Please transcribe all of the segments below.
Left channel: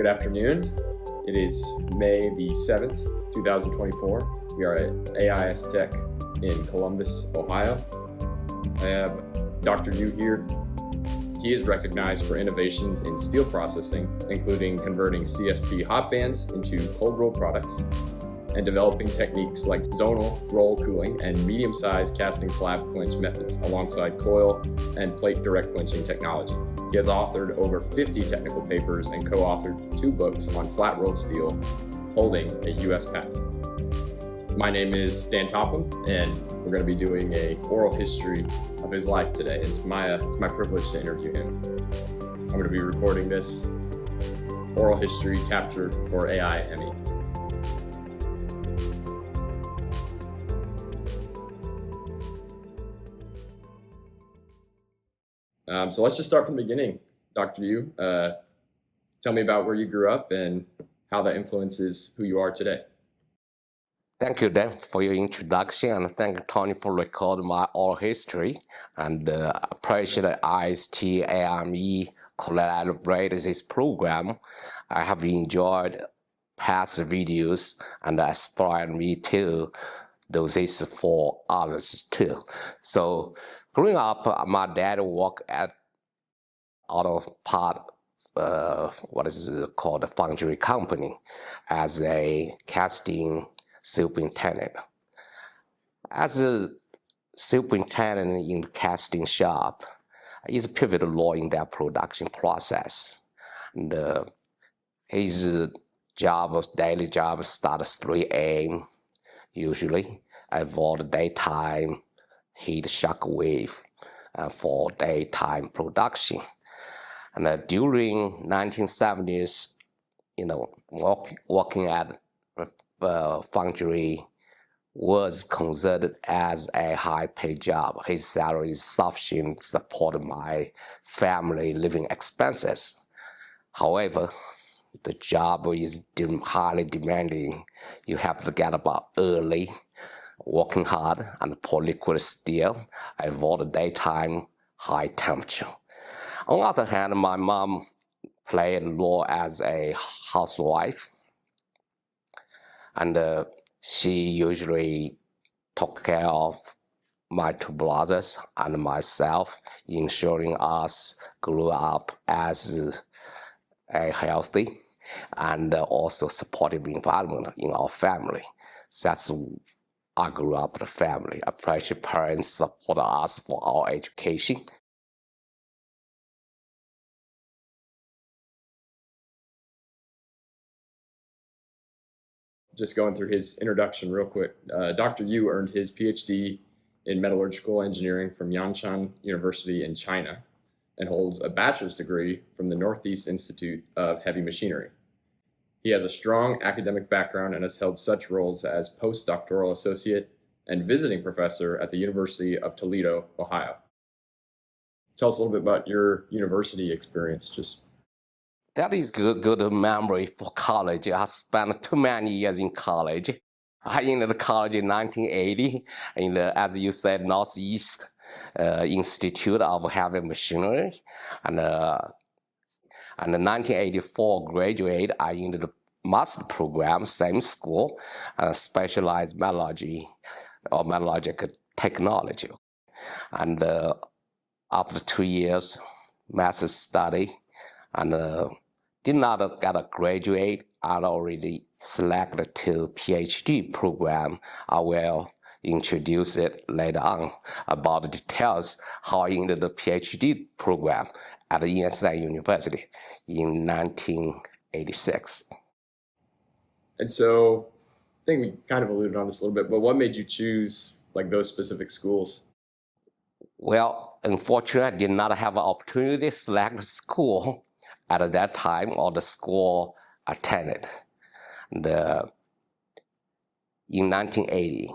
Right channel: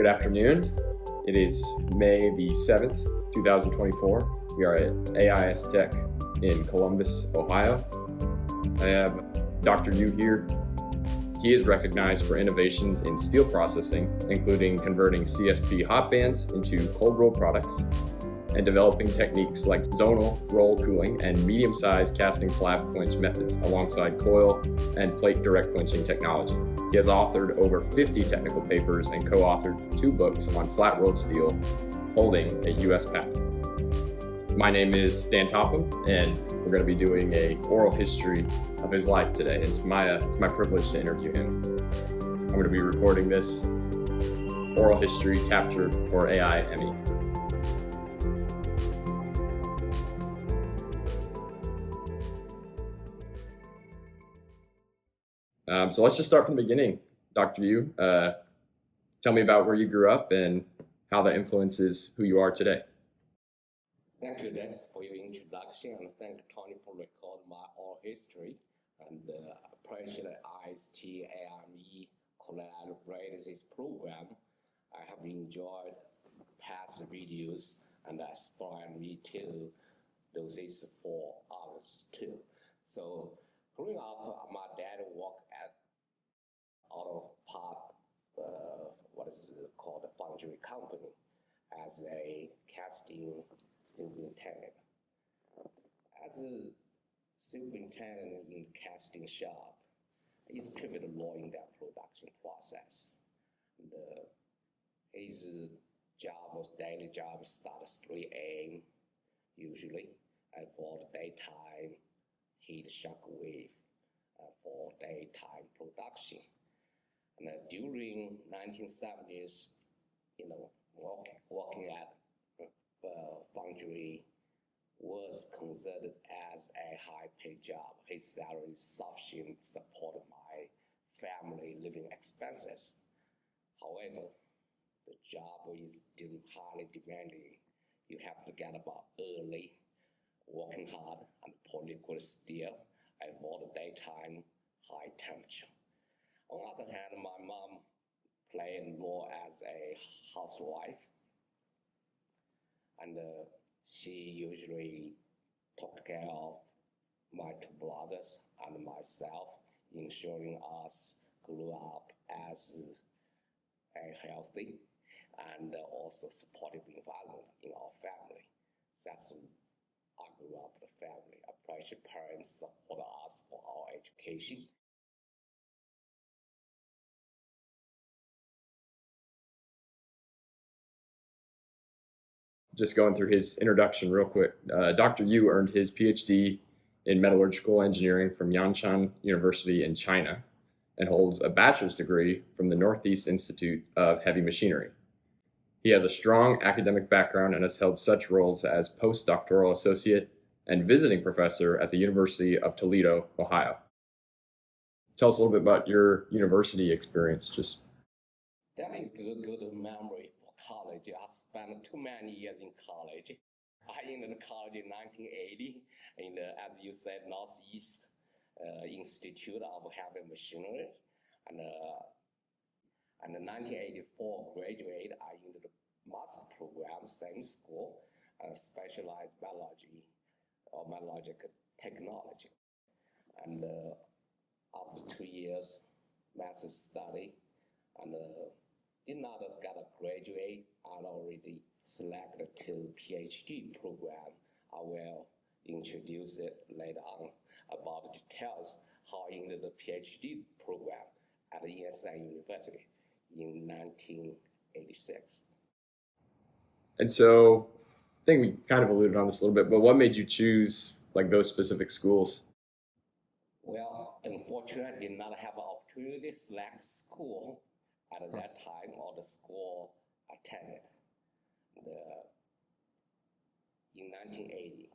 Good afternoon. It is May the 7th, 2024. We are at AIS Tech in Columbus, Ohio. I have Dr. Yu here. He is recognized for innovations in steel processing, including converting CSP hot bands into cold roll products and developing techniques like zonal roll cooling and medium-sized casting slab clinch methods alongside coil and plate direct clinching technology. He has authored over 50 technical papers and co-authored 2 books on flat-rolled steel, holding a U.S. patent. My name is Dan Topham, and we're going to be doing an oral history of his life today. It's my privilege to interview him. I'm going to be recording this oral history captured for AIME. So let's just start from the beginning. Dr. Yu, tell me about where you grew up and how that influences who you are today. Thank you, Dan, for your introduction, and thank you, Tony, for recording my oral history. And appreciate IST AIME collaborated this program. I have enjoyed past videos and inspired me to do this for others too. So growing up, my dad worked at auto part, what is it called, a foundry company, as a casting superintendent. As a superintendent in the casting shop, is a pivotal role in their production process. And his daily job starts 3 a.m. usually, avoid daytime heat shock wave for daytime production. And during 1970s, working at foundry was considered as a high-paid job. His salary is sufficient to support my family living expenses. However, the job is highly demanding. You have to get up early, working hard, and pour liquid steel, avoid daytime high temperature. On the other hand, my mom played a role as a housewife, and she usually took care of my 2 brothers and myself, ensuring us grew up as a healthy and also supportive environment in our family. That's I grew up in a family. I appreciate parents support us for our education. Just going through his introduction real quick. Dr. Yu earned his PhD in metallurgical engineering from Yanshan University in China and holds a bachelor's degree from the Northeast Institute of Heavy Machinery. He has a strong academic background and has held such roles as postdoctoral associate and visiting professor at the University of Toledo, Ohio. Tell us a little bit about your university experience. That is good memory for college. I spent too many years in college. I entered college in 1980 in the, as you said, Northeast Institute of Heavy Machinery. And in 1984 graduate, I entered the master program, same school, specialized metallurgy or metallurgical technology. And after 2 years, master's study, and did not get a graduate. I'd already selected to PhD program. I will introduce it later on about the details how I entered the PhD program at the Yonsei University in 1986. And so I think we kind of alluded on this a little bit, but what made you choose like those specific schools? Well, unfortunately, I did not have an opportunity to select a school at that time, or the school attended. And, in 1980,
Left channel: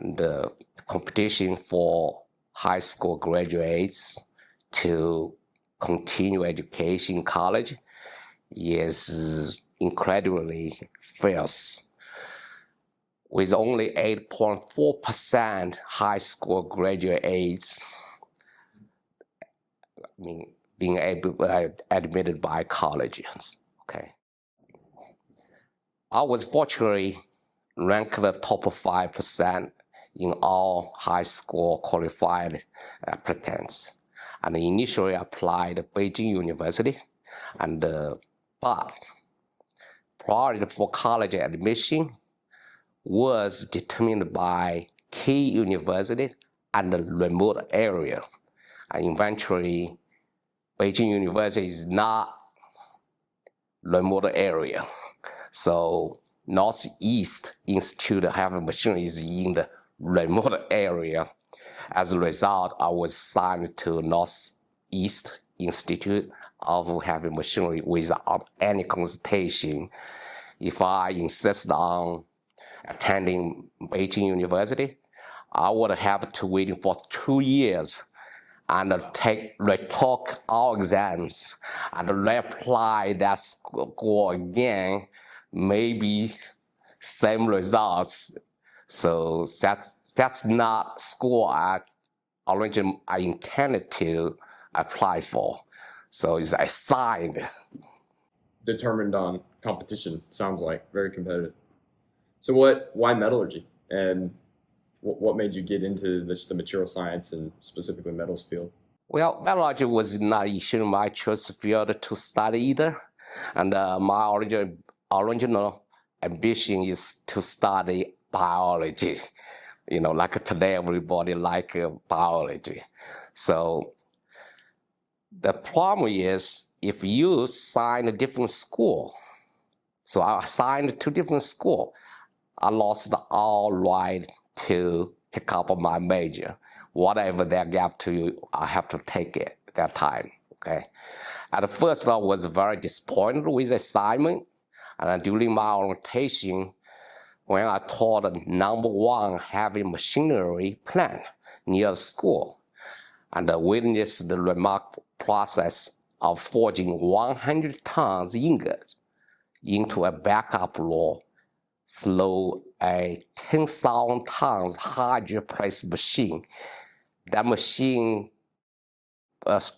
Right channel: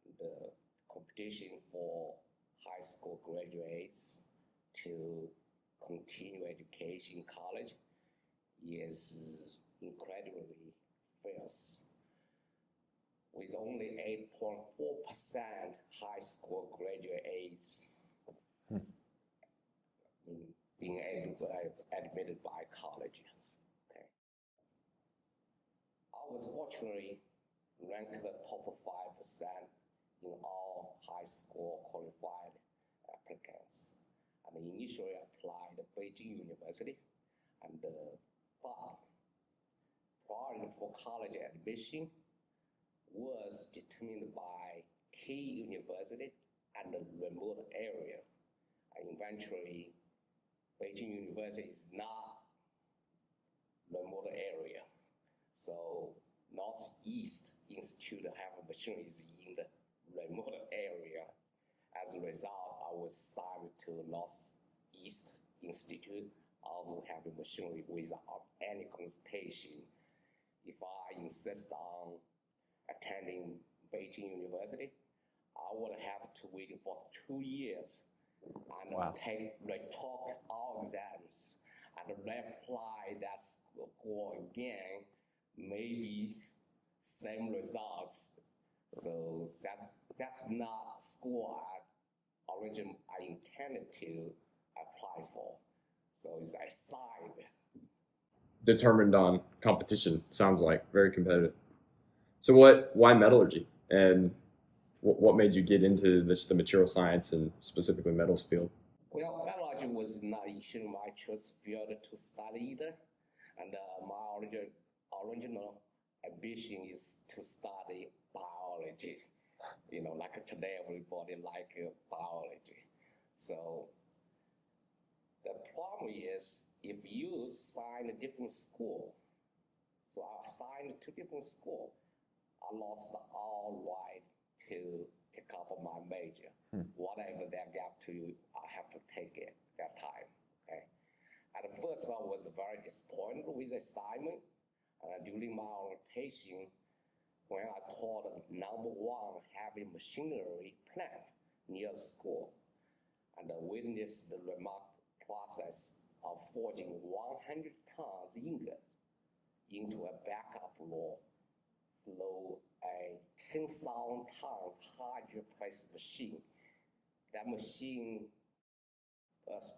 and the competition for high school graduates to continue education in college is incredibly fierce. With only 8.4% high school graduates being admitted by colleges. Okay. I was fortunately ranked the top 5% in all high school qualified applicants. And initially applied at Beijing University, and but priority for college admission was determined by key university and the remote area. And eventually, Beijing University is not remote area. So Northeast Institute of Heavy Machinery is in the remote area. As a result, I was signed to Northeast Institute of Heavy Machinery without any consultation. If I insist on attending Beijing University, I would have to wait for 2 years and retake all exams and reapply that score again, maybe same results. So that's not school I intended to apply for. So it's assigned. Determined on competition, sounds like, very competitive. So why metallurgy? And what made you get into the material science and specifically metals field? Well, metallurgy was not usually my choice field to study either. And my original ambition is to study biology. You know, like today, everybody like biology. So the problem is if you sign a different school, so I signed 2 different schools, I lost all right to pick up my major. Whatever they gave to you, I have to take it at that time, okay? At first, I was very disappointed with the assignment. And during my orientation, when I taught the #1 heavy machinery plant near the school, and witnessed the remarkable process of forging 100 tons ingot into a backup roll through a 10,000 tons hydro press machine. That machine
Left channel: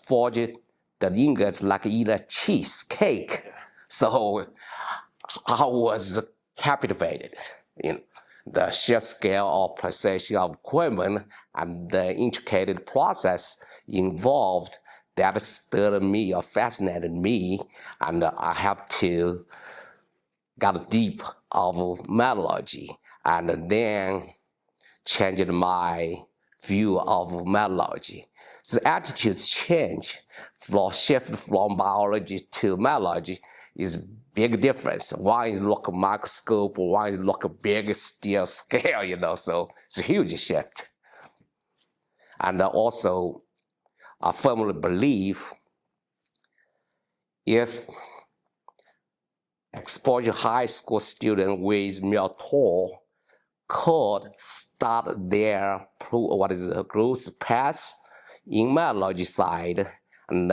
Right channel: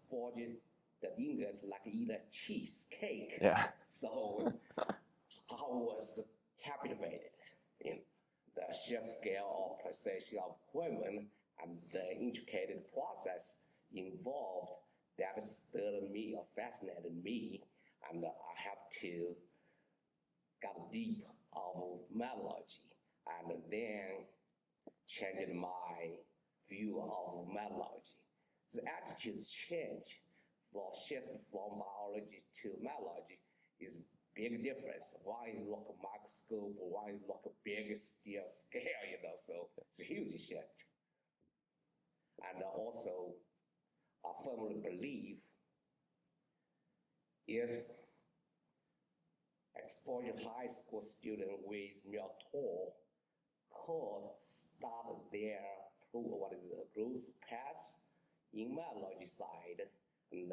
forged the ingots like eat a cheesecake. Yeah. So I was captivated in the sheer scale of precision of equipment and the intricate process involved that stirred me or fascinated me, and I have to got deep of metallurgy, and then changed my view of metallurgy. The attitudes change, shift from biology to metallurgy is big difference. One is look microscope, one is look big steel scale, you know, so it's a huge shift. And also, I firmly believe if exposure high school student with mill tool could start their growth path in metallurgy side and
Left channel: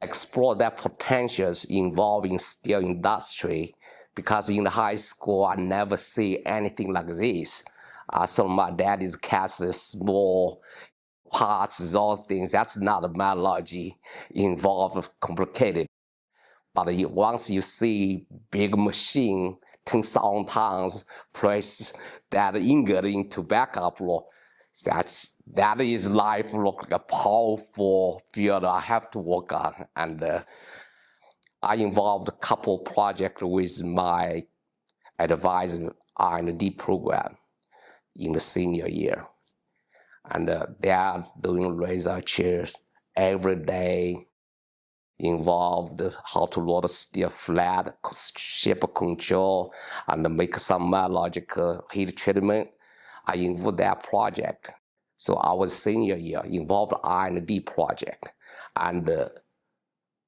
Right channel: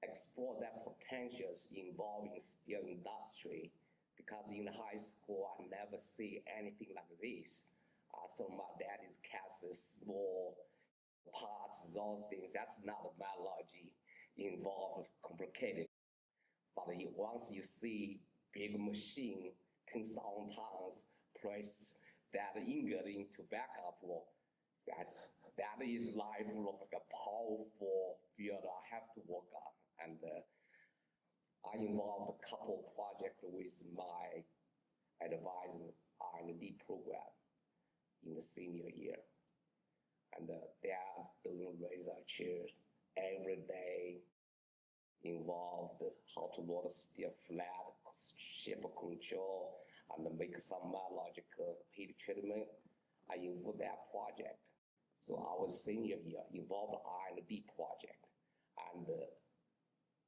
explore their potentials involving steel industry, because in the high school I never see anything like this. So my dad is cast small parts, those things. That's not a metallurgy involved, complicated. But once you see big machine, 10,000 tons, press that ingot into backup roll, that is life look like a powerful field I have to work on. And I involved a couple projects with my advisor R&D program in the senior year. And they are doing research every day, involved how to load steel flat, shape control, and make some metallurgical heat treatment. I involved that project. So I was senior year, involved R&D project. And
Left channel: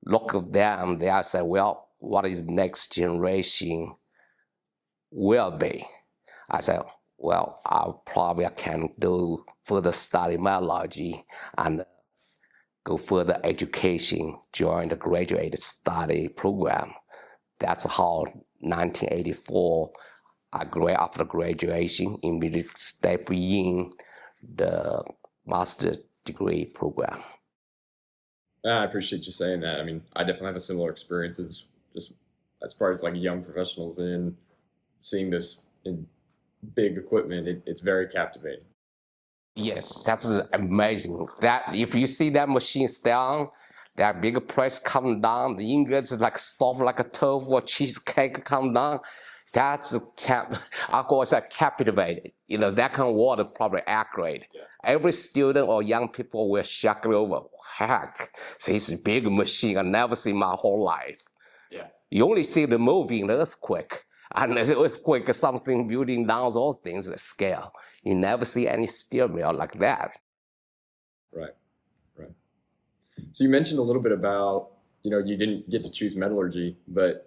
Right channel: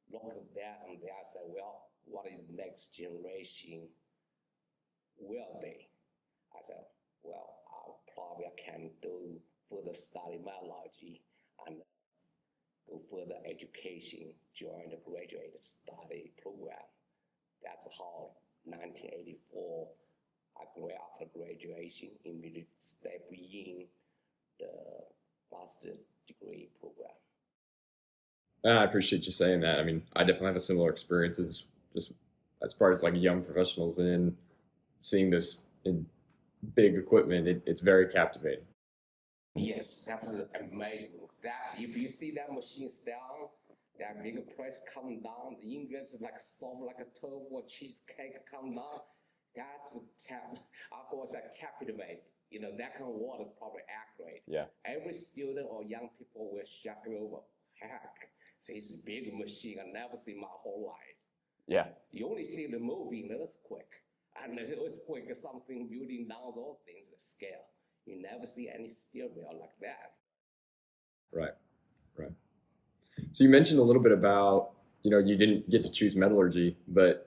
look at them, they say, well, what is next generation will be? I said, well, I probably can do further study metallurgy and go further education, join the graduate study program. That's how 1984, after graduation, immediately step in the master's degree program. I appreciate you saying that. I mean, I definitely have a similar experience as just as far as like young professionals in seeing this in big equipment, it's very captivating. Yes, that's amazing. That if you see that machine's down, that big press come down, the ingots like soft like a tofu or cheesecake come down. That's I call it captivated. You know, that kind of word is probably accurate. Yeah. Every student or young people will shock over. Heck, this big machine I never seen my whole life. Yeah. You only see the movie in the earthquake. And the earthquake is something building down those things, the scale. You never see any steel mill like that. Right. Right. So you mentioned a little bit about, you didn't get to choose metallurgy, but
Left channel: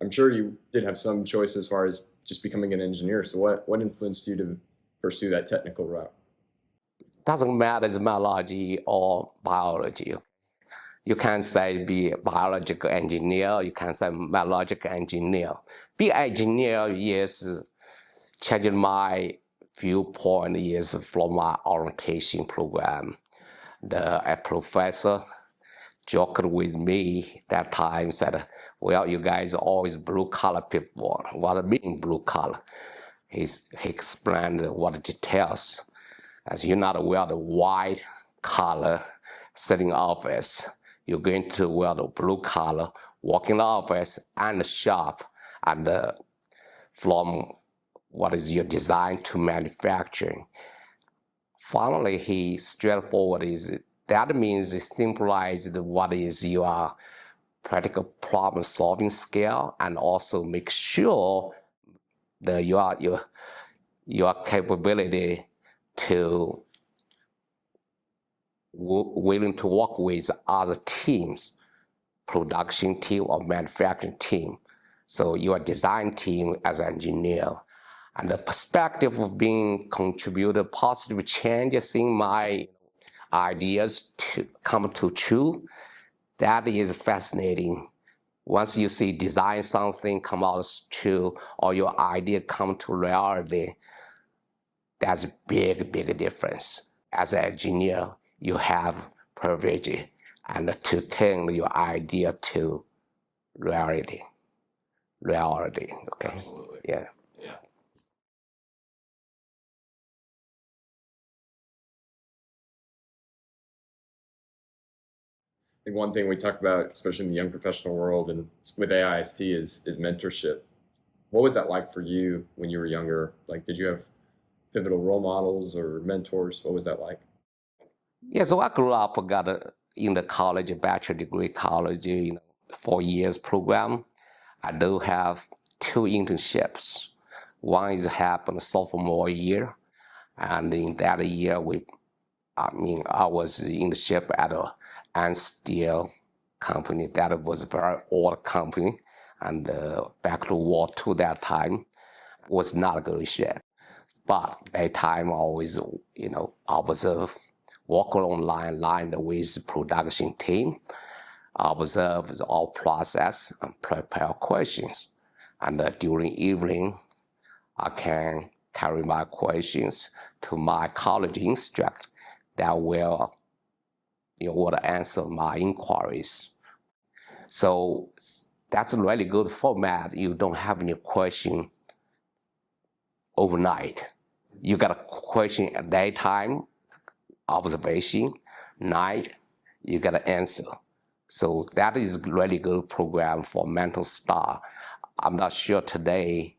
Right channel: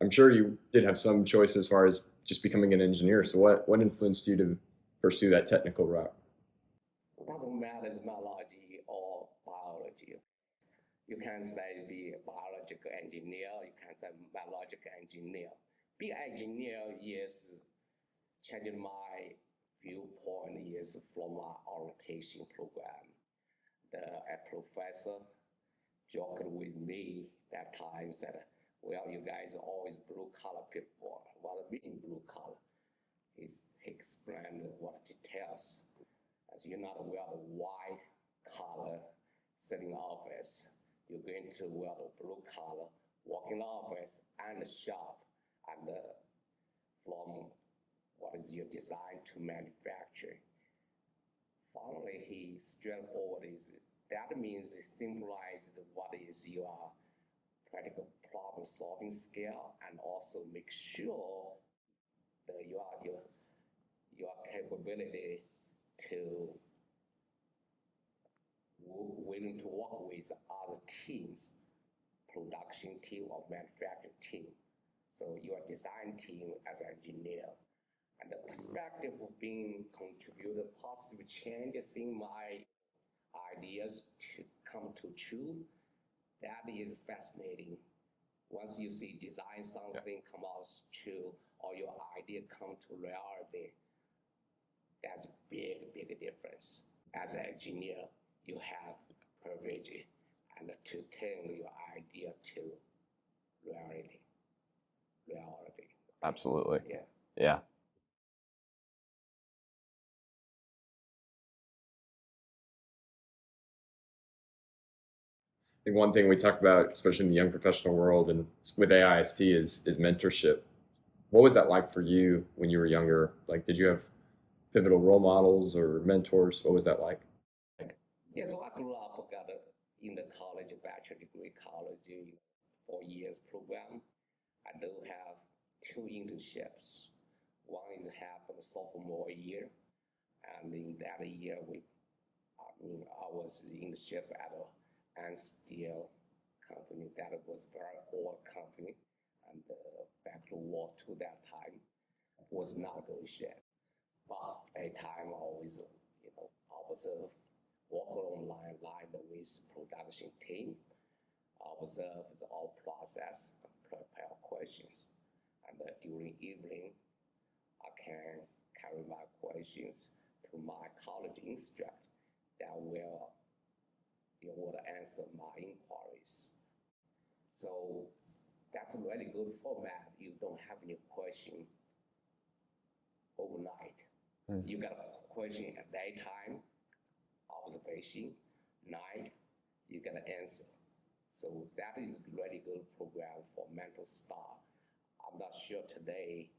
I'm sure you did have some choice as far as just becoming an engineer. So what influenced you to pursue that technical route? Doesn't matter if metallurgy or biology. You can say be a biological engineer, you can say metallurgical engineer. Be engineer is changing my viewpoint is from my orientation program. A professor joked with me that time, said, well, you guys are always blue collar people. What I mean blue collar? He explained what the details. As you're not wear the white collar sitting office, you're going to wear the blue collar, work in the office and the shop, and from what is your design to manufacturing. Finally, he straightforward is that means it symbolizes what is your practical problem solving skill, and also make sure that your capability to willing to work with other teams, production team or manufacturing team. So your design team as an engineer. And the perspective of being contributor positive changes in my ideas to come to true, that is fascinating. Once you see design something come out true or your idea come to reality, that's a big, big difference. As an engineer, you have privilege and to turn your idea to reality. Okay? Absolutely. Yeah. Yeah. I think one thing we talk about, especially in the young professional world and with AIST, is mentorship. What was that like for you when you were younger? Like, did you have pivotal role models or mentors? What was that like? Yeah, so I grew up, in the college, a bachelor degree college, 4 years program. I do have 2 internships. One is happened sophomore year, and in that year, I was in the ship at a steel company. That was a very old company, and back to War II that time was not a good ship. But that time always, I was working online, line with production team, observe all process and prepare questions. And during evening, I can carry my questions to my college instructor that will answer my inquiries. So that's a really good format. You don't have any question overnight. You got a question at daytime, observation, night, you got an answer. So that is a really good program for mental star. I'm not sure today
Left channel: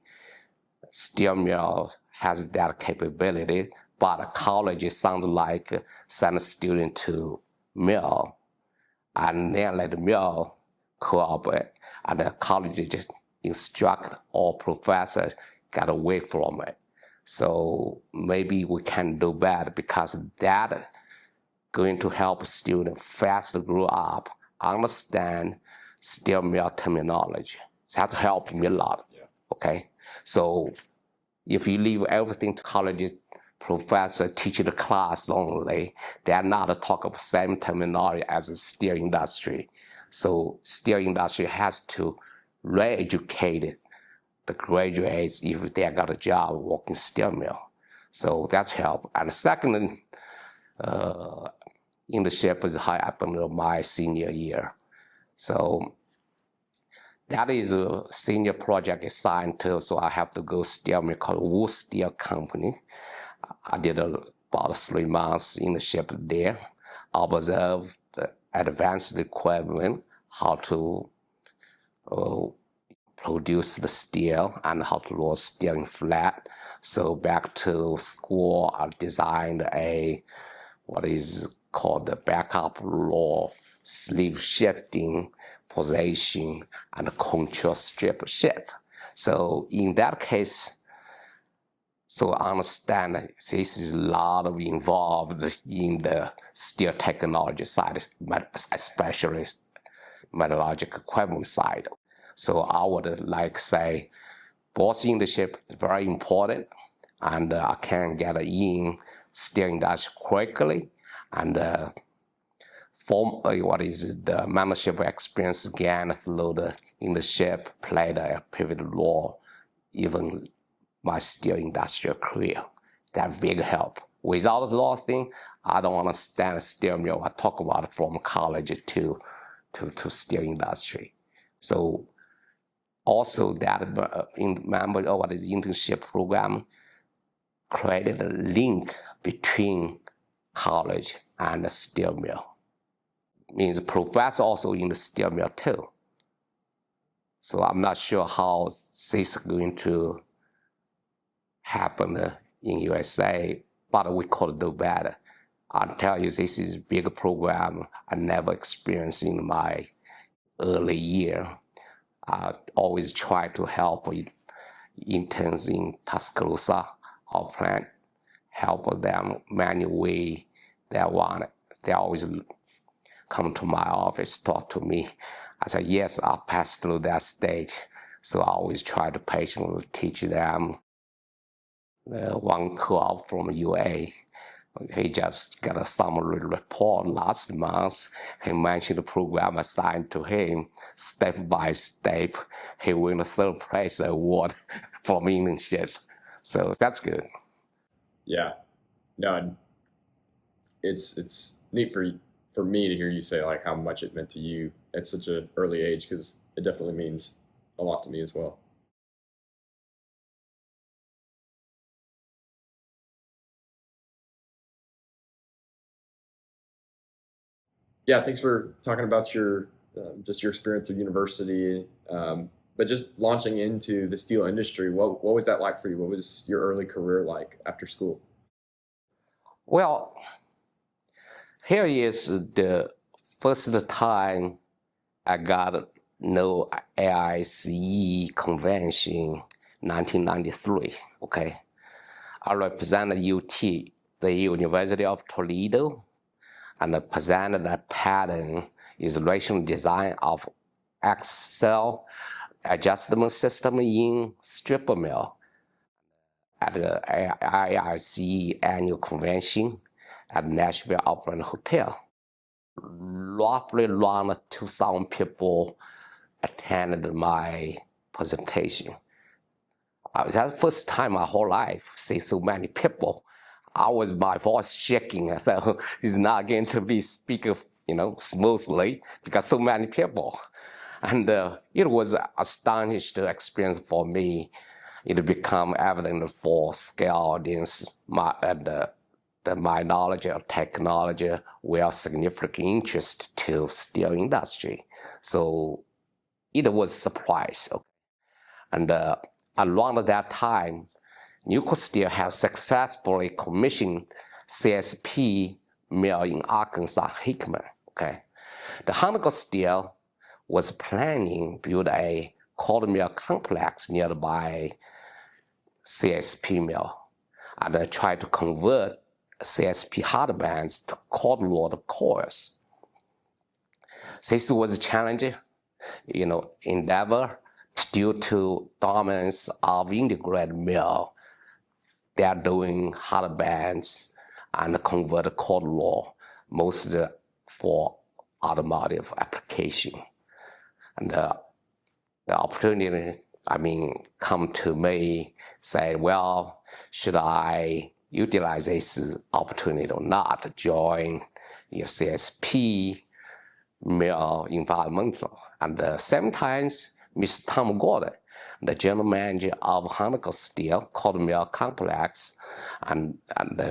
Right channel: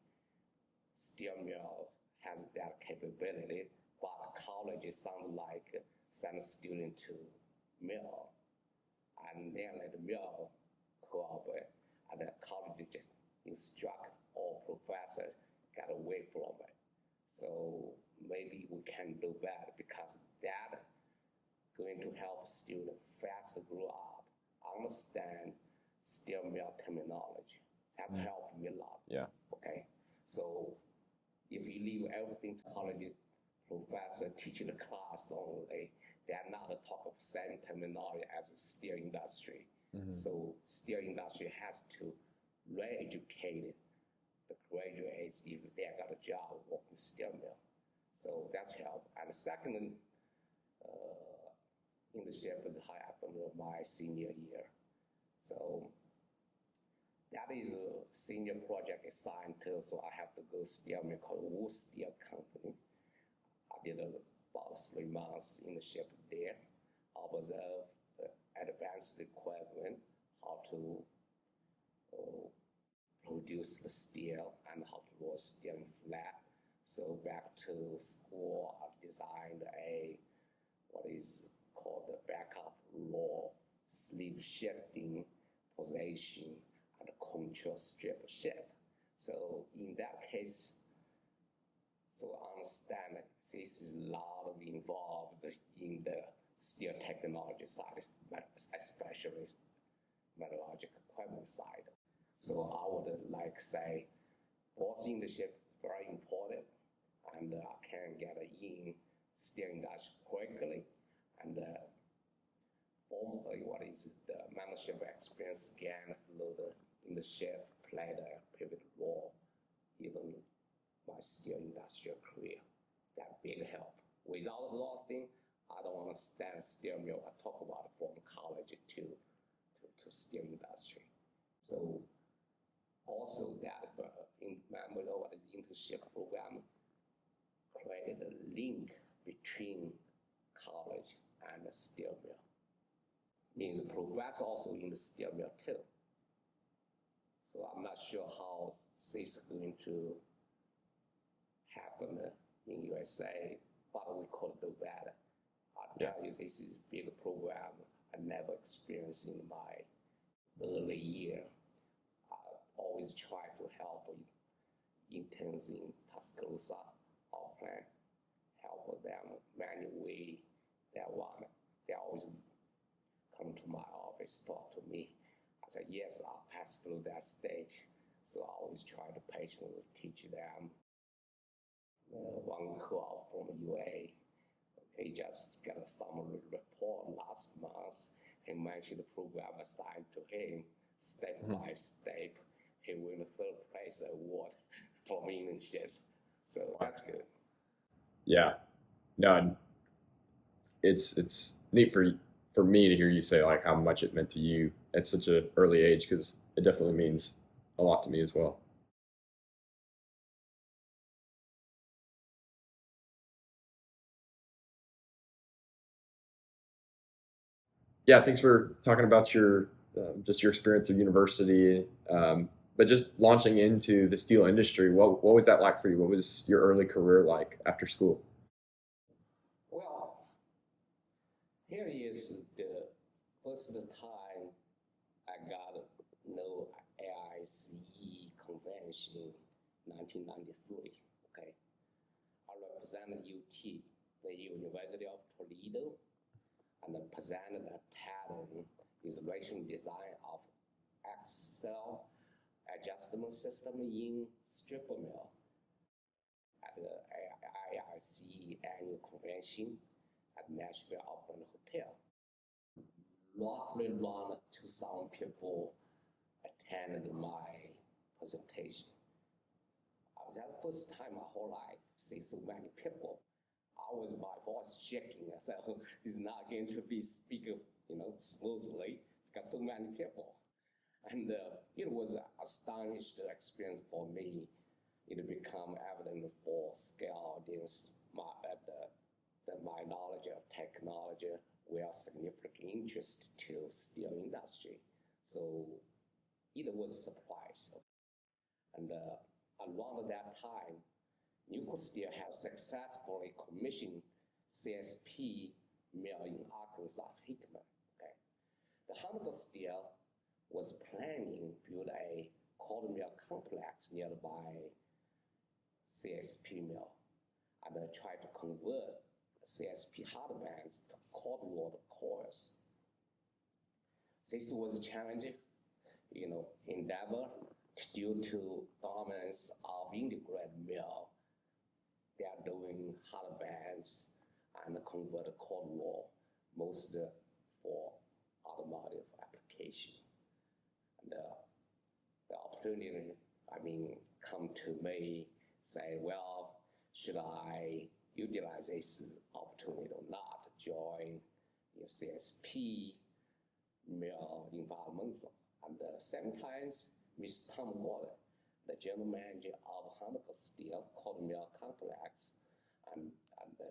steel mill has that capability, but a college sounds like send a student to mill and then let the mill cooperate, and the college instructor or professor got away from it. So maybe we can do better, because that going to help students faster grow up, understand steel mill terminology. That helped me a lot. Yeah. Okay. So if you leave everything to college professor teaching the class only, they're not talk of the same terminology as the steel industry. Mm-hmm. So steel industry has to re-educate the graduates if they got a job working steel mill. So that's help. And the second internship is high up in my senior year. So that is a senior project scientist, so I have to go steel mill called Wood Steel Company. I did about 3 months internship there, observed the advanced equipment, how to produce the steel and how to roll steel in flat. So back to school, I designed what is called the backup roll sleeve shifting position and control strip shape. So in that case, so I understand this is a lot of involved in the steel technology side, especially metallurgical equipment side. So I would like say both internship is very important, and I can get in steel industry quickly, and what is the membership experience gained through the internship played a pivotal role, even my steel industrial career. That big help. Without those things, I don't understand steel mill. I talk about it from college to steel industry. So also that member of what is internship program created a link between college and the steel mill. Means professor also in the steel mill too. So I'm not sure how this is going to happen in USA, but we could do better. I'll tell you, this is a big program I never experienced in my early year. I always try to help interns in Tuscaloosa, our plant, help them many ways they want it. They always come to my office, talk to me. I said, yes, I'll pass through that stage. So I always try to patiently teach them. One co-op from UA, he just got a summary report last month. He mentioned the program assigned to him, step by step. He won the 3rd place award for internship. So that's good. Yeah, no, it's neat for me to hear you say like how much it meant to you at such an early age, because it definitely means a lot to me as well. Yeah, thanks for talking about your just your experience at university, but just launching into the steel industry. What was that like for you? What was your early career like after school? Well, here is the first time I got no AICE convention, 1993, okay? I represented UT, the University of Toledo, and presented a pattern is rational design of axle adjustment system in stripper mill at the IRC annual convention at Nashville Opera Hotel. Roughly around 2,000 people attended my presentation. That's the first time my whole life see so many people. My voice shaking, so it's not going to be speaking, smoothly because so many people. And it was an astonishing experience for me. It became evident for scale audience that my knowledge of technology were significant interest to steel industry. So it was a surprise. And around that time, Nuclear Steel has successfully commissioned CSP mill in Arkansas, Hickman. Okay, the Huntco Steel was planning to build a cold mill complex nearby CSP mill, and they tried to convert CSP hard bands to cold rolled coils. This was a challenging, endeavor due to dominance of integrated mill. They are doing hard bands and convert cold roll, mostly for automotive application. And the opportunity, come to me, say, well, should I utilize this opportunity or not to join CSP mill environmental? And sometimes Mr. Tom Gordon, the general manager of Huntco Steel, called me a complex, and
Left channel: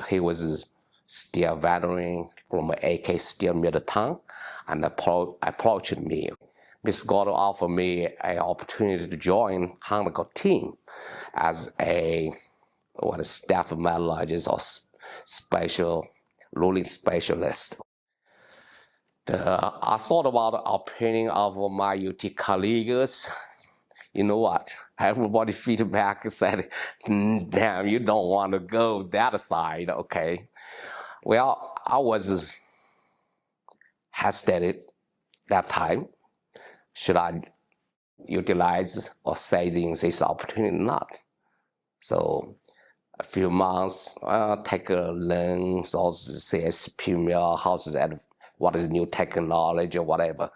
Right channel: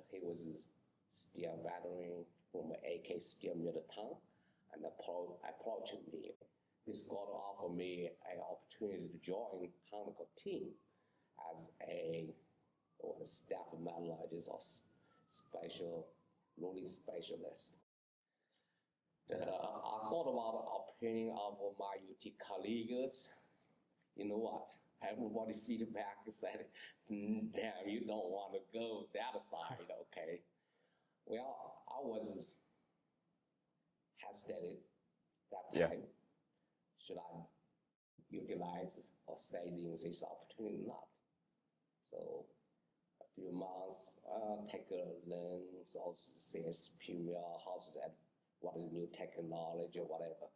he was steel veteran from AK Steel Middletown, and approached me. Mr. Gordon offered me an opportunity to join Huntco team as a staff metallurgist or special rolling specialist. I thought about the opinion of my UT colleagues. You know what? Everybody feedback said, damn, you don't want to go that side, okay? Well, I was hesitated that time. Should I utilize or seizing this opportunity or not? So a few months, take a learn, also CSP mill, what is new technology or whatever.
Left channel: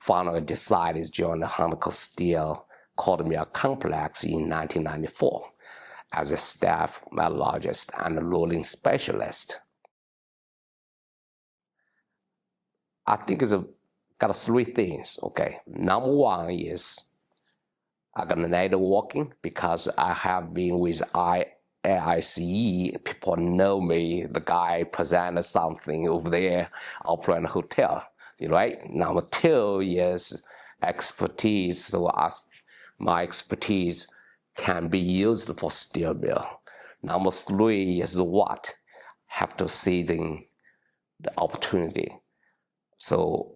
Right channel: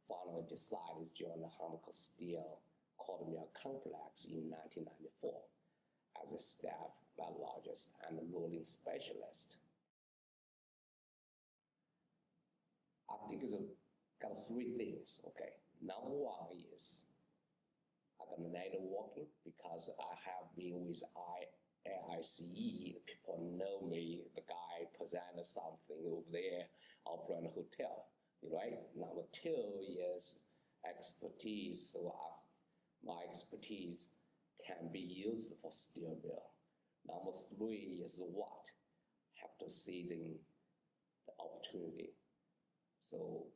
Finally decided to join the Huntco Steel called me a complex in 1994 as a staff metallurgist and a rolling specialist. I think it's got three things, okay? Number one is I got networking because I have been with AICE. People know me, the guy presented something over there, operating a hotel, right? Number two is expertise. So my expertise can be used for steel mill. Number three is what? Have to seizing the opportunity. So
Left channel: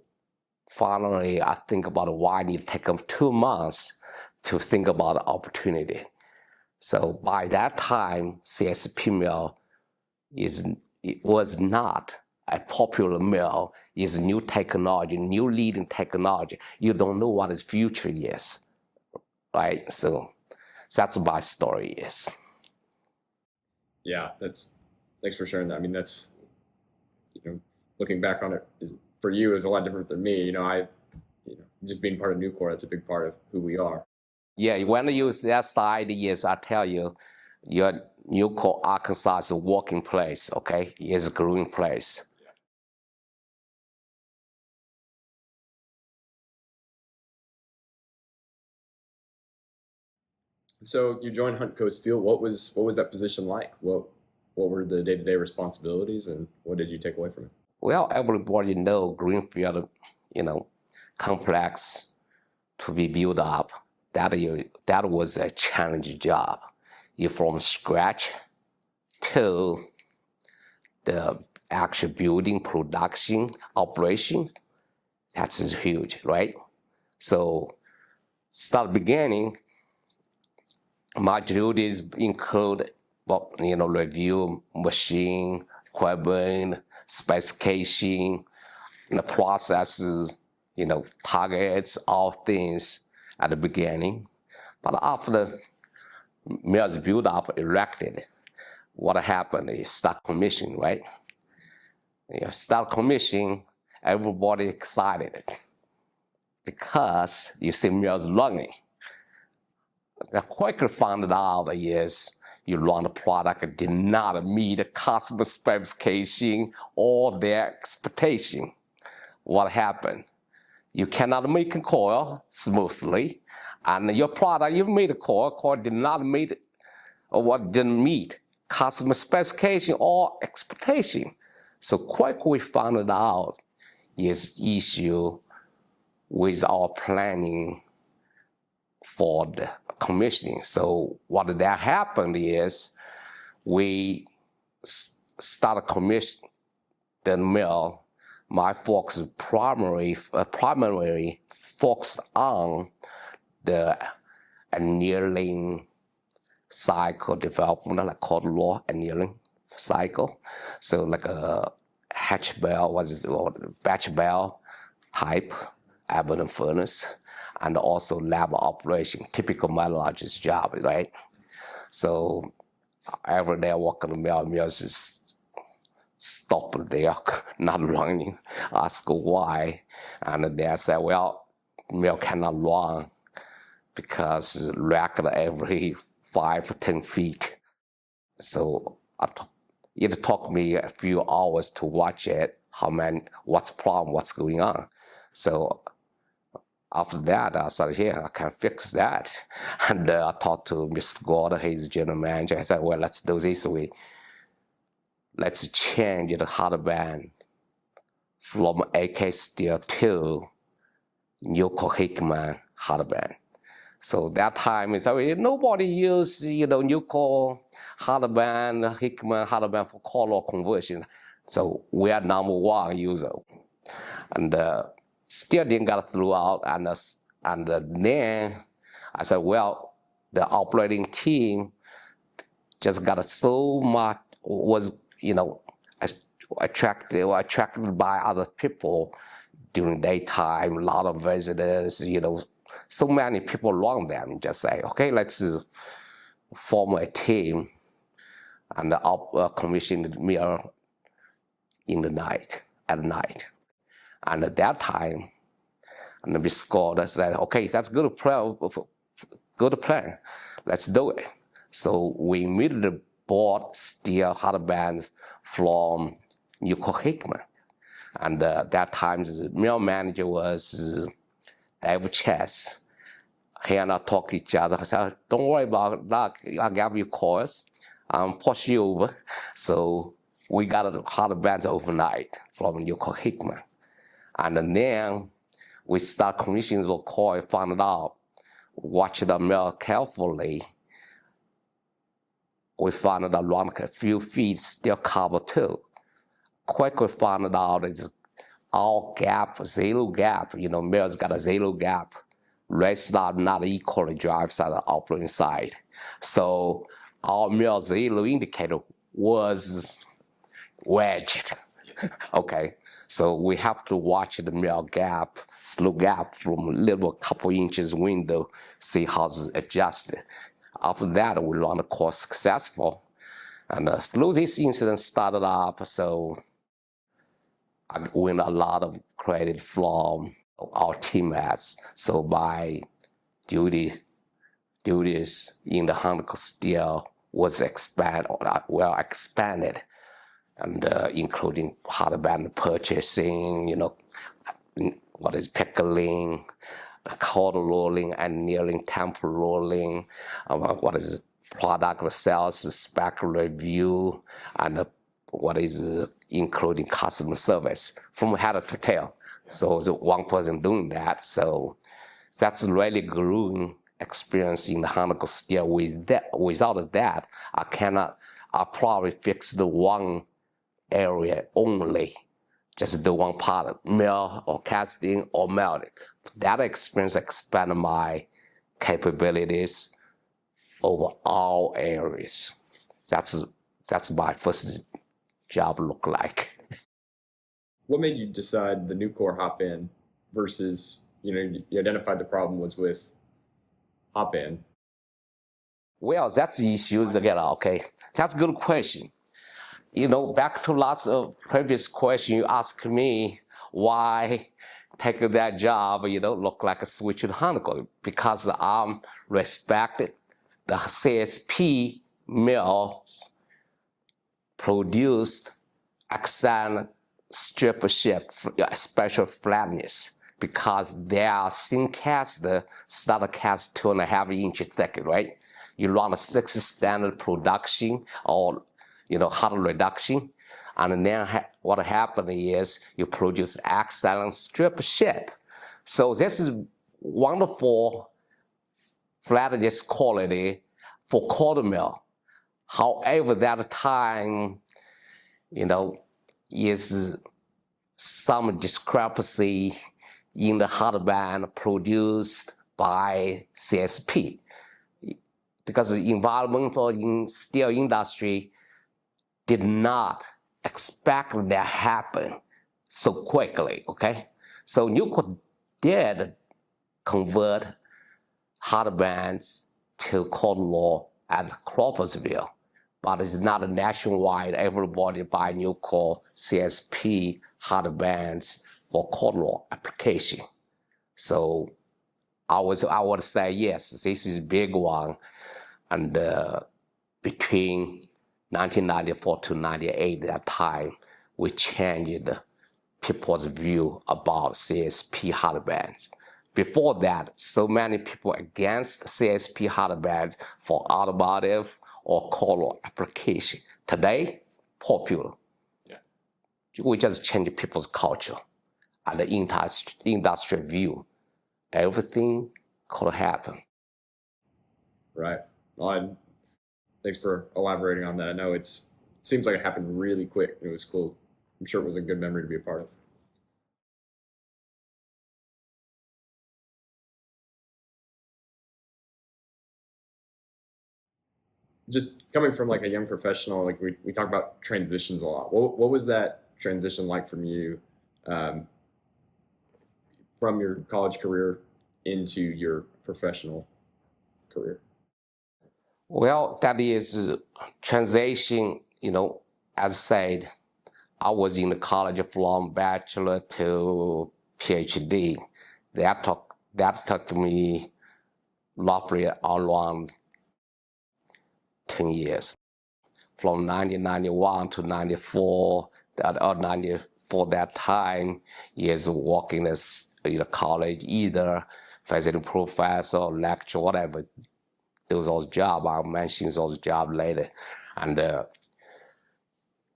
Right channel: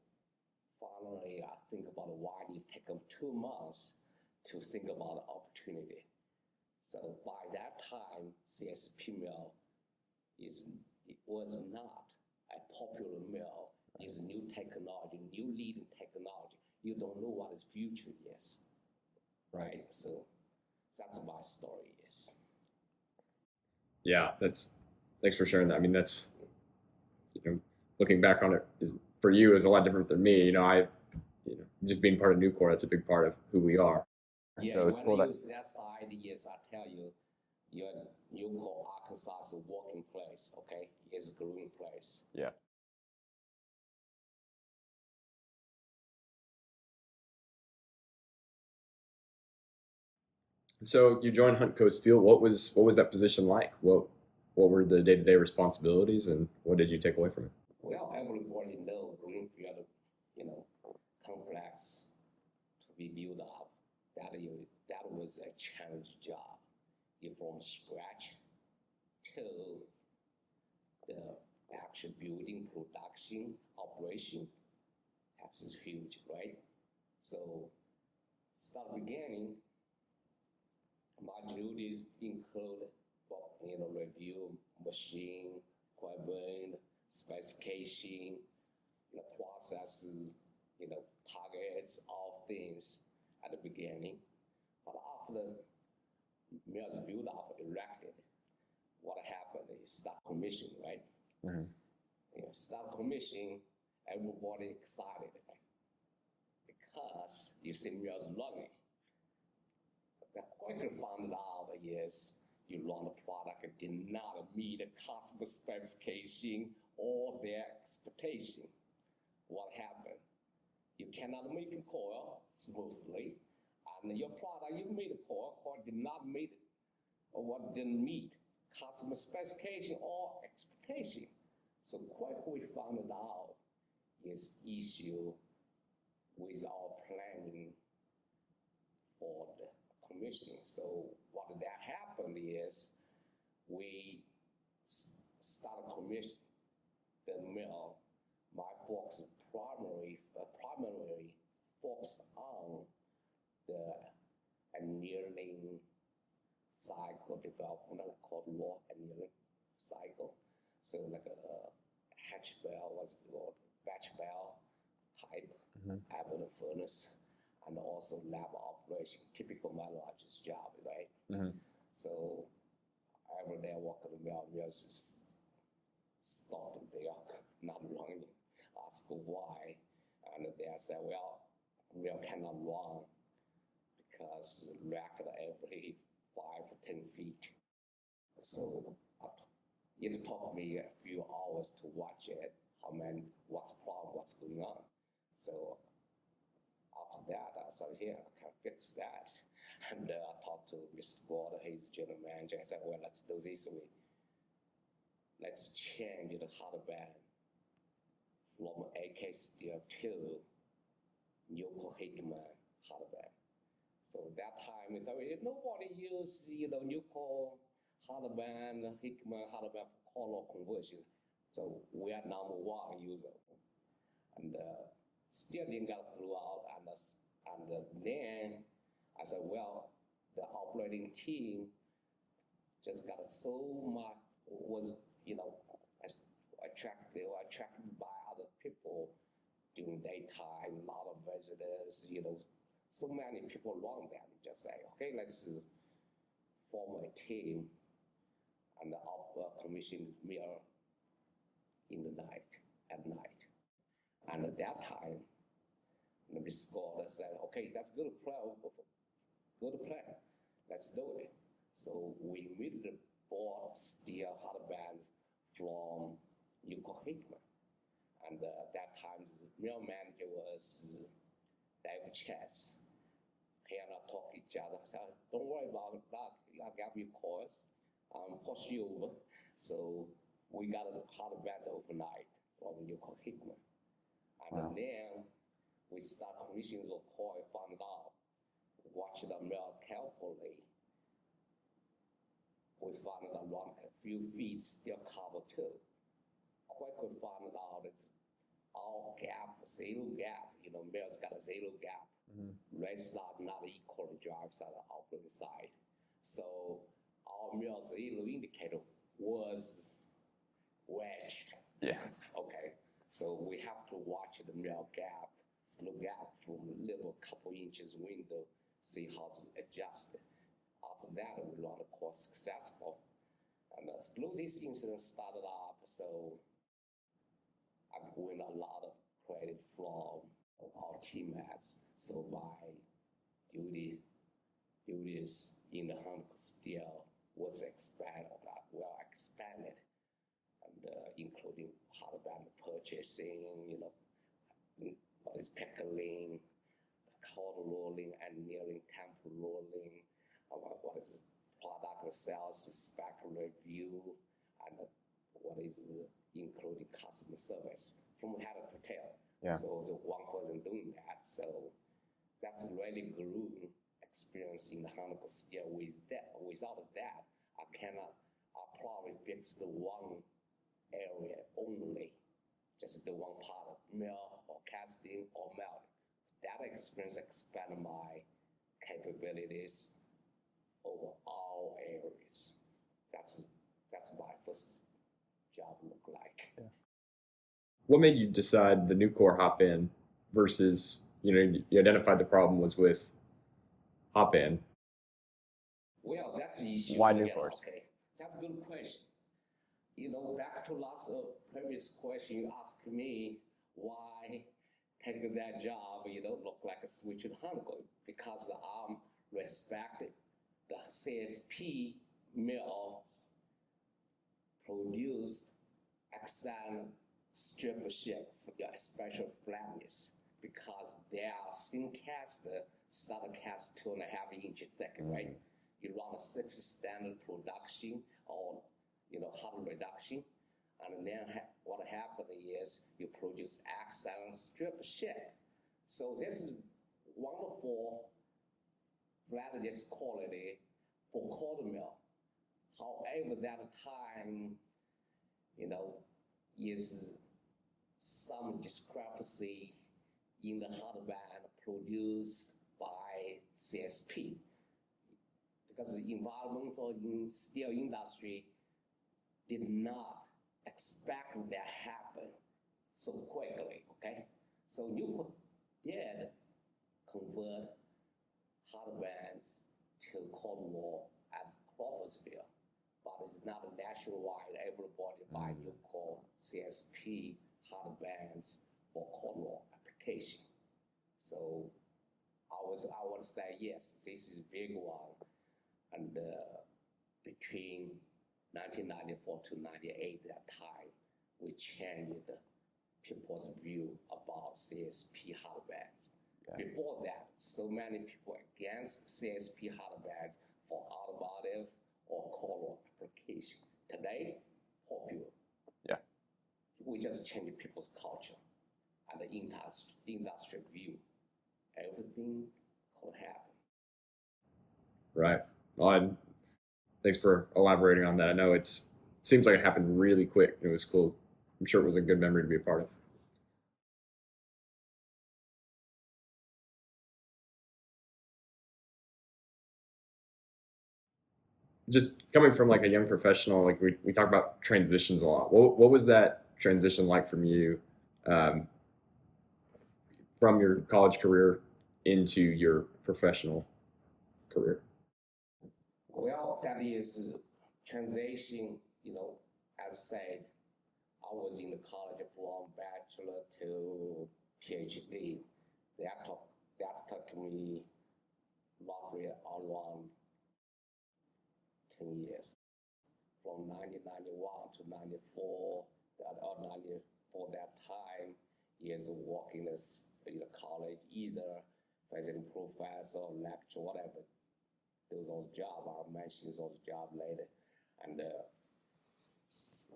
finally, I think about why I need to take them 2 months to think about the opportunity. So by that time, CSP mill was not a popular mill. It's new technology, new leading technology. You don't know what its future is, right? So that's my story is. Yeah, thanks for sharing that. I mean, that's, looking back on it for you is a lot different than me. Just being part of Nucor, that's a big part of who we are. Yeah, so when you use that side, yes, I tell you, your Nucor, Arkansas is a working place, okay? It's a growing place. Yeah. So you joined Huntco Steel. What was that position like? What were the day-to-day responsibilities, and what did you take away from it? Well, everybody know greenfield, complex to be built up. That was a challenging job. You from scratch to the actual building, production, operations. That's huge, right? So, start beginning. My duties include, review machine, equipment, specification, the processes, targets, all things at the beginning. But after the mills built up, erected, what happened is start commissioning, right? Mm-hmm. Start commissioning, everybody excited because you see mills running. The quickly found out is you run a product that did not meet the customer specification or their expectation. What happened? You cannot make a coil smoothly, and your product, you made a coil did not meet, or what didn't meet customer specification or expectation. So quickly we found out is issue with our planning for the commissioning. So what that happened is we started commissioning the mill. My focus primarily focused on the annealing cycle development, like cold roll annealing cycle. So like a hatch bell, batch bell type, abandoned furnace, and also lab operation, typical metallurgist job, right? Mm-hmm. So every day I work on the mill just stop there, not running, ask why, and they say, well, mill cannot run because rack every 5 or 10 feet. So it took me a few hours to watch it, what's the problem, what's going on. So After that, I said, yeah, I can fix that. And I talked to Mr. Gordon, he's general manager. I said, well, let's do this way. Let's change the hard band from AK steel to Newco Hickman hard band. So that time is nobody used Newco hard band, Hickman hard band for color conversion. So we are number one user, and still didn't get throughout. And then I said, well, the operating team just got so much was attracted by other people during daytime. A lot of visitors, so many people around them. Just say, okay, let's form a team and commission the mill in the night, at night. And at that time, and the scored said, okay, that's good plan. Let's do it. So we immediately bought steel hard bands from Newco Hickman. And that time, the mill manager was Dave Chess. He and I talk each other. I said, don't worry about that. I'll give you calls. Push you over. So we got the hard bands overnight from Newco Hickman. And then we start commissioning the coil, found out, watch the mill carefully. We found out around a few feet still cover too. Quickly found out it's all gap, zero gap. Mill's got a zero gap. Rest are not equally drive side and operating side. So our mill zero indicator was wedged. Yeah. Okay. So we have to watch the mill gap, slow gap from a little couple inches window, see how it's adjusted. After that, we run the course successful. And through this incident started up, so I win a lot of credit from our teammates. So my duties in the Huntco steel was expanded, and including hard band purchasing, what is pickling, the cold rolling, annealing, temp rolling, what is product sales, spec review, and what is including customer service from head to tail. Yeah. So the one person doing that. So that's really growing experience in the Huntco steel. Without that, I probably fix the one area only, just the one part, mill or casting or melting. That experience expanded my capabilities over all areas. That's my first job look like. What made you decide the new core hot band versus, you identified the problem was with hot band? Well, that's the issue again. Okay, that's a good question. Back to previous question, you asked me why take that job, look like a switch to Huntco, because I'm respected. The CSP mill produced excellent strip shape, special flatness, because they are thin cast, starter cast 2.5 inches thick, right? You run a 6 standard production or hard reduction, and then what happened is you produce excellent strip shape. So this is wonderful flatness quality for cold mill. However, that time, is some discrepancy in the hard band produced by CSP, because the environmental in steel industry did not expect that happen so quickly, okay? So Newco did convert hard bands to cold roll at Crawfordsville, but it's not a nationwide, everybody buy Newco CSP hard bands for cold roll application. So I would say, yes, this is a big one. And between 1994 to 98, that time, we changed people's view about CSP hard bands. Before that, so many people against CSP hardware for automotive or color application. Today, popular. Yeah. We just change people's culture and the industry view. Everything could happen. Right. Well, thanks for elaborating on that. I know it seems like it happened really quick. It was cool. I'm sure it was a good memory to be a part of. Just coming from like a young professional, like we talk about transitions a lot. What was that transition like from you, um, from your college career into your professional career? Well, that is transition, as said, I was in the college from bachelor to PhD. That took me roughly around 10 years. From 1991 to 94, that time is working as in a college, either visiting professor, lecture, whatever. Those jobs, I'll mention those jobs later. And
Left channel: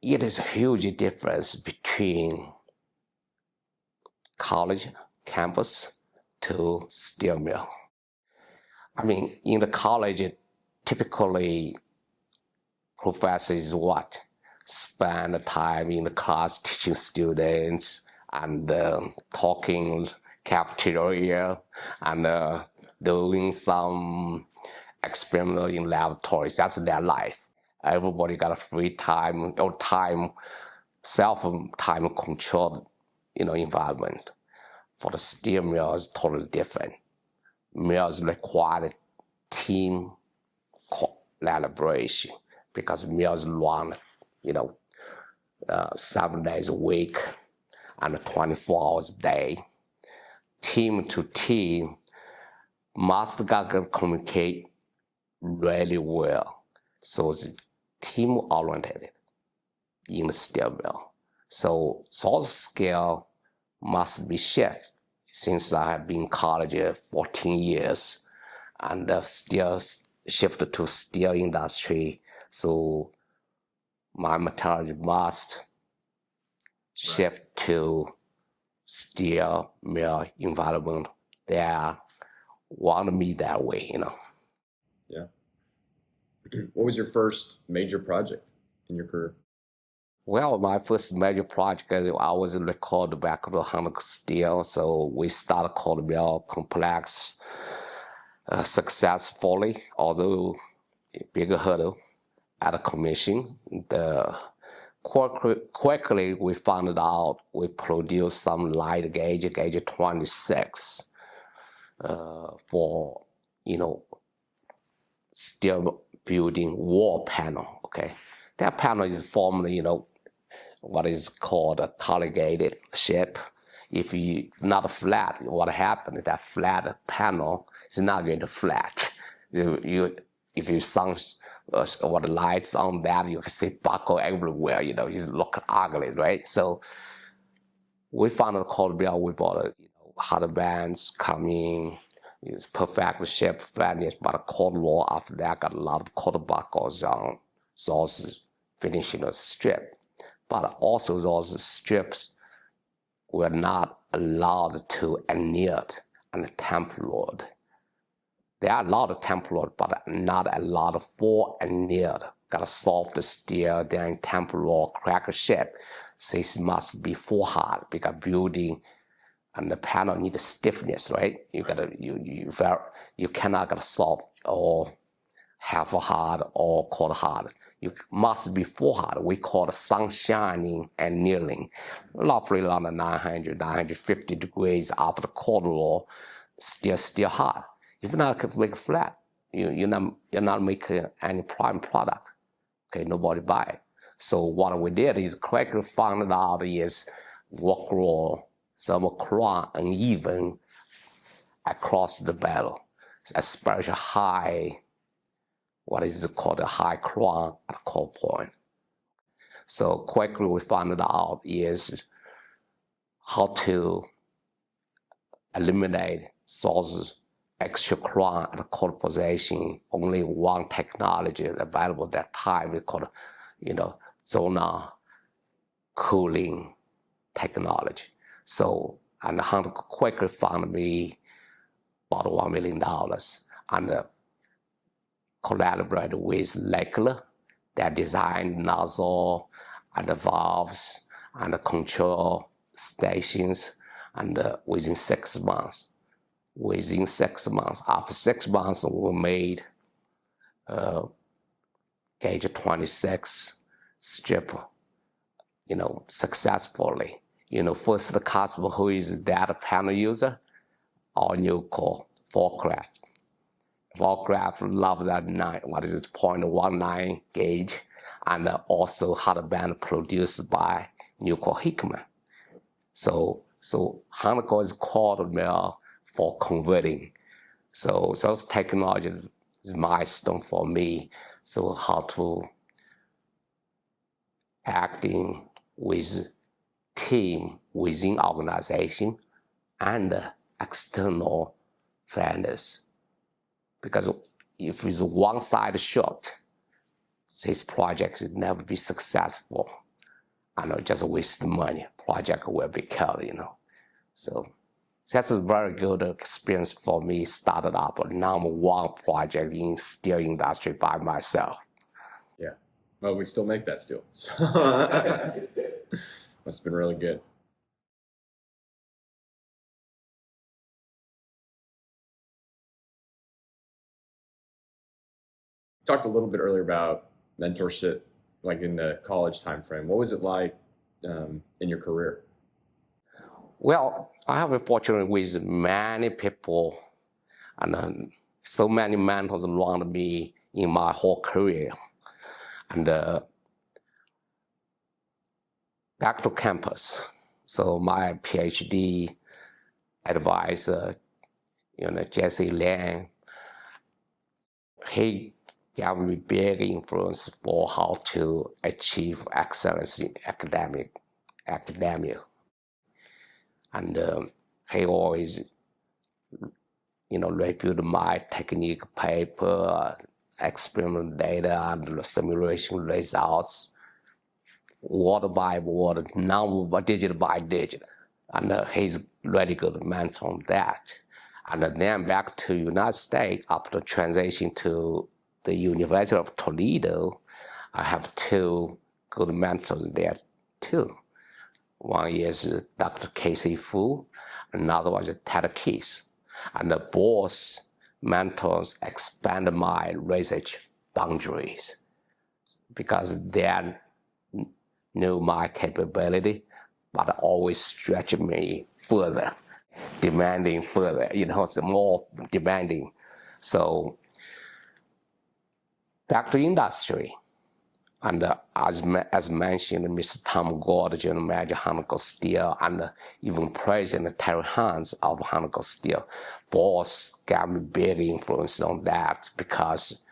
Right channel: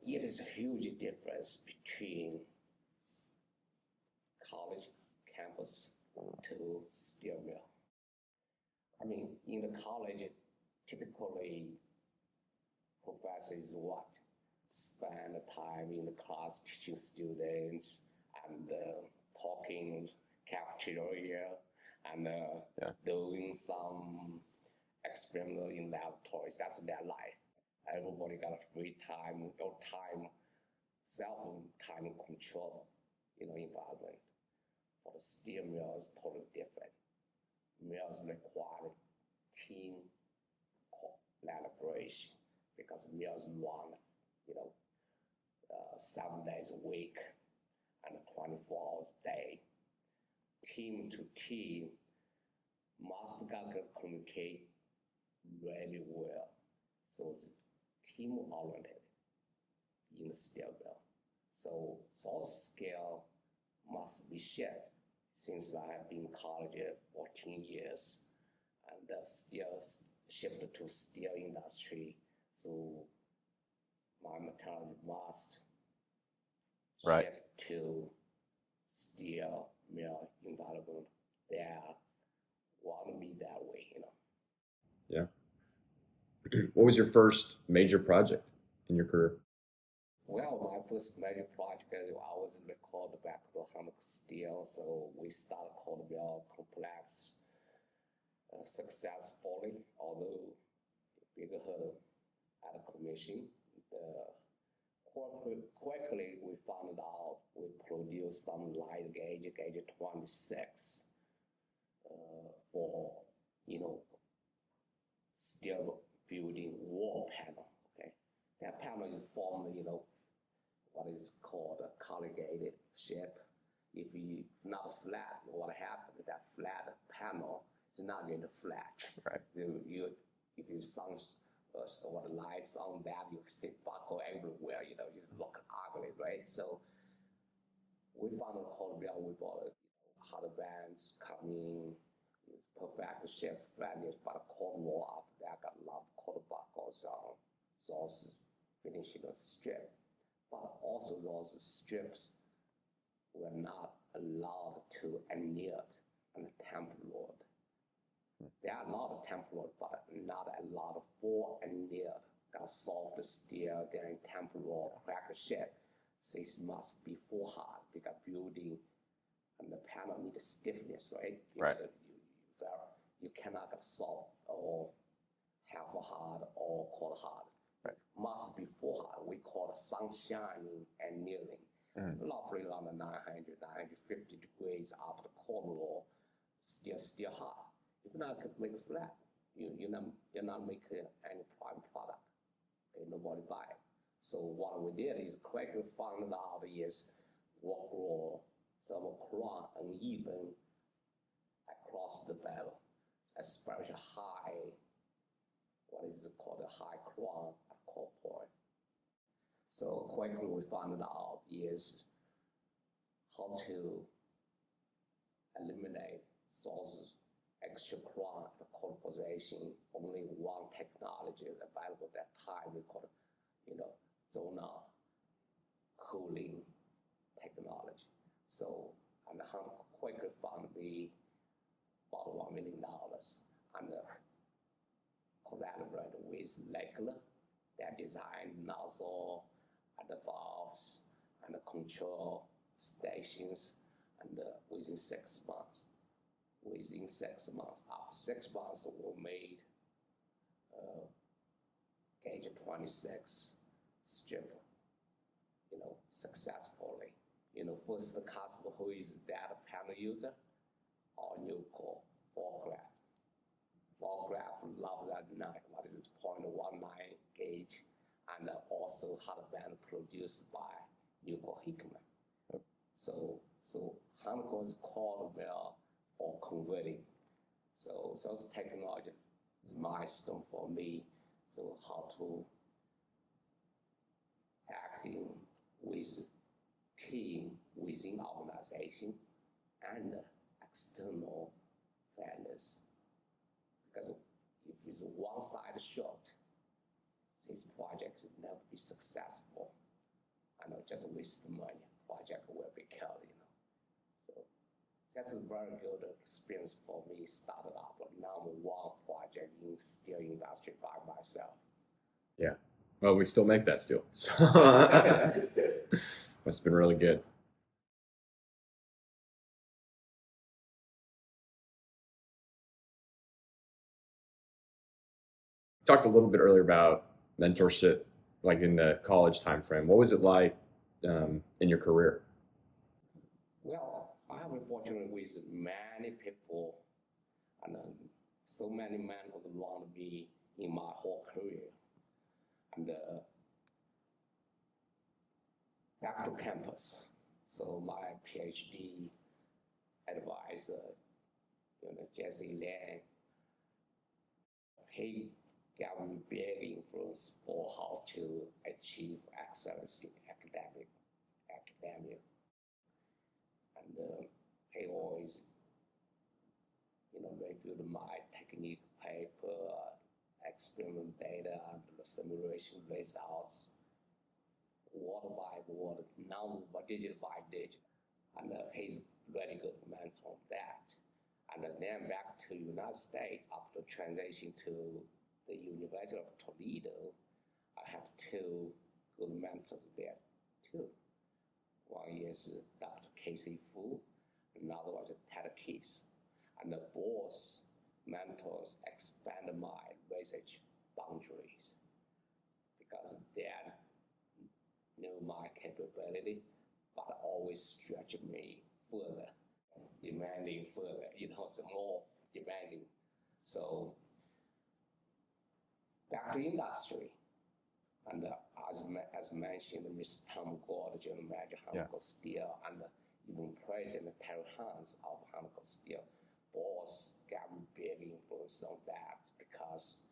it is a huge difference between college campus to steel mill. I mean, in the college, typically professors spend time in the class teaching students and talking cafeteria and doing some experiment in laboratories. That's their life. Everybody got a free time or self-time controlled, environment. For the steel mill is totally different. Mills require team collaboration because mills run, 7 days a week and 24 hours a day. Team to team must communicate really well. So it's team oriented in the steel mill. So those skills must be shifted since I have been in college 14 years and still shifted to steel industry. So my metallurgy must shift to steel mill environment. They want me that way, Yeah. What was your first major project in your career? Well, my first major project, I was recorded back to Huntco Steel, so we started cold mill complex successfully, although a bigger hurdle at a commission. Quickly we found out we produced some light gauge 26, for, steel building wall panel, okay? That panel is formed, what is called a corrugated shape. If you not flat, what happens? That flat panel is not going to flat. If you shine what lights on that, you can see buckle everywhere. It look ugly, right? So we found a cold mill. We bought hard bands coming. It's perfect shape, flatness, but a cold roll after that got a lot of cold buckles on those finishing the strip. But also those strips were not allowed to anneal and tempered. They are allowed to tempered, but not allowed for annealed. Got a soft steel, then tempered, crack shape. This must be full hard because building and the panel need stiffness, right? You cannot get soft or half hard or cold hard. You must be full hard. We call it sun shining and annealing. Roughly around 900, 950 degrees after the cold roll, still hard. If you not make flat, you're not making any prime product. Okay, nobody buy it. So what we did is quickly found out is work roll, some crown uneven across the barrel, especially high, what is called a high crown at core point. So quickly we found out is how to eliminate source extra current at cold position. Only one technology available at that time. We called, zona cooling technology. So, and Huntco quickly found me about $1 million and collaborated with Lakeler that designed nozzle and the valves and the control stations, and within 6 months. After 6 months, we made gauge 26 strip, successfully. First the customer who is data panel user, our new core, Forcraft. Forcraft loves that 0.19 gauge, and also had a band produced by Nucor Hickman. So Huntco is called mill for converting. So those technologies is milestone for me. So how to acting with team within organization and external vendors. Because if it's one side shot, this project will never be successful. Just waste the money. Project will be killed, So that's a very good experience for me. Started up a #1 project in steel industry by myself. Yeah. Well, we still make that steel. So must have been really good. You talked a little bit earlier about mentorship, like in the college time frame. What was it like in your career? Well, I have been fortunate with many people and so many mentors around me in my whole career. And back to campus. So my PhD advisor, Jesse Liang, he gave me big influence for how to achieve excellence in academia. And he always, reviewed my technique paper, experiment data, and simulation results, word by word, number digit by digit. And he's really good mentor on that. And then back to United States, after transition to the University of Toledo, I have 2 good mentors there too. One is Dr. Casey Fu, another one is Ted Keith. And both mentors expand my research boundaries because they knew my capability, but always stretch me further, demanding further, it's more demanding. So back to industry. And as mentioned, Mr. Tom Gord, General Manager, Huntco Steel, and even President Terry Hans of Huntco Steel, both gave me big influence on that because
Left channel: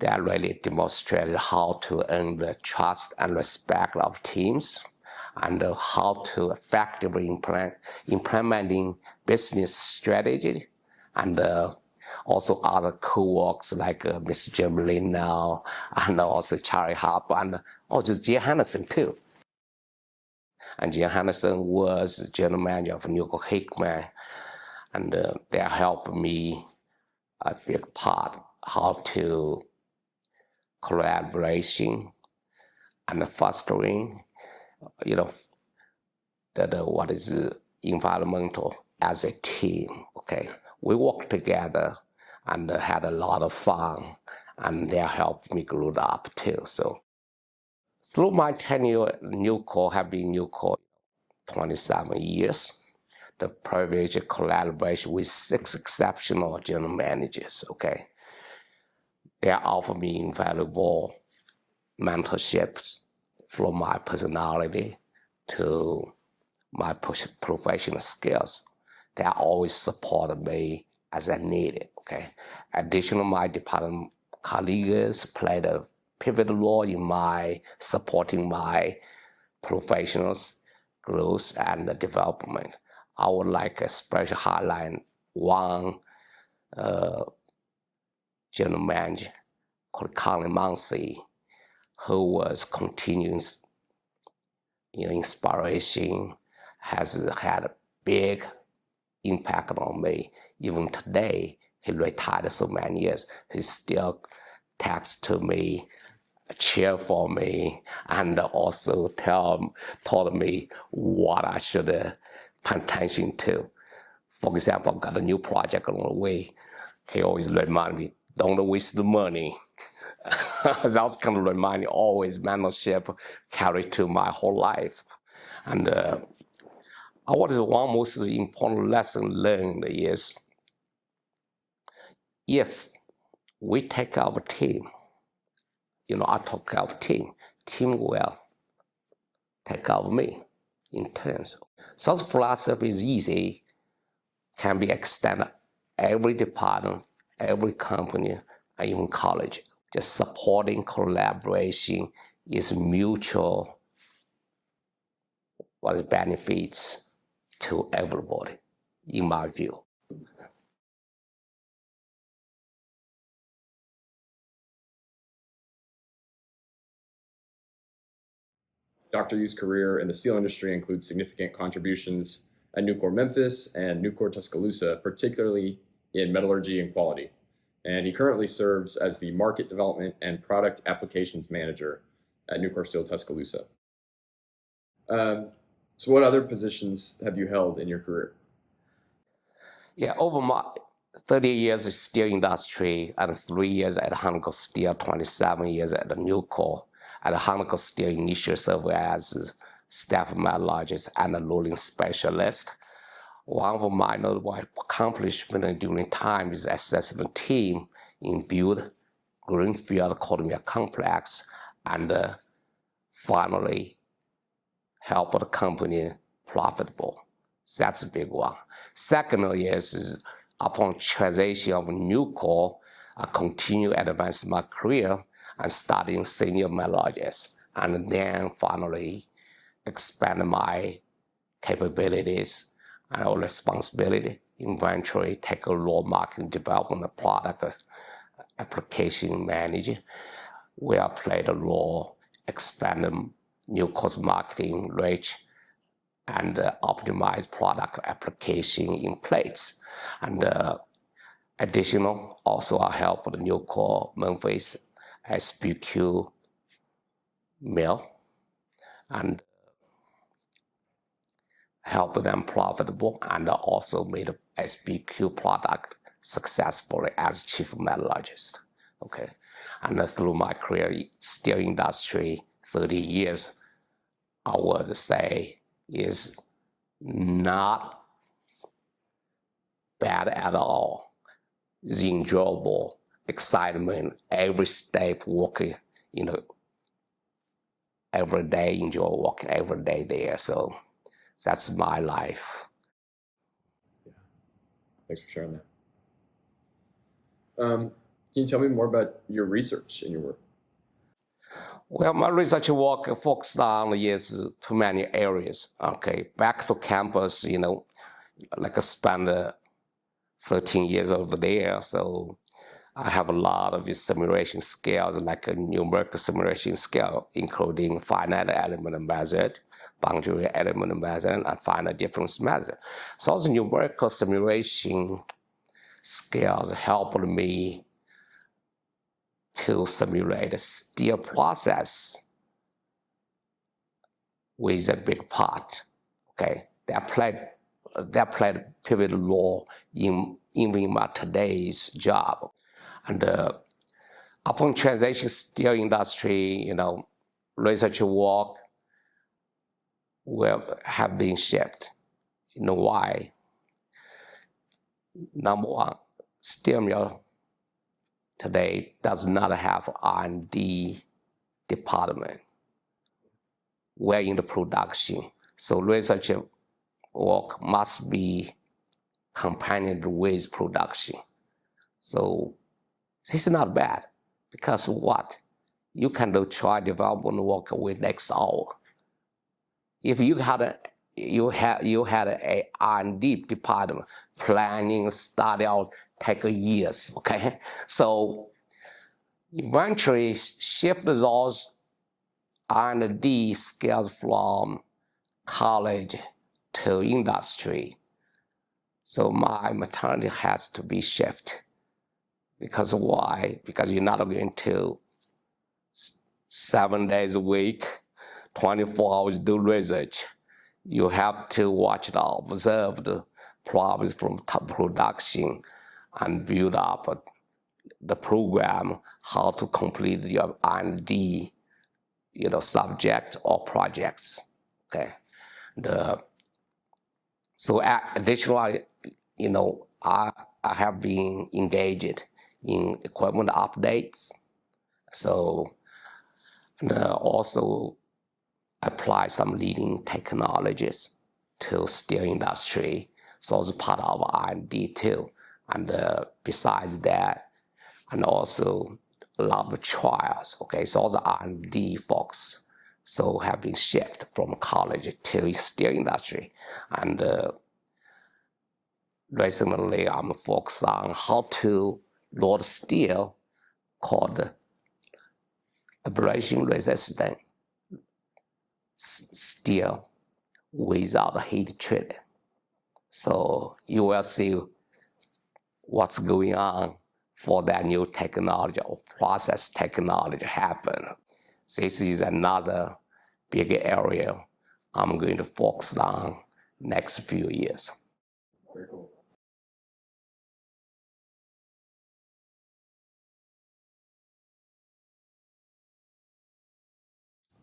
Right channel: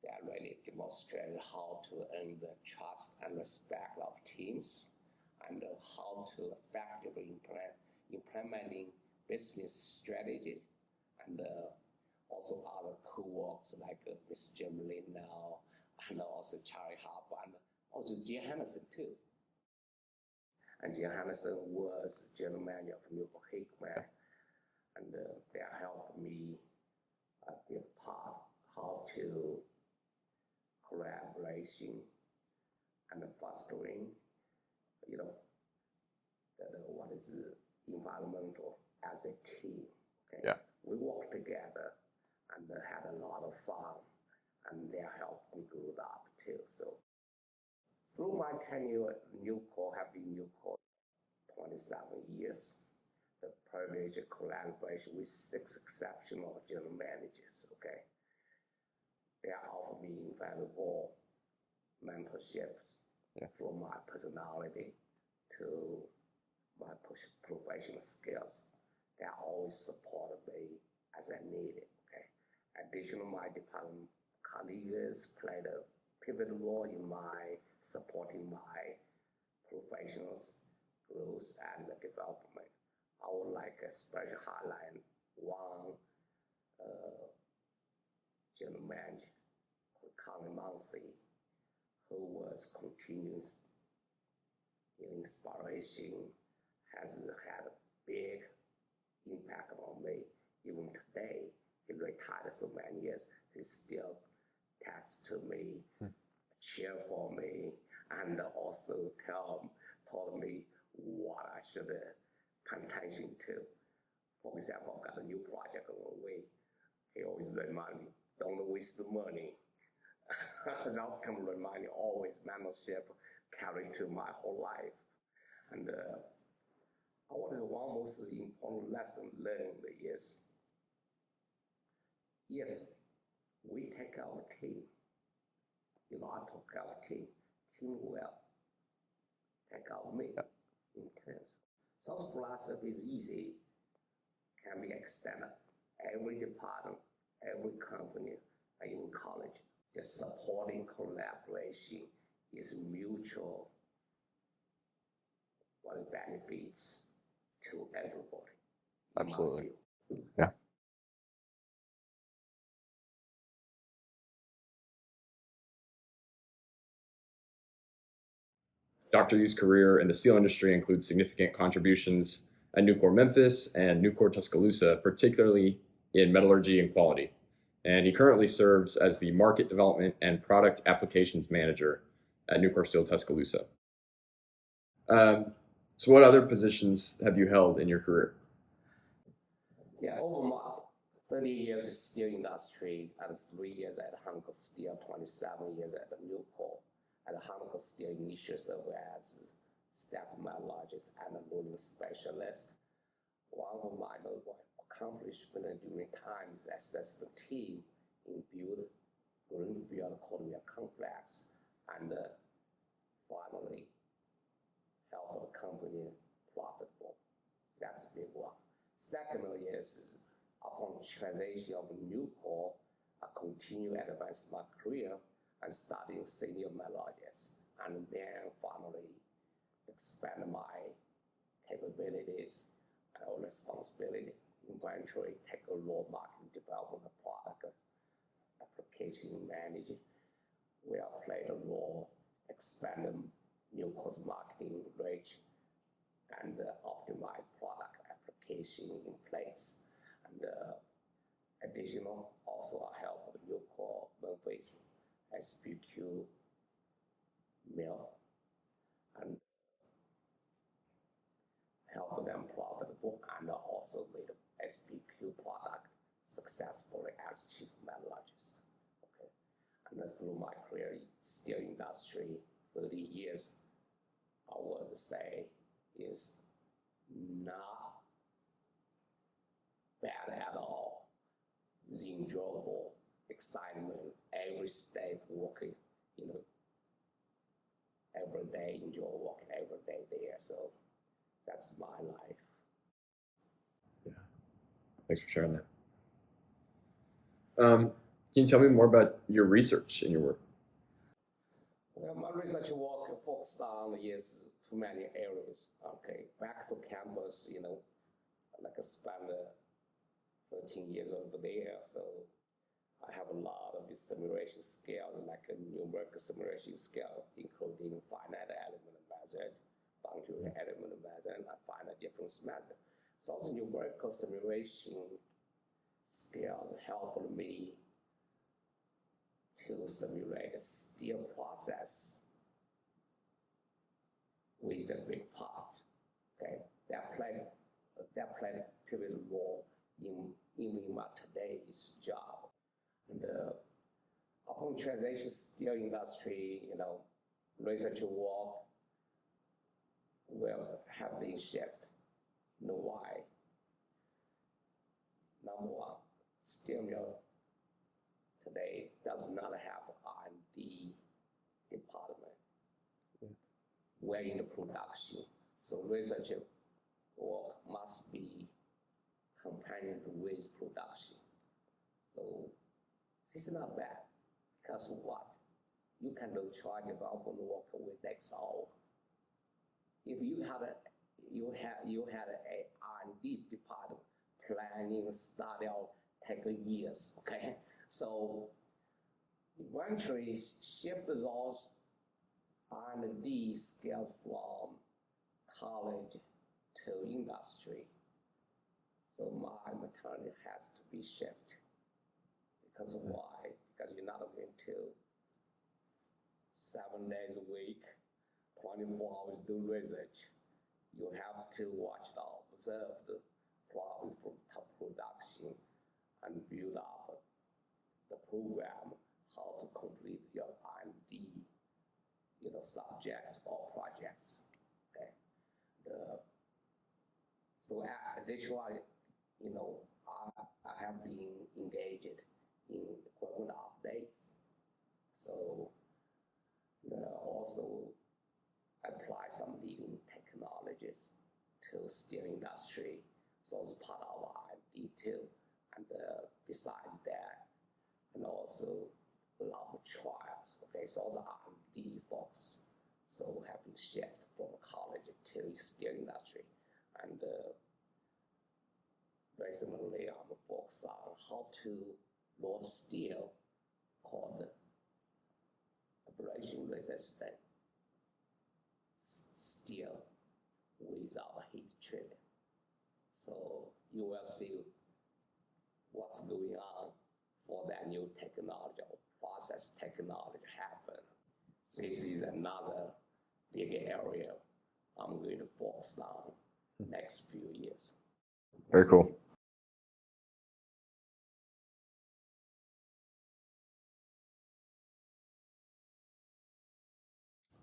they really demonstrated how to earn the trust and respect of teams and how to effectively implementing business strategy and also other co-workers like Mr. Jim Lin now, and also Charlie Harper, and also Jim Henderson too. And Jim Henderson was general manager of Nucor Hickman, and they helped me a big part how to collaboration and fostering, what is environmental as a team. Okay, yeah. We worked together and had a lot of fun, and they helped me grow up too. So through my tenure at Nucor, have been Nucor 27 years, the privilege of collaboration with 6 exceptional general managers, okay? They offer me invaluable mentorships from my personality to my professional skills. They always supported me as I needed, okay? Additionally, my department colleagues played a pivotal role in my supporting my professionals' growth and development. I would like a special highlight one general manager called Qiulin Yu, who was continuous, inspiration, has had a big impact on me. Even today, he retired so many years, he still texts to me, cheer for me, and also told me what I should pay attention to. For example, I've got a new project on the way. He always remind me, don't waste the money. That's kind of remind me, always mentorship carried to my whole life. And what is one most important lesson learned is, if we take our team, I take our team will take care of me in turns. So the philosophy is easy, can be extended every department, every company, and even college. Just supporting collaboration is mutual benefits to everybody, in my view. Yeah. Dr. Yu's career in the steel industry includes significant contributions at Nucor Memphis and Nucor Tuscaloosa, particularly in metallurgy and quality. And he currently serves as the Market Development and Product Applications Manager at Nucor Steel Tuscaloosa. So what other positions have you held in your career? Yeah, over my 30 years in steel industry and 3 years at Huntco Steel, 27 years at the Nucor. At Huntco Steel, initially served as staff metallurgist and a rolling specialist. One of my notable accomplishments during time is assist the team in build greenfield cold mill complex, and finally help the company profitable. So that's a big one. Second is upon transition of Nucor, I continue advance my career and studying senior metallurgist, and then finally expand my capabilities and responsibility, eventually take a role marketing development product application manager, where I played a role expanding Nucor's marketing reach and optimize product application in plates. And additional, also I help the Nucor Memphis SBQ mill and help them profitable, and also made a SBQ product successfully as chief metallurgist. Okay, and through my career steel industry, 30 years, I would say is not bad at all. It's enjoyable, excitement, every step working, every day enjoy working every day there. So that's my life. Yeah, thanks for sharing that. Can you tell me more about your research and your work? Well, my research work focused on is too many areas. Okay, back to campus, like I spent 13 years over there, so I have a lot of simulation skills, like a numerical simulation skill, including finite element method, boundary element method, and finite difference method. So the numerical simulation skills helped me to simulate a steel process with a big part. Okay, that played a pivotal role in my today's job. And upon transition steel industry, research work will have been shifted. You know why? Number one, steel mill today does not have R&D department. We're in the production, so research work must be accompanied with production. So this is not bad, because what? You can do try development work with next hour. If you had you had a R&D department, planning, study out, take years, okay? So eventually shift those R&D skills from college to industry. So my methodology has to be shifted. Because why? Because you're not going to 7 days a week, 24 hours do research. You have to watch the observe the problems from top production and build up the program, how to complete your R&D, subject or projects. Okay. So additionally, I have been engaged in equipment updates. So and also apply some leading technologies to steel industry. So it's part of R&D too. And besides that, and also a lot of trials. Okay, so all the R&D folks so have been shifted from college to steel industry. And recently I'm focused on how to load steel called abrasion resistant steel without heat treating. So you will see what's going on for that new technology or process technology happen. This is another big area I'm going to focus on next few years. Very cool.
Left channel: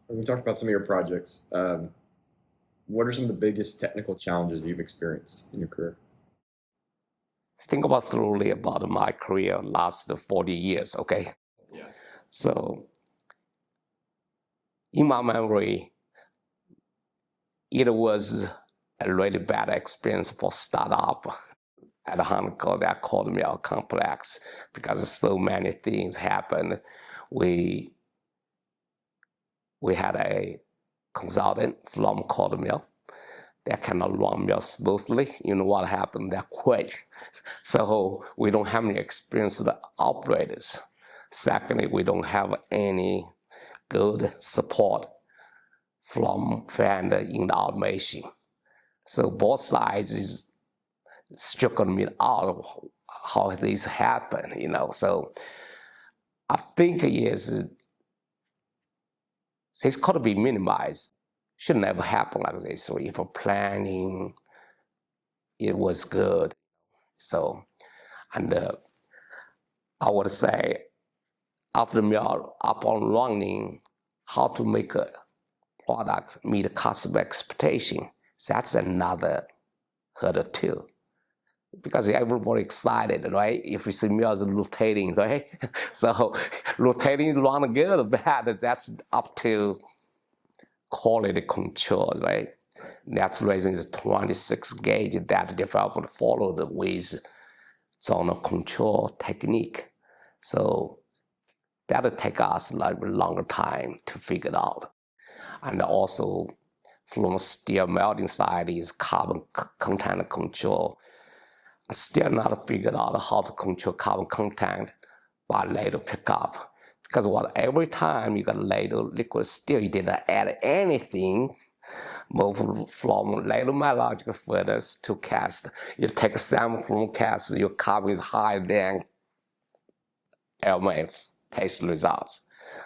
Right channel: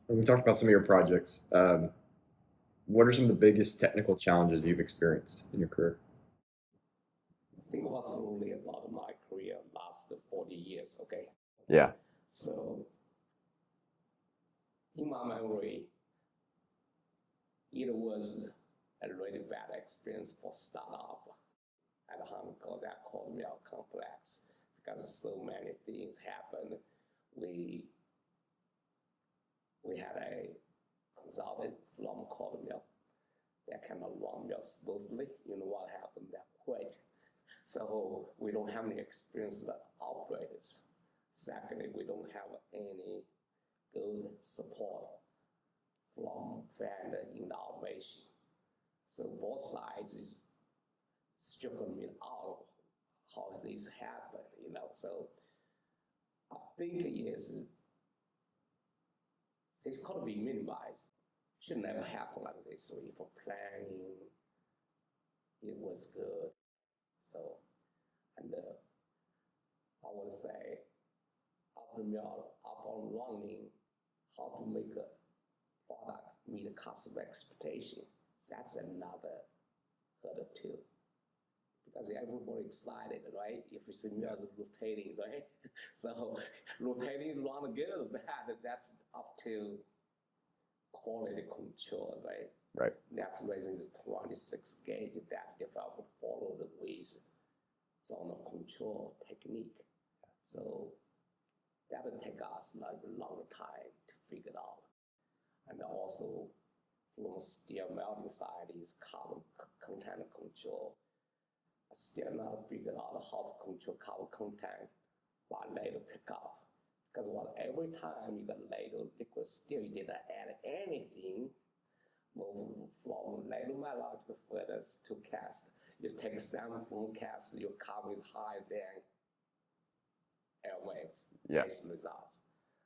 We talked about some of your projects. What are some of the biggest technical challenges you've experienced in your career? Think about thoroughly about my career last 40 years, okay? Yeah. So in my memory, it was a really bad experience for startup at Huntco, that cold mill complex, because so many things happened. We had a consultant from cold mill that cannot run mill smoothly. You know what happened? They quit. So we don't have any experienced operators. Secondly, we don't have any good support from vendor in the automation. So both sides struggle me out how this happen, So I think this could be minimized. Should never happen like this. So if a planning, it was good. So, and I would say after mill up and running, how to make a product meet customer expectation. That's another hurdle too. Because everybody excited, right? If you see mills rotating, right? So rotating run good or bad, that's up to quality control, right? Right. That's the reason it's 26 gauge that developer followed with zone control technique. So that'll take us like a longer time to figure it out. And also from steel melting side is carbon content control. I still not figured out how to control carbon content by ladle pickup. Because every time you got ladle liquid steel, you didn't add anything. Move from ladle metallurgical furnace to cast. You take a sample from cast, your carbon is higher than AIME test results.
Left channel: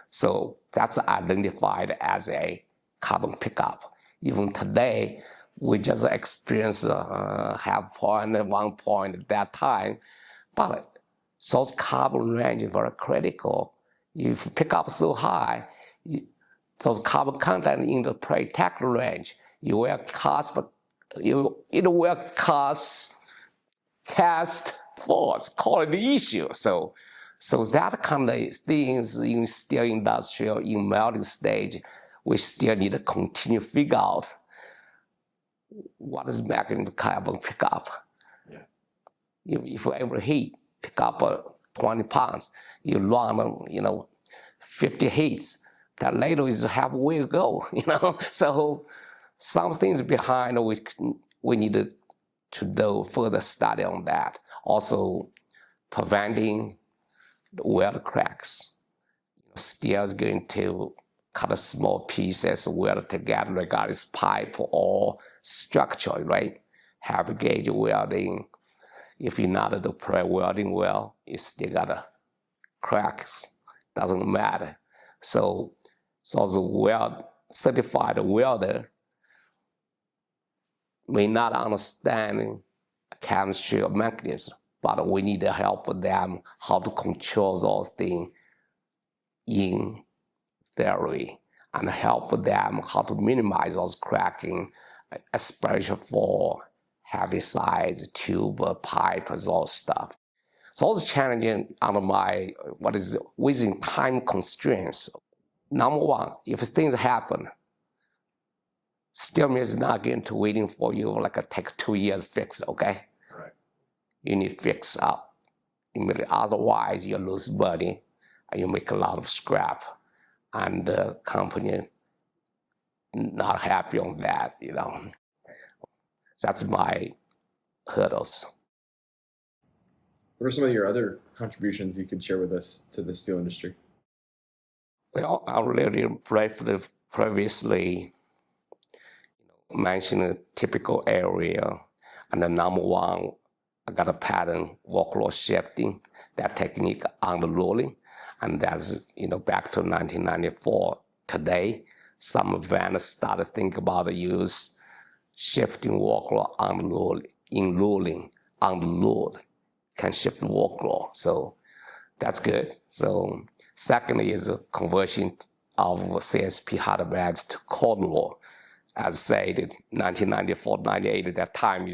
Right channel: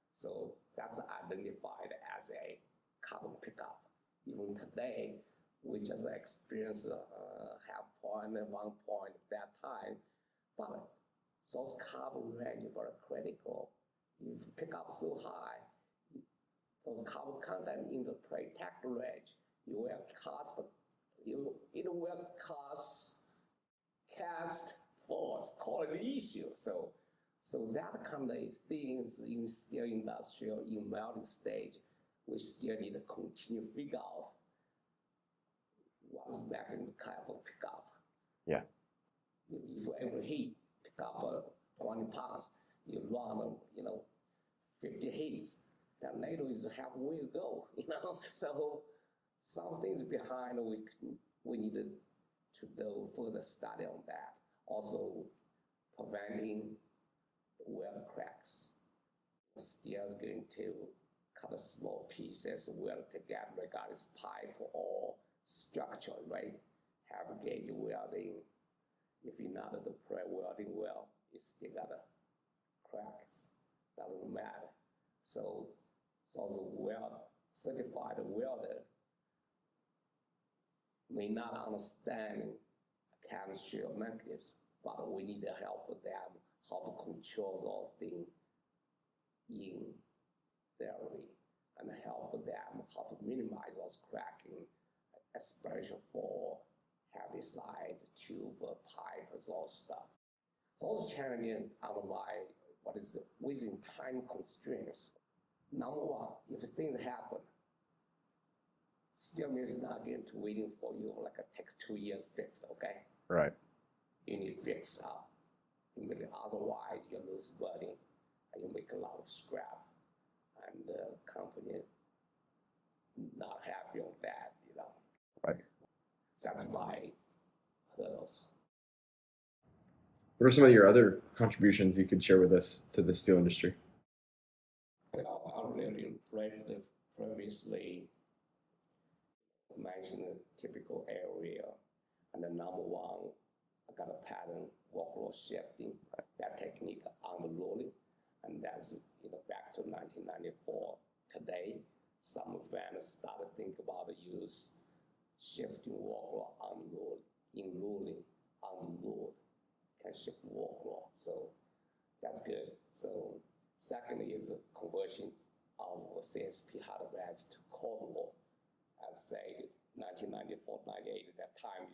So that's identified as a carbon pickup. Even today, we just experienced half point, 1 point at that time. But those carbon range is very critical. If you pick up so high, those carbon content in the protect range, it will cause cast force, quality issue. So that kind of things in steel industry or in melting stage, we still need to continue to figure out what is making the carbon pickup. Yeah. If you ever heat, pick up 20 pounds, you run 50 heats, that later is halfway to go, So some things behind we need to do further study on that. Also, preventing the weld cracks. Steel is going to cut a small pieces, weld together, regardless pipe or structure, right? Heavy gauge welding. If you're not the pre-welding well, you still got cracks. Doesn't matter. So the certified welder may not understand chemistry or mechanism, but we need to help them how to control those things in theory and help them how to minimize those cracking, especially for heavy size tube, pipe, those stuff. So all the challenging under my, within time constraints. Number one, if things happen, steel mill is not going to waiting for you take 2 years fix, okay? Right. You need to fix up. Otherwise, you lose money and you make a lot of scrap. And the company not happy on that, Right. That's my hurdles. What are some of your other contributions you could share with us to the steel industry? Well, I already briefly previously mentioned a typical area, and the number one, I got a pattern workload shifting, that technique on the rolling, and that's back to 1994. Today, some vendors started to think about the use shifting workload on the load, in rolling on the load can shift the workload. So that's good. So secondly is a conversion of CSP hard beds to cold roll. As said, 1994, 98, at that time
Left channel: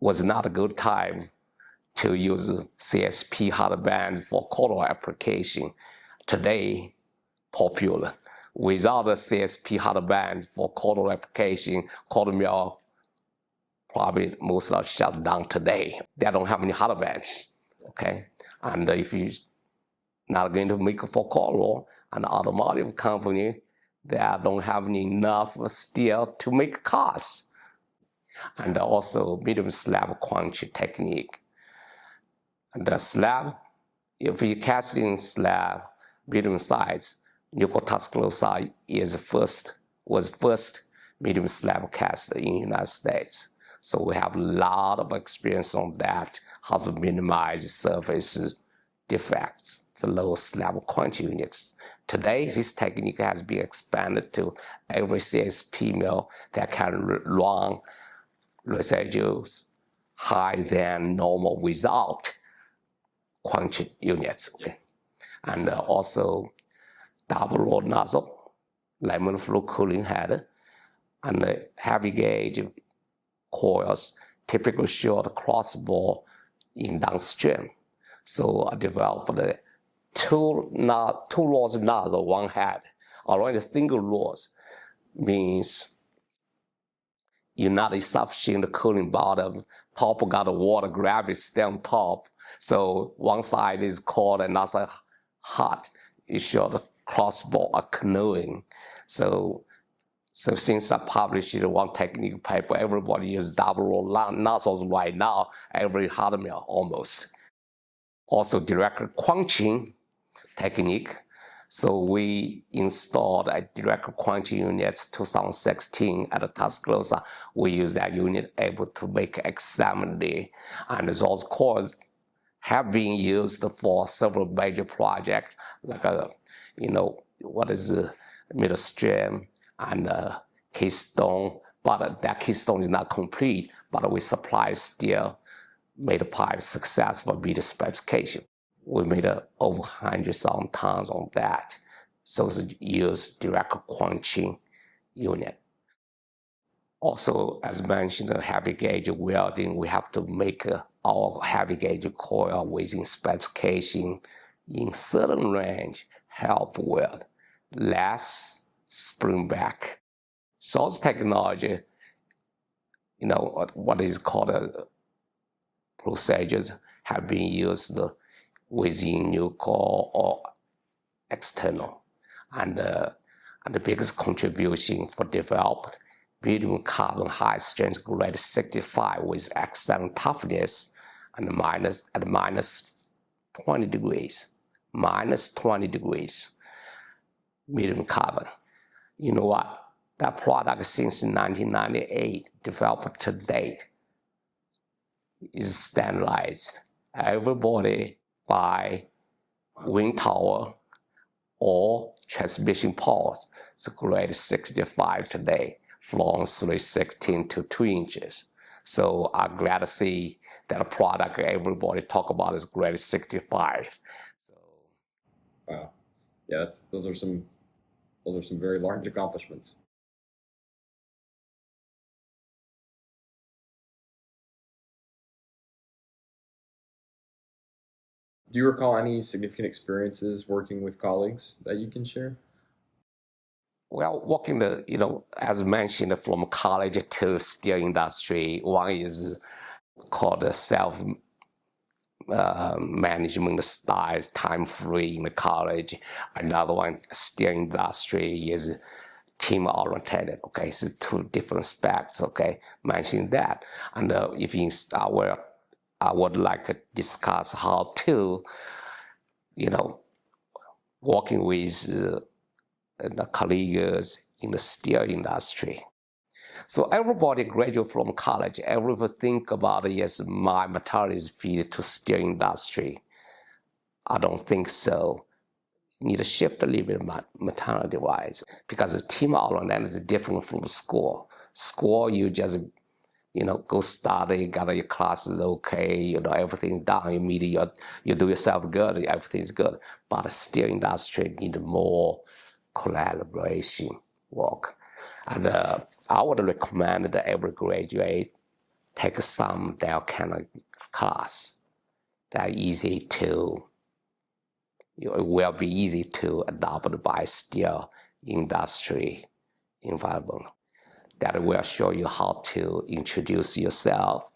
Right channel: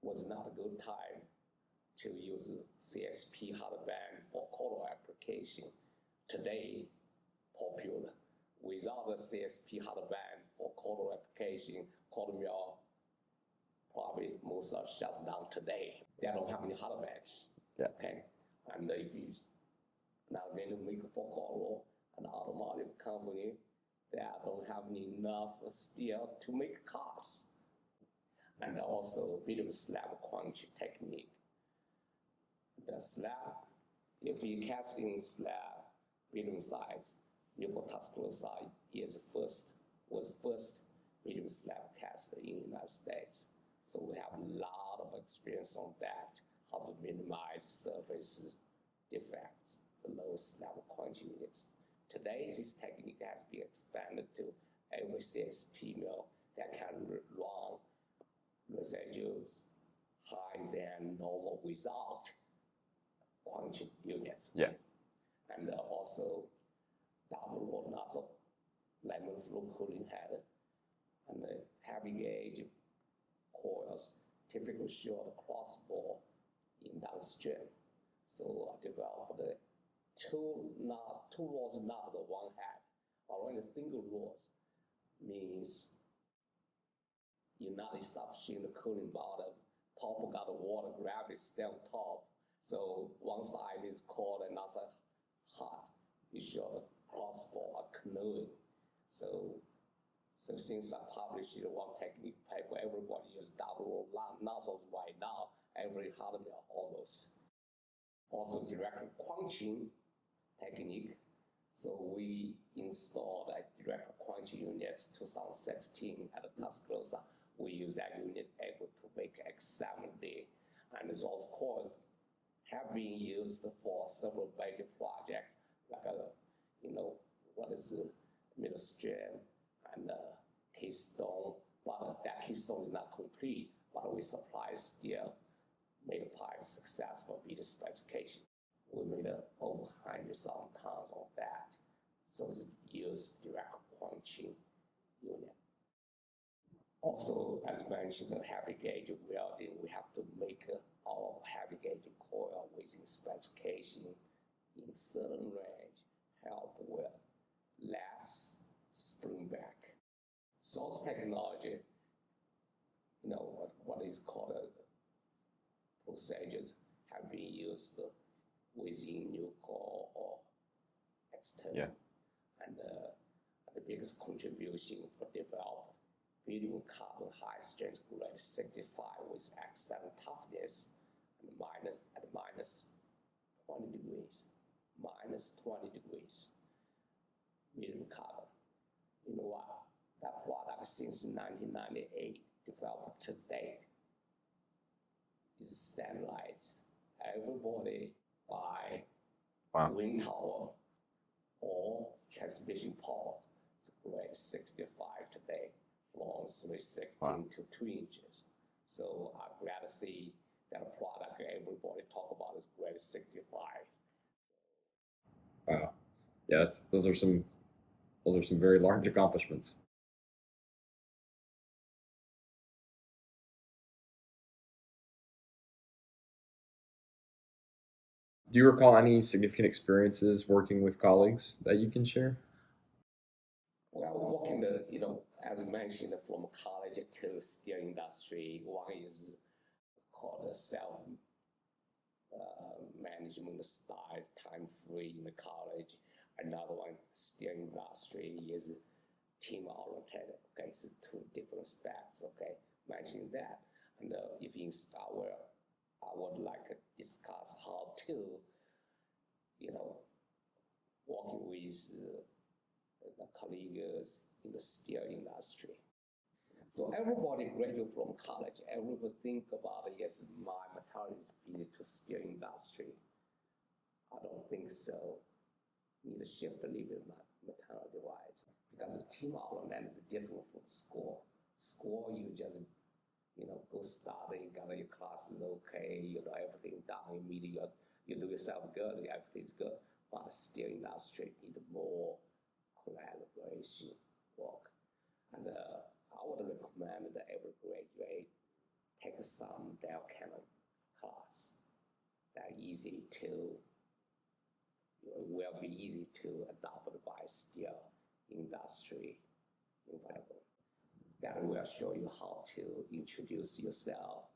was not a good time to use CSP hard bands for cold roll application. Today, popular. Without the CSP hard bands for cold roll application, cold mill probably most are shut down today. They don't have any hard bands, okay? And if you're not going to make it for cold roll, an automotive company, they don't have enough steel to make cars. And also medium slab quench technique. And the slab, if you casting slab, medium size, Nuclear Tuscaloosa was first medium slab cast in the United States. So we have a lot of experience on that, how to minimize surface defects, the low slab quench units. Today, this technique has been expanded to every CSP mill that can run residuals higher than normal without quench units. Okay? And also double roll nozzle, lemon flow cooling head, and heavy gauge coils, typically short crossbore in downstream. So I developed two rows nozzle, one head. Already single rows means you're not establishing the cooling bottom. Top got the water gravity stay on top. So one side is cold and another side hot. You show the crossbore are canoeing. So since I published one technique paper, everybody uses double roll nozzles right now, every hard mill almost. Also direct quenching technique. So we installed a direct quenching unit 2016 at Tuscaloosa. We use that unit able to make X70, and those cores have been used for several major projects, like what is Midstream and Keystone. But that Keystone is not complete. But we supply steel, made a pipe successful, meet the specification. We made over 100,000 tons on that. So it's used direct quenching unit. Also, as mentioned, heavy gauge welding, we have to make our heavy gauge coil within specification in certain range, help weld, less spring back. So technology, what is called procedures have been used within nuclear or external. And and the biggest contribution for developed medium carbon high strength grade 65 with excellent toughness and minus 20 degrees, minus 20 degrees medium carbon. You know what? That product since 1998, developed to date, is standardized. Everybody buy wind tower or transmission poles. It's grade 65 today, from 316 to 2 inches. So I'm glad to see that a product everybody talk about is grade 65. Wow. Yeah, those are some very large accomplishments. Do you recall any significant experiences working with colleagues that you can share? Well, working as mentioned, from college to steel industry, one is called the self management style, time free in the college. Another one, steel industry, is team oriented. Okay, so two different specs. Okay, mentioning that, and if you I would like to discuss how to, working with the colleagues in the steel industry. So everybody graduate from college, everybody think about, yes, my metallurgy is feed to steel industry. I don't think so. Need to shift a little bit metallurgy wise, because the team oriented is different from school. School, you just go study, got your classes okay, everything done. You do yourself good, everything's good. But the steel industry need more collaboration work. And I would recommend that every graduate take some that kind of class. That easy to, it will be easy to adopt by steel industry environment. That will show you how to introduce yourself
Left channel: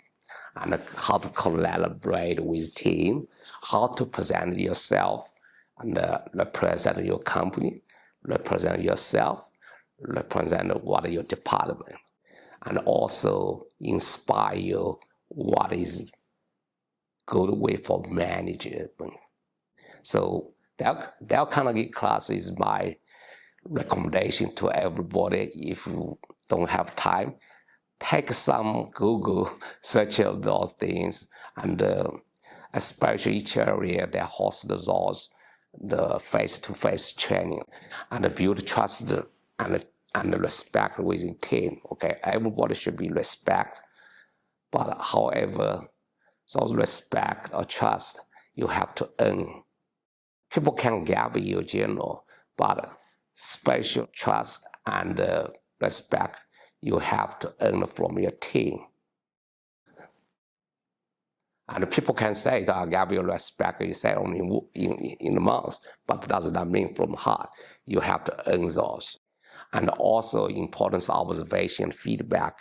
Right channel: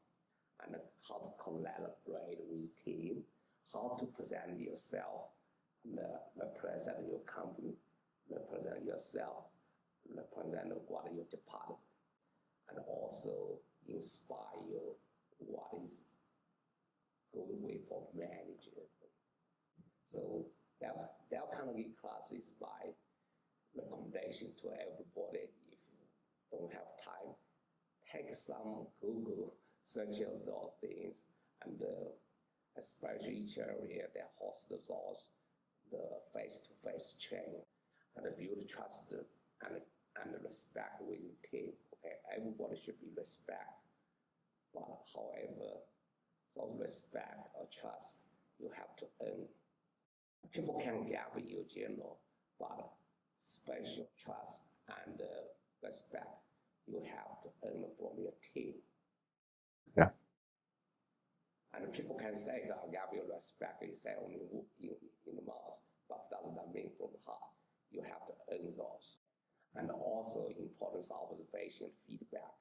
and how to collaborate with team, how to present yourself and represent your company, represent yourself, represent what your department, and also inspire you what is good way for management. So that kind of class is my recommendation to everybody. If you don't have time, take some Google search of those things, and especially each area that hosts those the face-to-face training, and build trust and respect within team. Okay, everybody should be respect, but however, those respect or trust you have to earn. People can give you general, but special trust and respect you have to earn from your team. Yeah. And people can say that I give you respect, you say only in the mouth, but does not mean from heart. You have to earn those. And also importance of observation, feedback.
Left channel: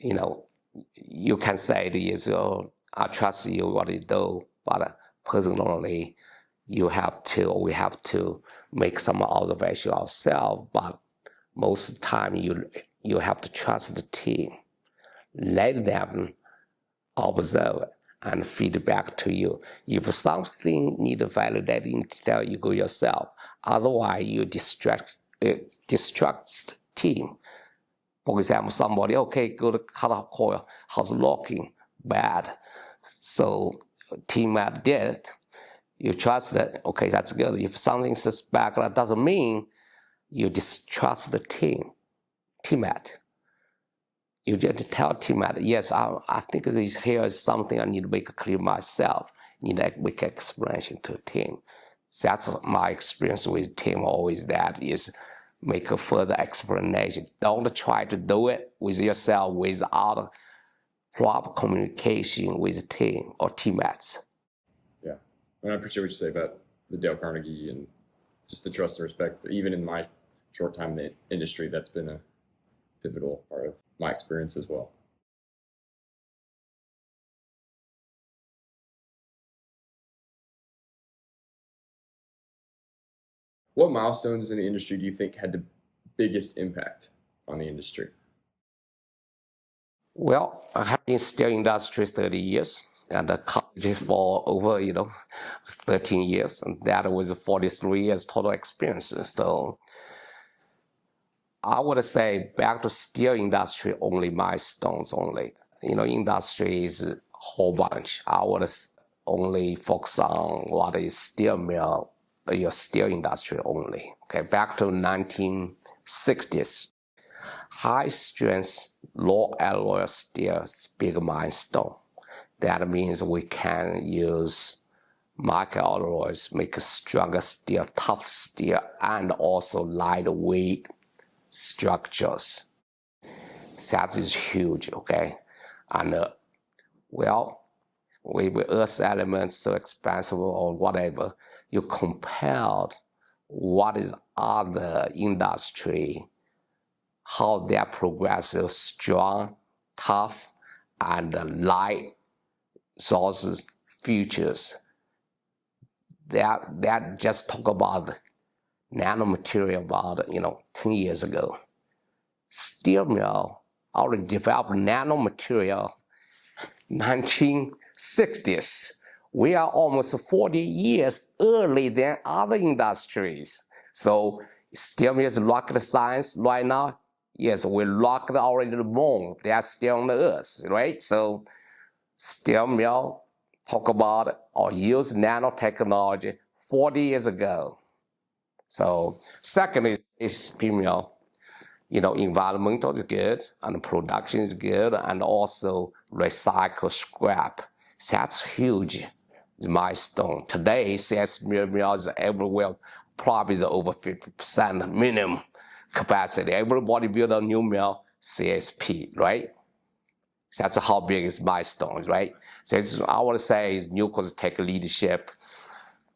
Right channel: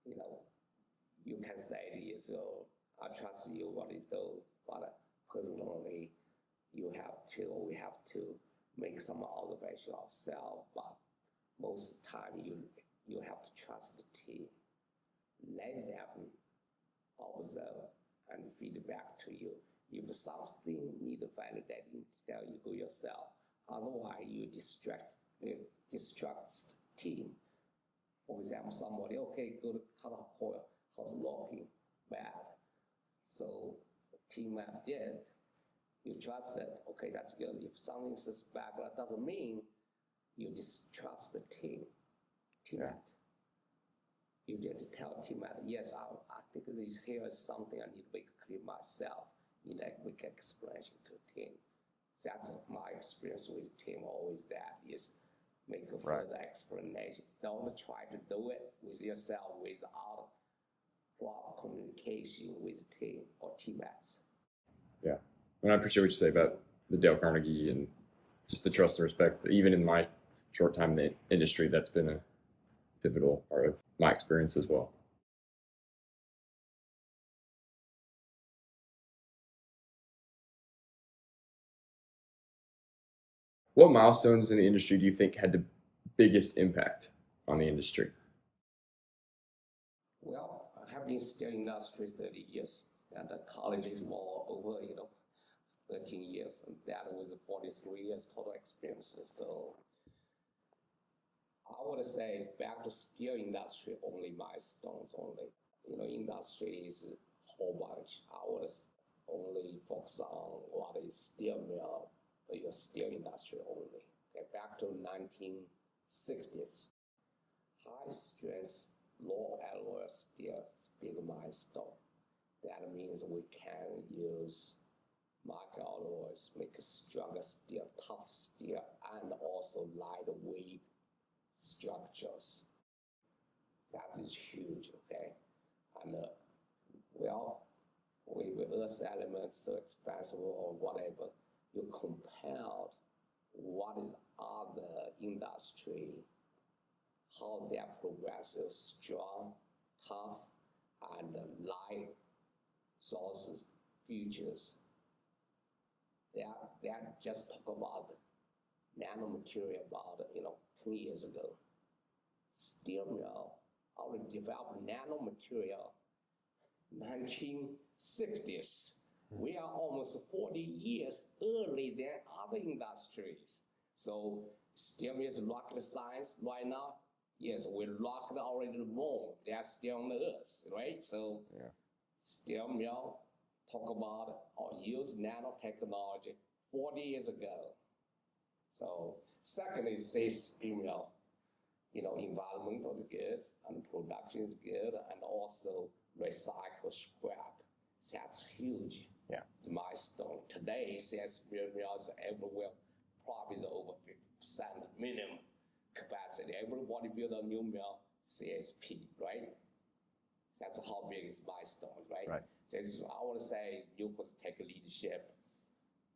You can say this, I trust you what you do, but personally, we have to make some observation ourselves, but most of the time you have to trust the team. Let them observe and feedback to you. If something needs validating, tell you go yourself. Otherwise, you distract team. For example, somebody, okay, go to cut off coil, how's locking? Bad. So team did it. You trust that, okay, that's good. If something suspect, that doesn't mean you distrust the teammate. You just tell teammate, yes, I think here is something I need to make clear myself. Need to make explanation to the team. So that's my experience with team, always that is make a further explanation. Don't try to do it with yourself without proper communication with the team or teammates. Yeah, and I appreciate what you say about the Dale Carnegie and just the trust and respect. Even in my short time in the industry, that's been a pivotal part of my experience as well. What milestones in the industry do you think had the biggest impact on the industry? Well, I have been in steel industry 30 years and a college for over, 13 years. And that was 43 years total experience. So I would say back to steel industry only, milestones only. Industry is a whole bunch. I would only focus on what is steel mill, your steel industry only. Okay, back to 1960s. High strength, low alloy steel is big milestone. That means we can use micro alloys, make a stronger steel, tough steel, and also lightweight structures. That is huge, okay? And with earth elements so expensive or whatever, you compared what is other industry, how they are progressive, strong, tough, and light sources, futures. That just talk about nanomaterial about 10 years ago. Steel mill already developed nanomaterial 1960s. We are almost 40 years early than other industries. So steel mill is rocket science right now. Yes, we rocket already the moon. They are still on the earth, right? So steel mill talk about or use nanotechnology 40 years ago. So second is steel mill. Environmental is good and production is good and also recycle scrap. That's huge. Yeah. Milestone. Today, CS mills everywhere probably is over 50% minimum capacity. Everybody build a new mill, CSP, right? That's how big is milestones, right? So I would say Nucleus take leadership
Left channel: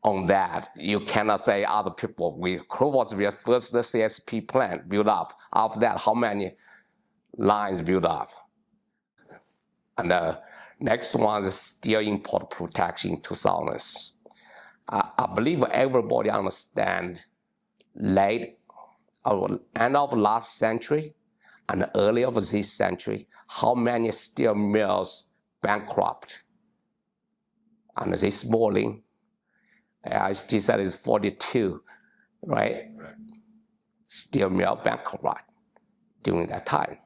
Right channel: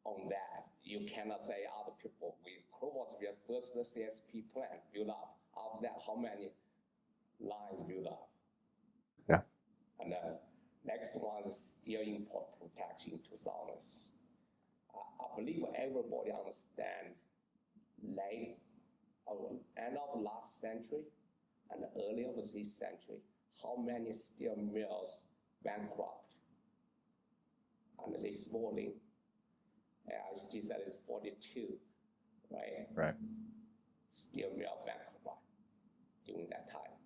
on that. You cannot say other people. Crow was the first CSP plant built up. After that, how many lines built up? Yeah. And the next one is steel import protection in 2000s. I believe everybody understand late or end of last century and early of this century, how many steel mills bankrupt. And this morning, I still said it's 42, right? Right. Steel mill bankrupt during that time.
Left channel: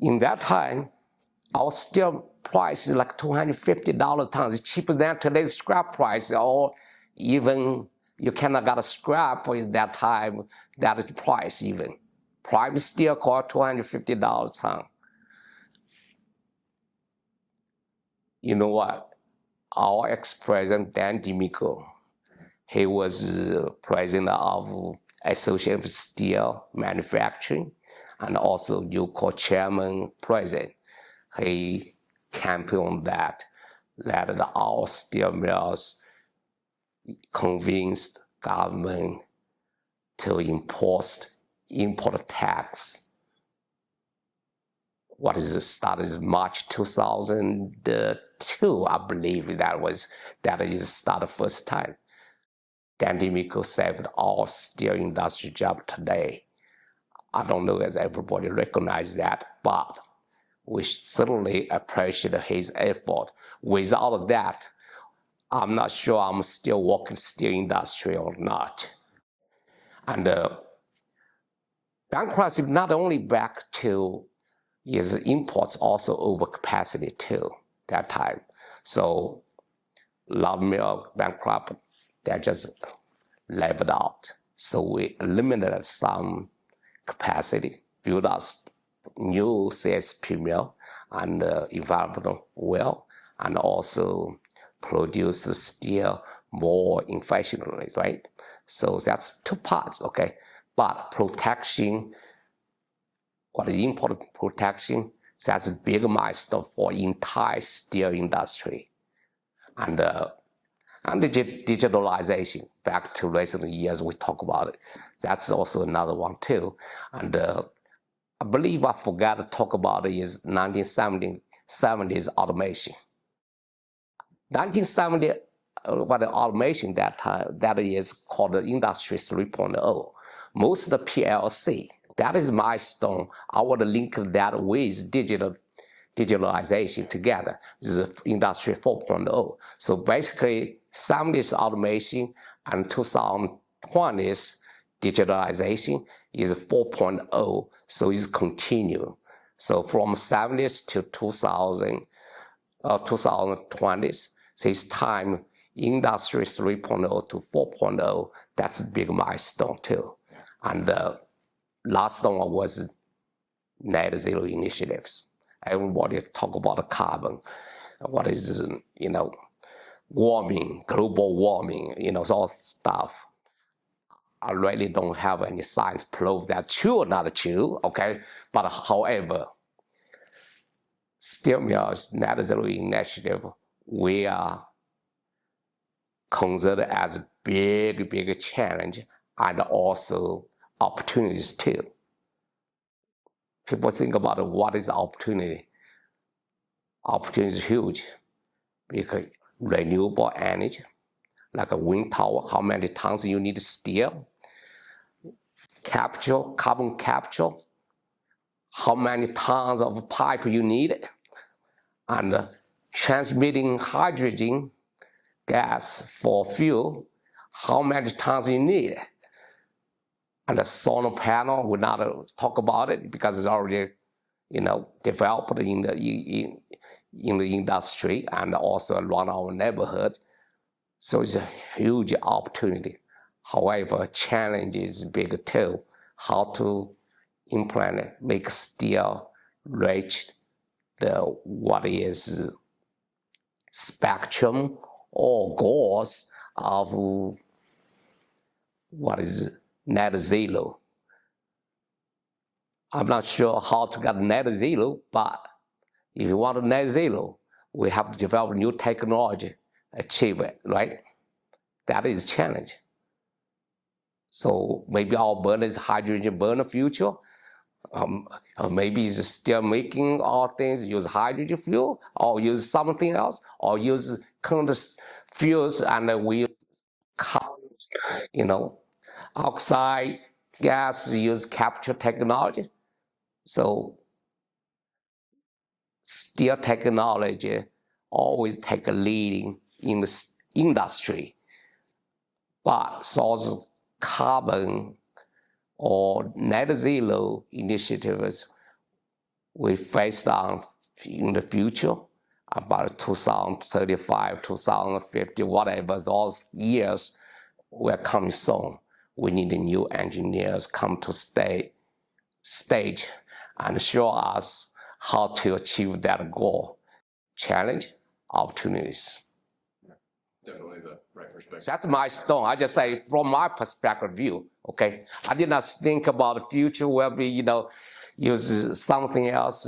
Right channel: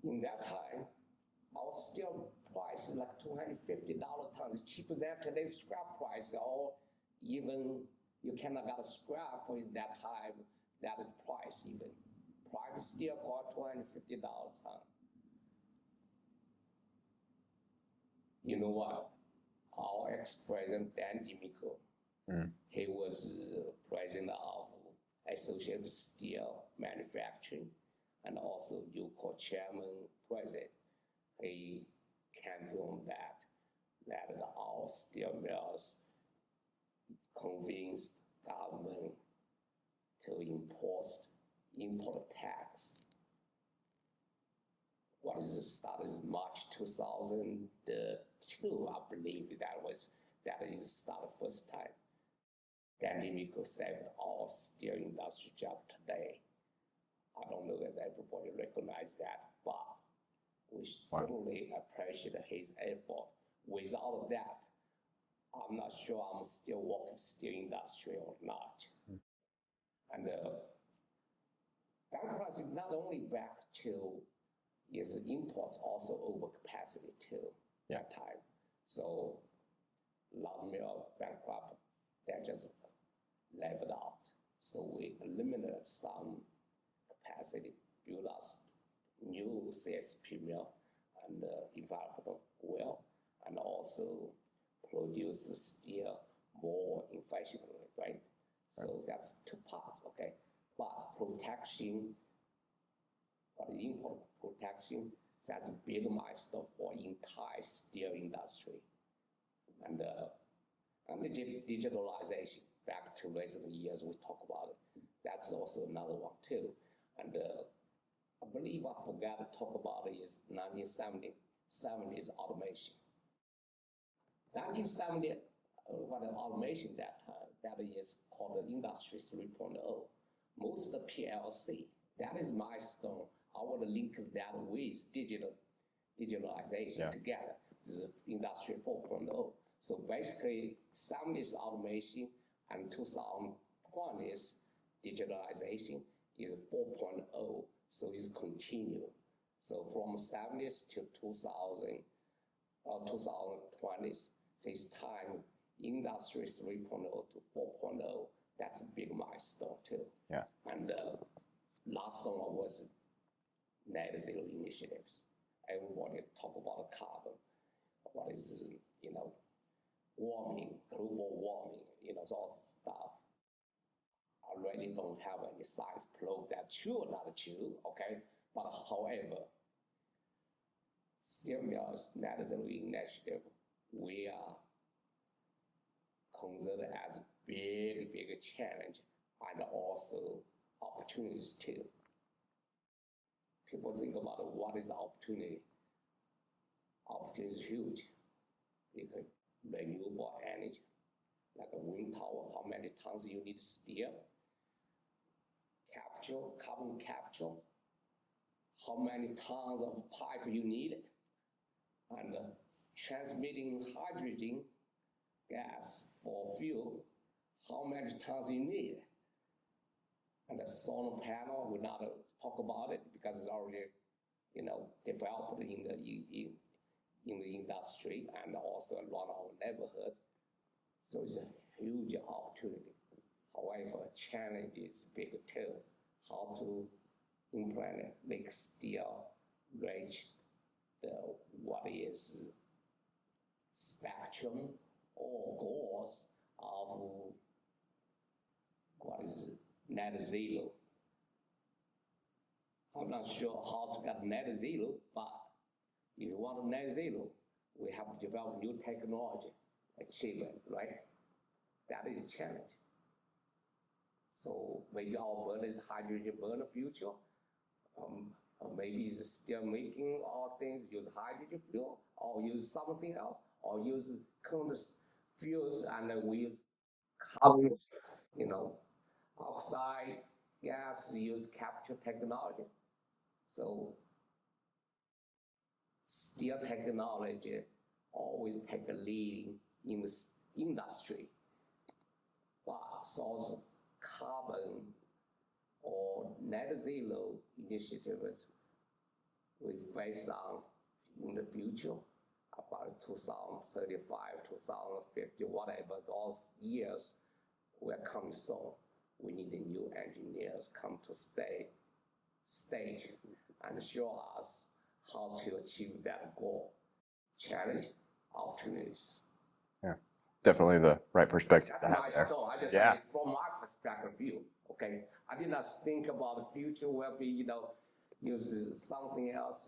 In that time, our steel price is like $250 a ton. It's cheaper than today's scrap price, or even you cannot get a scrap at that time, that is price even. Prime steel cost $250 a ton. You know what? Our ex-president, Dan DiMicco, he was president of Association of Steel Manufacturing and also Nucor chairman president. He campaigned that our steel mills convinced government to import tax. What is it? Started March 2002, I believe that is started first time. Dan DiMicco saved all steel industry job today. I don't know if everybody recognizes that, but we certainly appreciate his effort. Without that, I'm not sure I'm still working steel industry or not. And bankruptcy not only back to is imports also over capacity too that time. So log mill bankrupt, they just leveled out. So we eliminated some capacity, build up new CSP mill and environmental well, and also produce steel more efficiently, right? So that's two parts, okay? But protection, what is import protection, that's a big milestone for entire steel industry. And the digitalization, back to recent years, we talk about it. That's also another one too. And I believe I forgot to talk about it is 1970s automation. 1970 what the automation that is called the Industry 3.0. Most of the PLC, that is Milestone. I want to link that with digitalization together. This is Industry 4.0. So basically, 70s automation and 2020s digitalization is 4.0. So it's continue. So from 70s to 2020s, so it's time Industry 3.0 to 4.0. That's a big milestone too. Yeah. And the last one was net zero initiatives. Everybody talk about the carbon, what is, warming, global warming, all stuff. I really don't have any science proof that's true or not true, okay? But however, still net zero initiative, we are considered as a big challenge and also opportunities too. People think about what is opportunity. Opportunity is huge because renewable energy, like a wind tower, how many tons you need to steel, carbon capture, how many tons of pipe you need, and transmitting hydrogen gas for fuel, how many tons you need. And the solar panel, we're not talk about it because it's already, developed in the industry and also around our neighborhood. So it's a huge opportunity. However, challenge is big too. How to implement it, make steel reach what is spectrum or goals of what is net zero. I'm not sure how to get net zero, but if you want net zero, we have to develop new technology, achieve it, right? That is a challenge. So maybe our burner is hydrogen burner future. Or maybe it's still making all things, use hydrogen fuel, or use something else, or use current fuels and we use carbon, oxide gas, use capture technology. So steel technology always take a leading in the industry, but source carbon or net zero initiatives we face on in the future, about 2035, 2050, whatever, those years will come soon. We need new engineers come to stage and show us how to achieve that goal. Challenge, opportunities. Yeah, definitely the right perspective. That's Milestone. I just say from my perspective view, okay? I did not think about the future will be, use something else,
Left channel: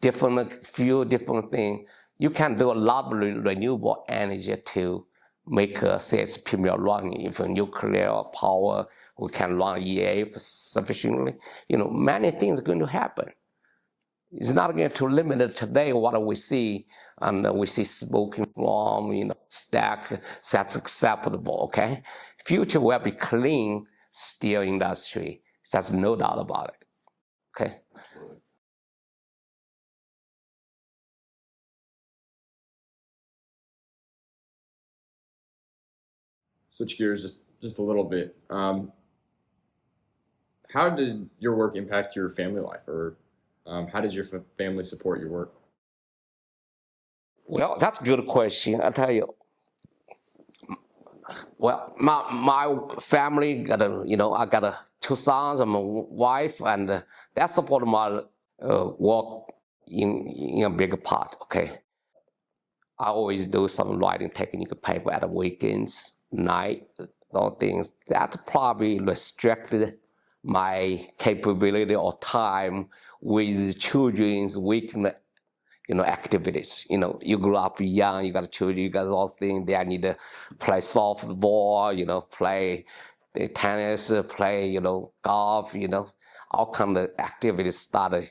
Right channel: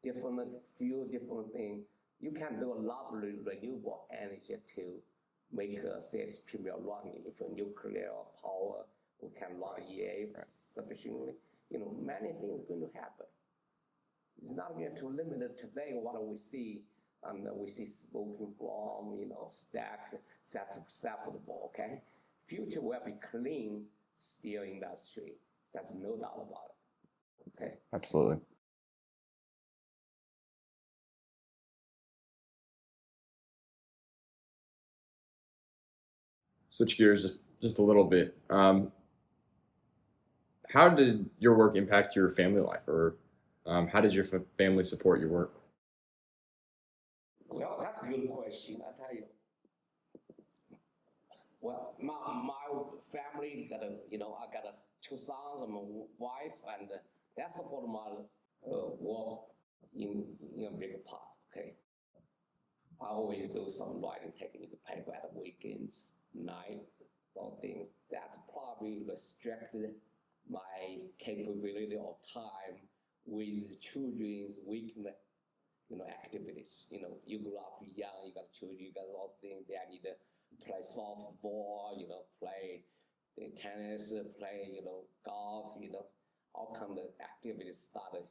different fuel, different thing. You can do a lot of renewable energy to make a CSP mill run. If nuclear power, we can run EA sufficiently. Many things are going to happen. It's not going to limit it today what we see, and we see smoking from, stack, that's acceptable, okay? Future will be clean steel industry. There's no doubt about it, okay? Absolutely. Switch gears just a little bit. How did your work impact your family life, or how did your family support your work? Well, that's a good question. I tell you. Well, my family got I got two sons and my wife, and that support my work in a bigger part. Okay, I always do some writing technical paper at the weekends, night, those things. That probably restricted my capability or time with children's weekend activities. You grew up young, you got children, you got those things. They need to play softball, play tennis, play, golf, all kind of activities started,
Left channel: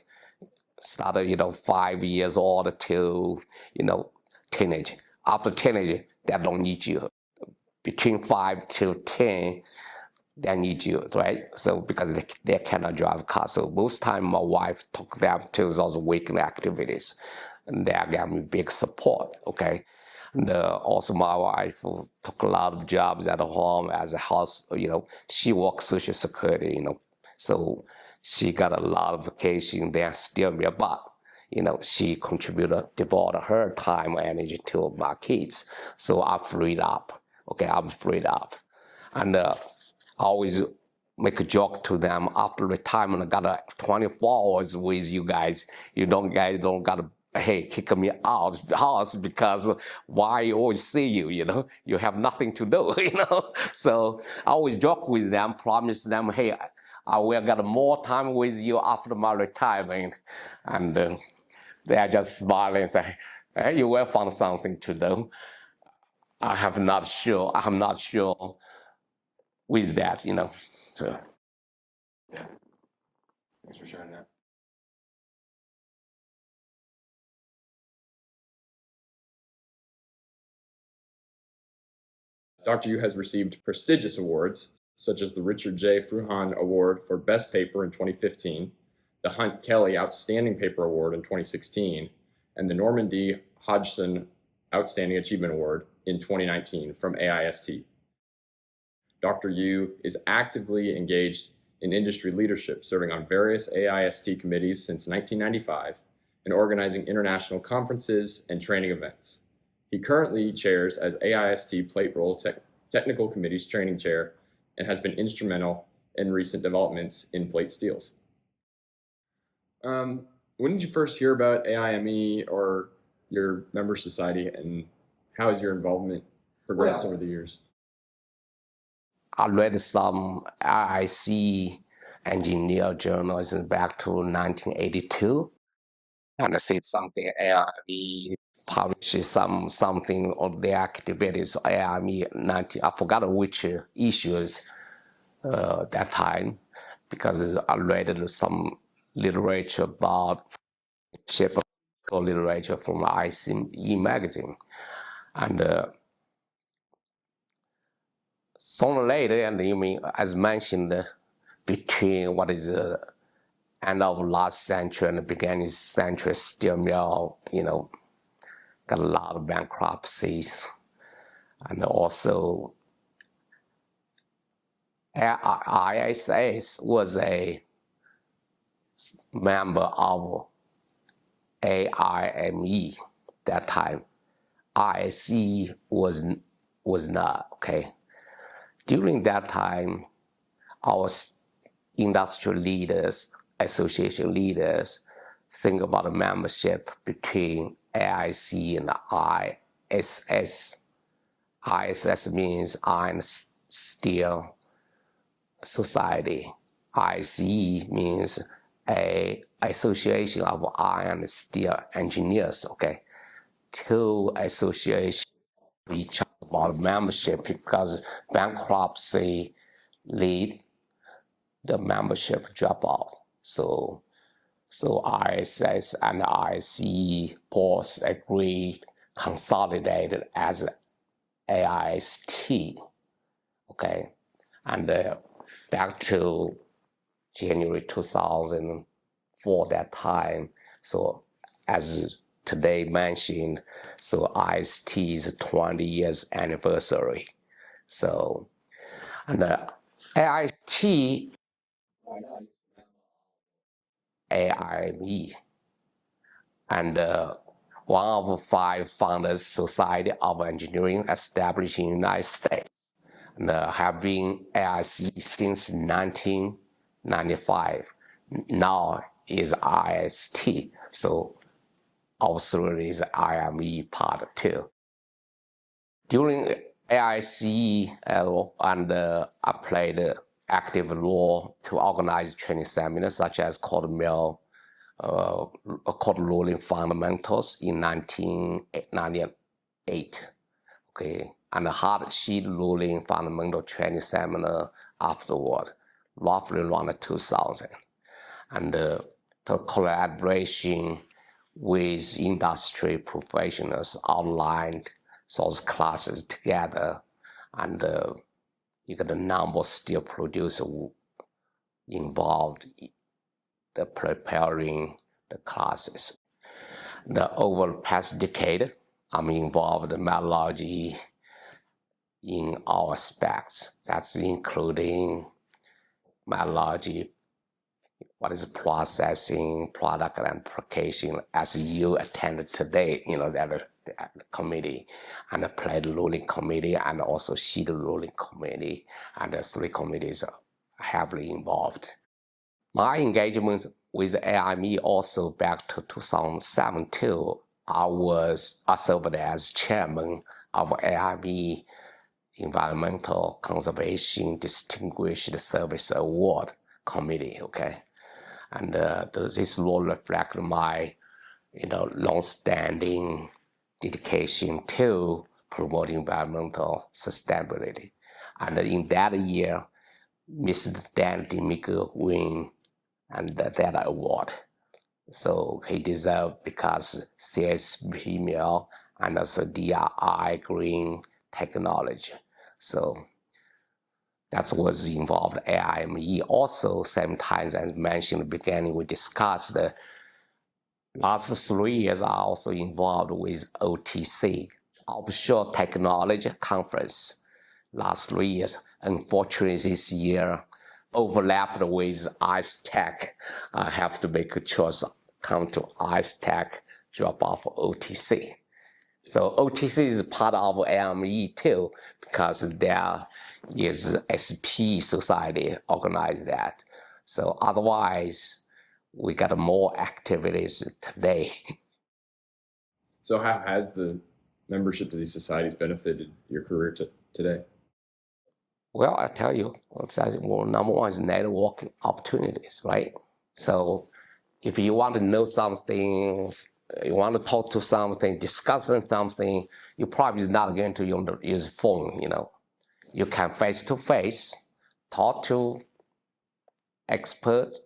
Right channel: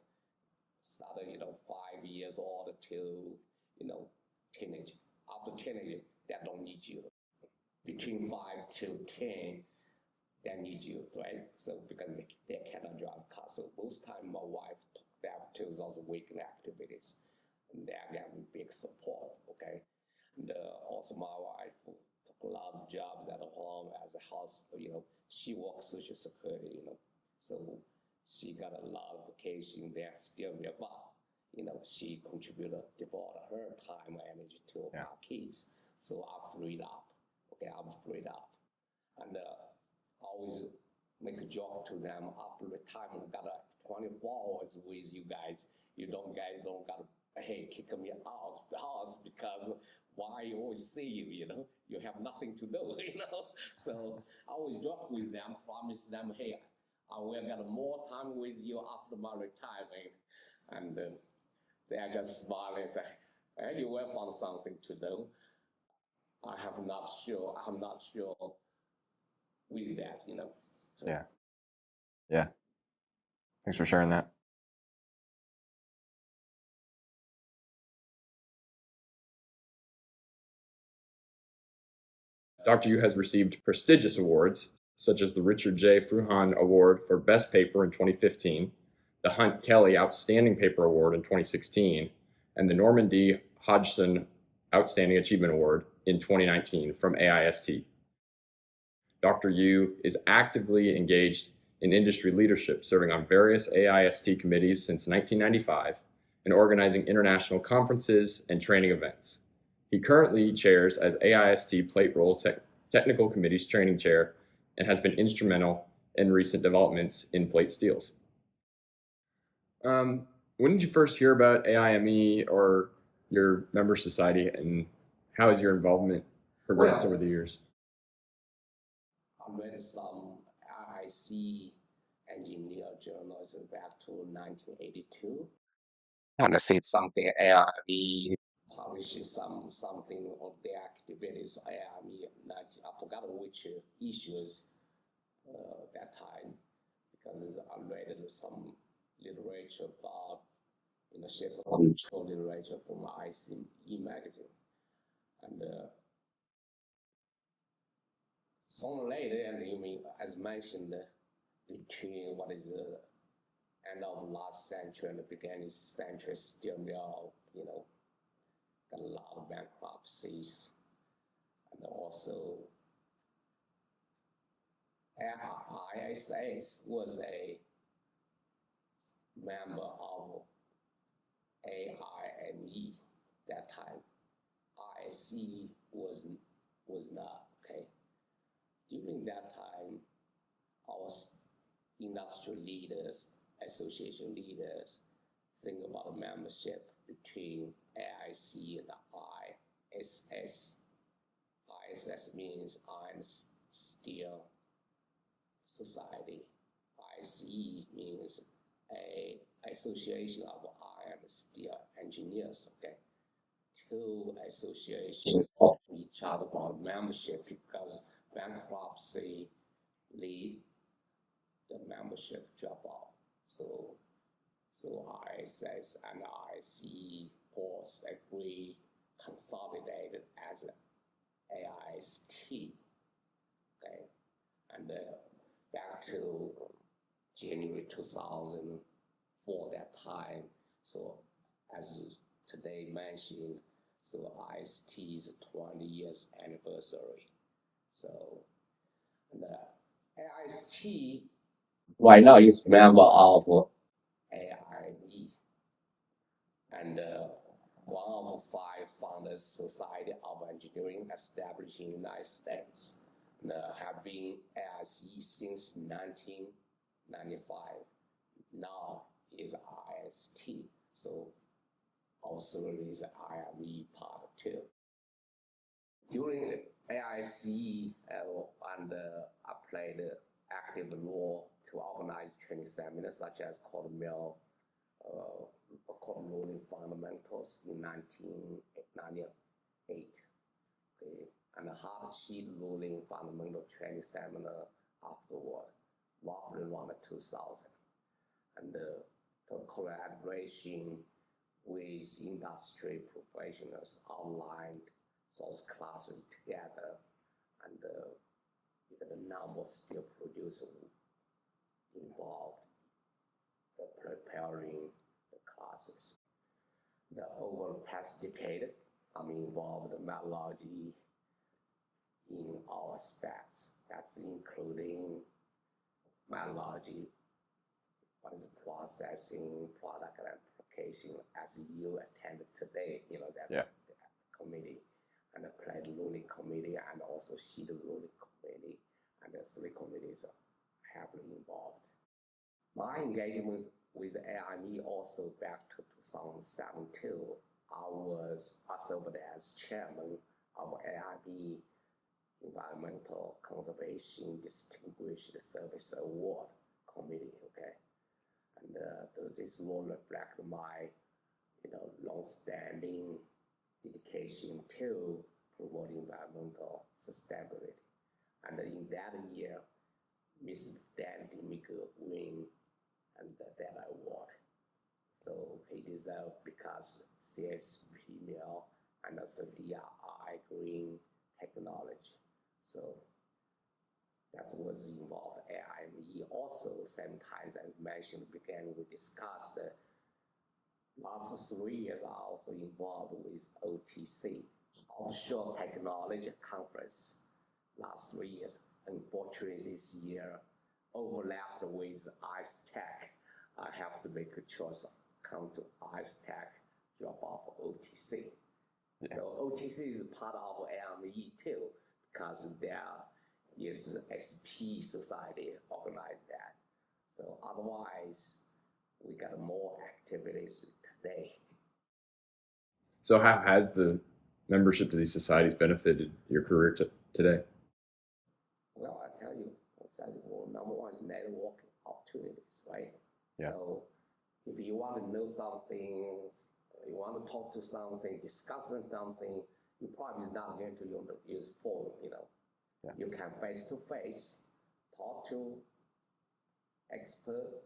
5 years old till, teenage. After teenage, that don't need you. Between 5 to 10, they need you, right? So because they cannot drive cars. So most time my wife took them to those weekend activities, and they gave me big support, okay? And also my wife took a lot of jobs at home as a house, she works Social Security, so she got a lot of vacation there still me, but she devoted her time and energy to my kids. So I'm freed up, okay, I'm freed up. And I always make a joke to them after retirement. I got 24 hours with you guys. Guys don't gotta kick me out of the house because why I always see you, you have nothing to do, So I always joke with them, promise them, hey, I will get more time with you after my retirement. And they are just smiling and say, hey, you will find something to do. I'm not sure with that, So Yeah. Thanks for sharing that. Dr. Yu has received prestigious awards, such as the Richard J. Fruhan Award for Best Paper in 2015, the Hunt Kelly Outstanding Paper Award in 2016, and the Norman D. Hodgson Outstanding Achievement Award in 2019 from AIST. Dr. Yu is actively engaged in industry leadership, serving on various AIST committees since 1995 and organizing international conferences and training events. He currently chairs as AIST Plate Roll Technical Committee's training chair and has been instrumental in recent developments in plate steels. When did you first hear about AIME or your member society, and how has your involvement progressed over the years? I read some IIC engineer journals back to 1982, and I see something AIME publishes something on the activities of AIME 90. I forgot which issues that time, because I read some literature about shape of control literature from AIME magazine, and sooner or later, and you mean as mentioned, between what is the end of last century and the beginning of this century, steel mill, got a lot of bankruptcies, and also ISS was a member of AIME that time. ISC was not, okay. During that time, our industrial leaders, association leaders, think about a membership between AIC and ISS. ISS means Iron Steel Society. ICE means a association of iron steel engineers, okay? Two associations of each other about membership, because bankruptcy lead the membership drop out. So ISS and ICE both agree consolidated as AIST, okay? And back to January 2004, that time, so as today mentioned, so IST's 20 years anniversary. So, and AIST right now is member of AIME, and one of 5 founders Society of Engineering established in the United States, and have been AIC since 1995. Now is IST, so also is IME part 2. During AIC, and I played active role to organize training seminars such as cold rolling fundamentals in 1998, okay, and a hard sheet rolling fundamental training seminar afterward, roughly around 2000, and the collaboration with industry professionals outlined source classes together, and you get the number still producer involved the preparing the classes. Over the past decade, I'm involved in metallurgy in all aspects. That's including metallurgy, what is processing, product and application, as you attended today, that committee, and the plate rolling committee, and also sheet rolling committee, and the three committees are heavily involved. My engagement with AIME also back to 2017. I served as chairman of AIME Environmental Conservation Distinguished Service Award Committee, okay? And this role reflects my, long-standing dedication to promoting environmental sustainability. And in that year, Mr. Dan DeMico won that award. So he deserved because CSP meal and also DRI green technology. So that was involved AIME. Also, same time as I mentioned at the beginning, we discussed the last 3 years are also involved with OTC, Offshore Technology Conference. Last 3 years, unfortunately this year, overlapped with ICE Tech. I have to make a choice, come to ICE Tech, drop off OTC. So OTC is part of AIME too, because there is SP Society organized that. So otherwise, we got more activities today. So how has the membership to these societies benefited your career today? Well, I tell you, number one is networking opportunities, right? Yeah. So if you want to know something, you want to talk to something, discussing something, you probably not going to use phone, Yeah. You can face-to-face talk to experts,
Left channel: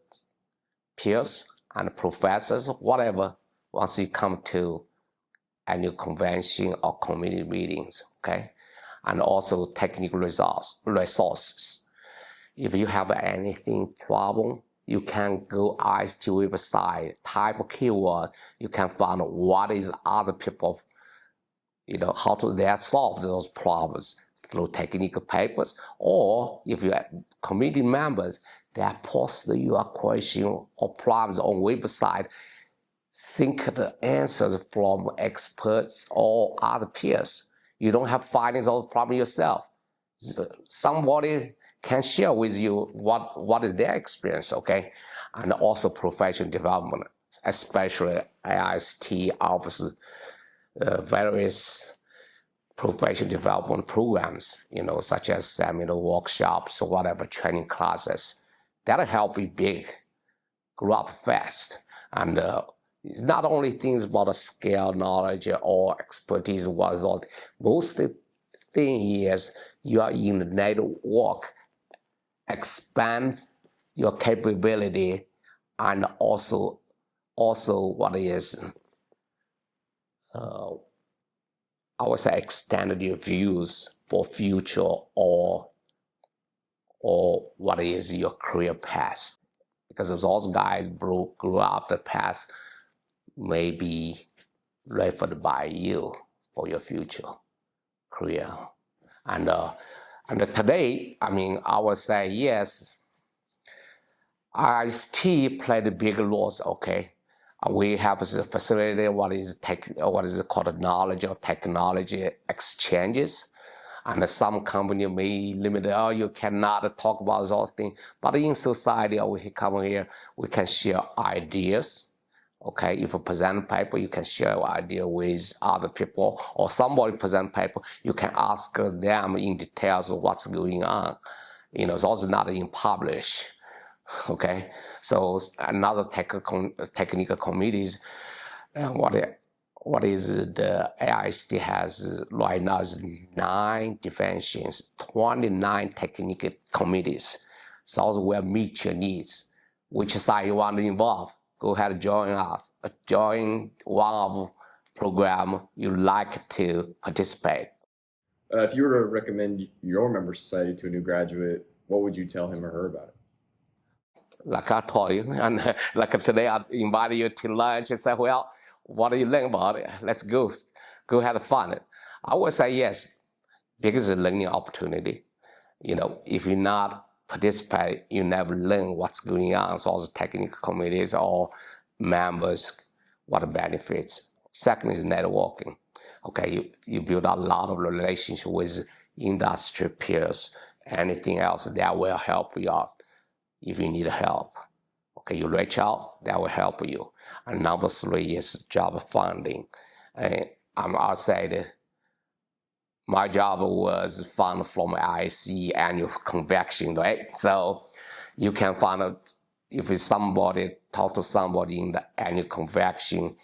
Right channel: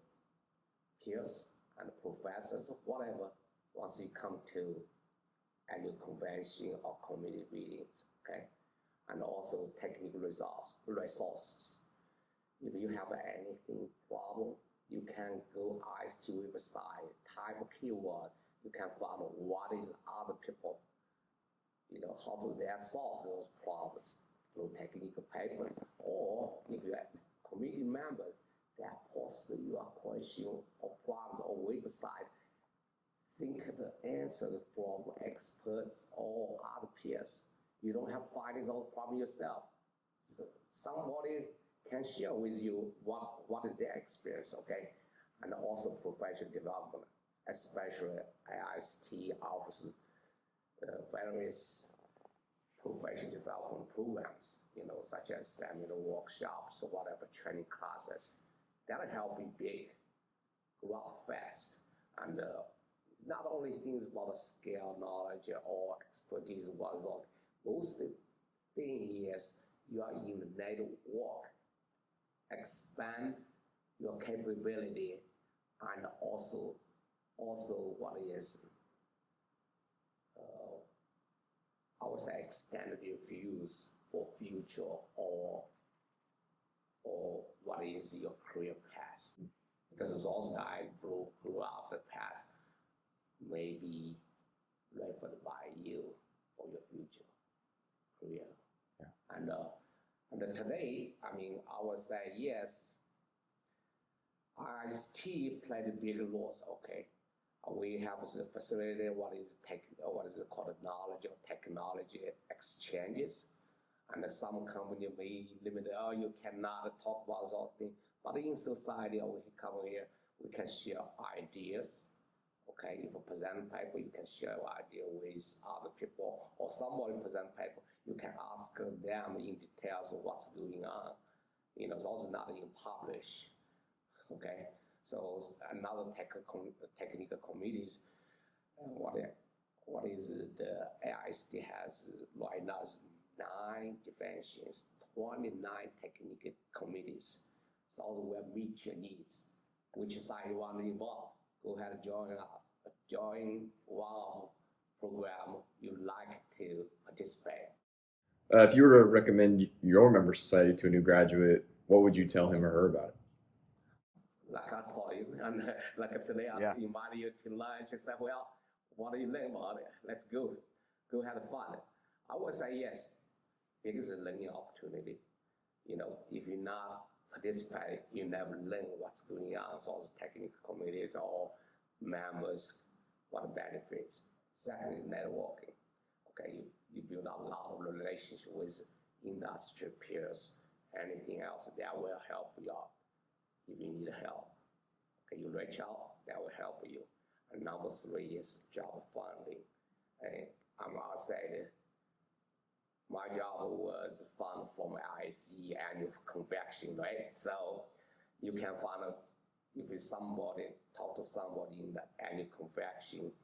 peers, and professors, whatever, once you come to annual convention or community meetings, okay? And also technical resources. If you have anything problem, you can go ICE website, type a keyword, you can find what is other people, how they solve those problems through technical papers, or if you have committee members that post your question or problems on website, think the answers from experts or other peers. You don't have findings on the problem yourself. Somebody can share with you what is their experience, okay? And also professional development, especially AIST offers various professional development programs, such as seminar workshops or whatever training classes. That'll help you grow up fast. And it's not only things about a skill, knowledge, or expertise. Most thing is you are in the network, expand your capability, and also what is I would say extend your views for future or what is your career path. Because those guys grew up the path may be referred by you for your future career. And today, I would say yes, IST played big roles, okay? We have a facility, what is called knowledge or technology exchanges. And some company may limit, you cannot talk about those things. But in society, we come here, we can share ideas. Okay, if you present paper, you can share your idea with other people, or somebody present paper, you can ask them in details of what's going on. Those are not in publish. Okay, so another technical committees, what is the AIST has right now is 9 divisions, 29 technical committees. So those will meet your needs. Which side you want to involve? Go ahead and join us. Join one of program you like to participate. If you were to recommend your member society to a new graduate, what would you tell him or her about it? Like I told you, and like today I invited you to lunch and said, well, what do you learn about it? Let's go have fun. I would say yes, because it's a learning opportunity. You know, if you not participate, you never learn what's going on. So as technical committees or members, what the benefits. Second is networking. Okay, you build a lot of relationship with industry peers. Anything else that will help you out if you need help. Okay, you reach out, that will help you. And number three is job funding. And I'll say that my job was funded from IC annual convention, right? So you can find out if talk to somebody in the annual convention,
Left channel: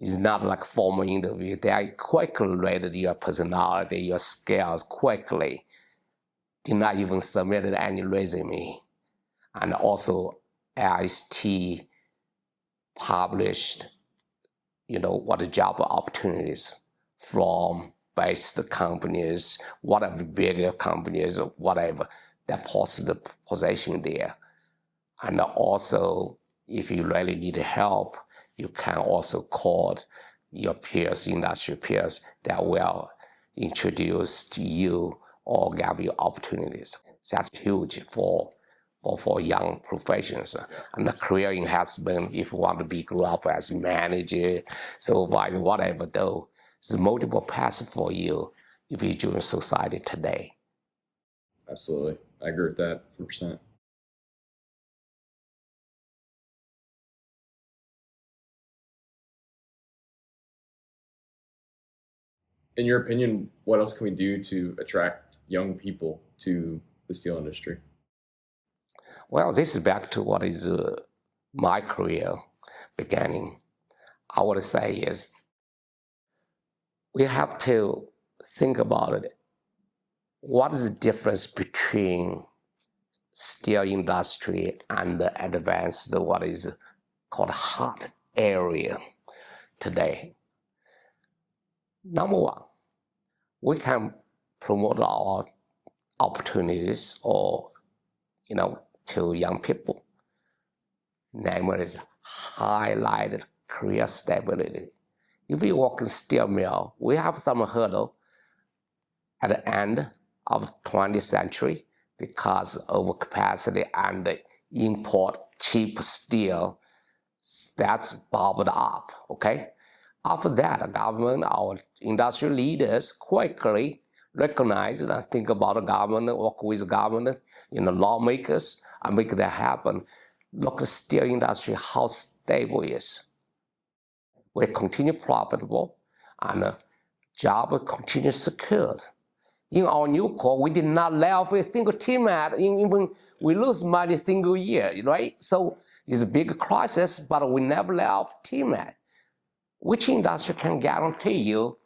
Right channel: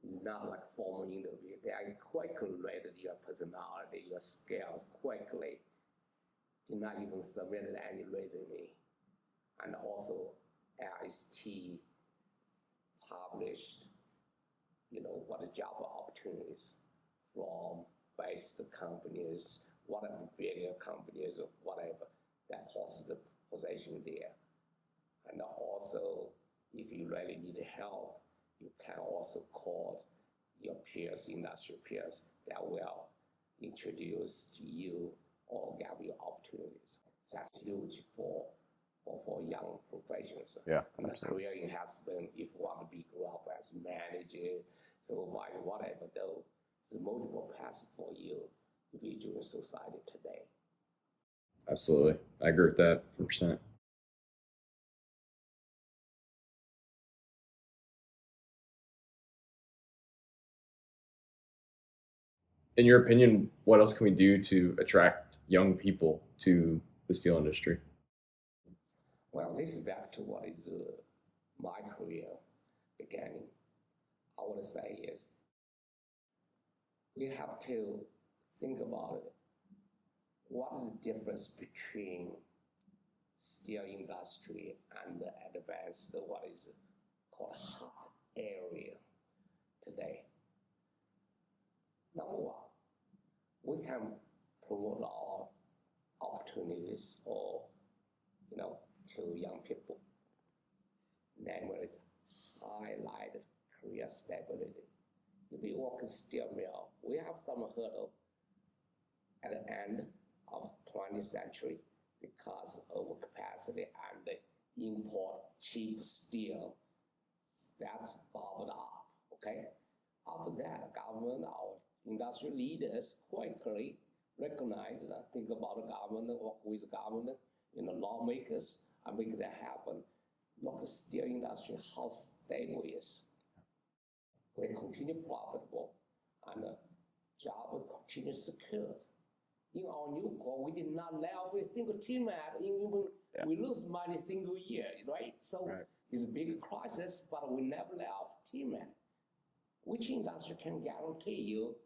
it's not like formal interview. They quickly rate your personality, your skills quickly. Did not even submit any resume. And also IST published, what the job opportunities from based companies, whatever bigger companies or whatever, that post the position there. And also, if you really need help, you can also call your peers, industry peers, that will introduce to you or give you opportunities. That's huge for young professionals. Yeah. And the career enhancement, if you want to grow up as manager, supervisor, whatever, though, there's multiple paths for you if you join society today. Absolutely. I agree with that 100%. In your opinion, what else can we do to attract young people to the steel industry? Well, this is back to what is my career beginning. I would say is we have to think about it. What is the difference between steel industry and the advanced, what is called hot area today? Number one, we can promote our opportunities to young people. Namely, is highlighted career stability. If we work in steel mill, we have some hurdle at the end of 20th century because of overcapacity and import cheap steel. That's bubbled up, okay? After that, the government, our industry leaders quickly recognize and think about the government, work with the government, lawmakers, and make that happen. Look at the steel industry, how stable it is. We continue profitable, and job continue secured. In our new core, we did not lay off a single teammate, even we lose money single year, right? So it's a big crisis, but we never lay off teammate. Which industry can guarantee you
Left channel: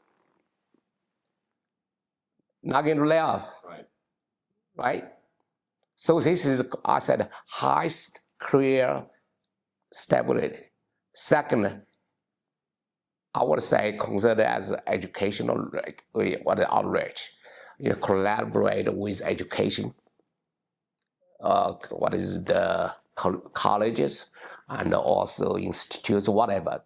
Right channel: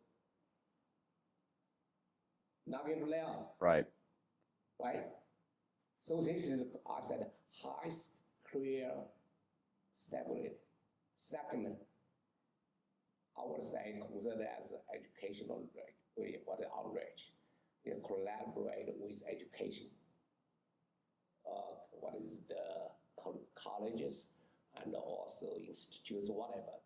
not going to lay off? Right? So this is, I said, highest career stability. Second, I would say consider as educational outreach. Collaborate with education. What is the colleges and also institutes, whatever.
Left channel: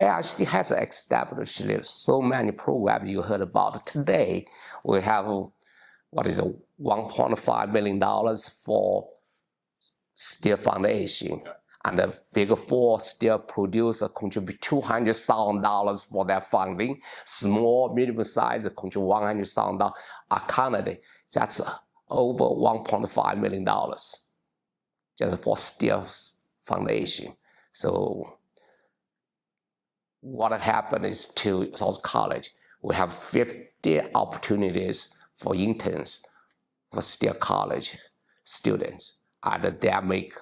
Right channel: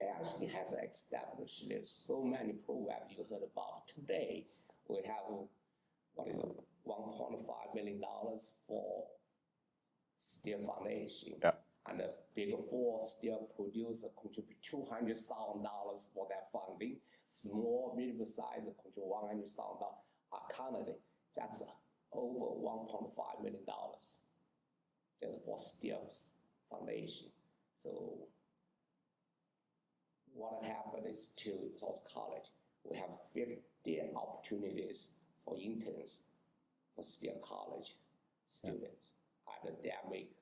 AIST has established so many programs you heard about today. We have $1.5 million for steel foundation. Yeah. And the big four steel producer contribute $200,000 for that funding. Small, medium size contribute $100,000. Canada, that's over $1.5 million just for steel foundation. So what happened is to South College, we have 50 opportunities for interns for steel college students. And they make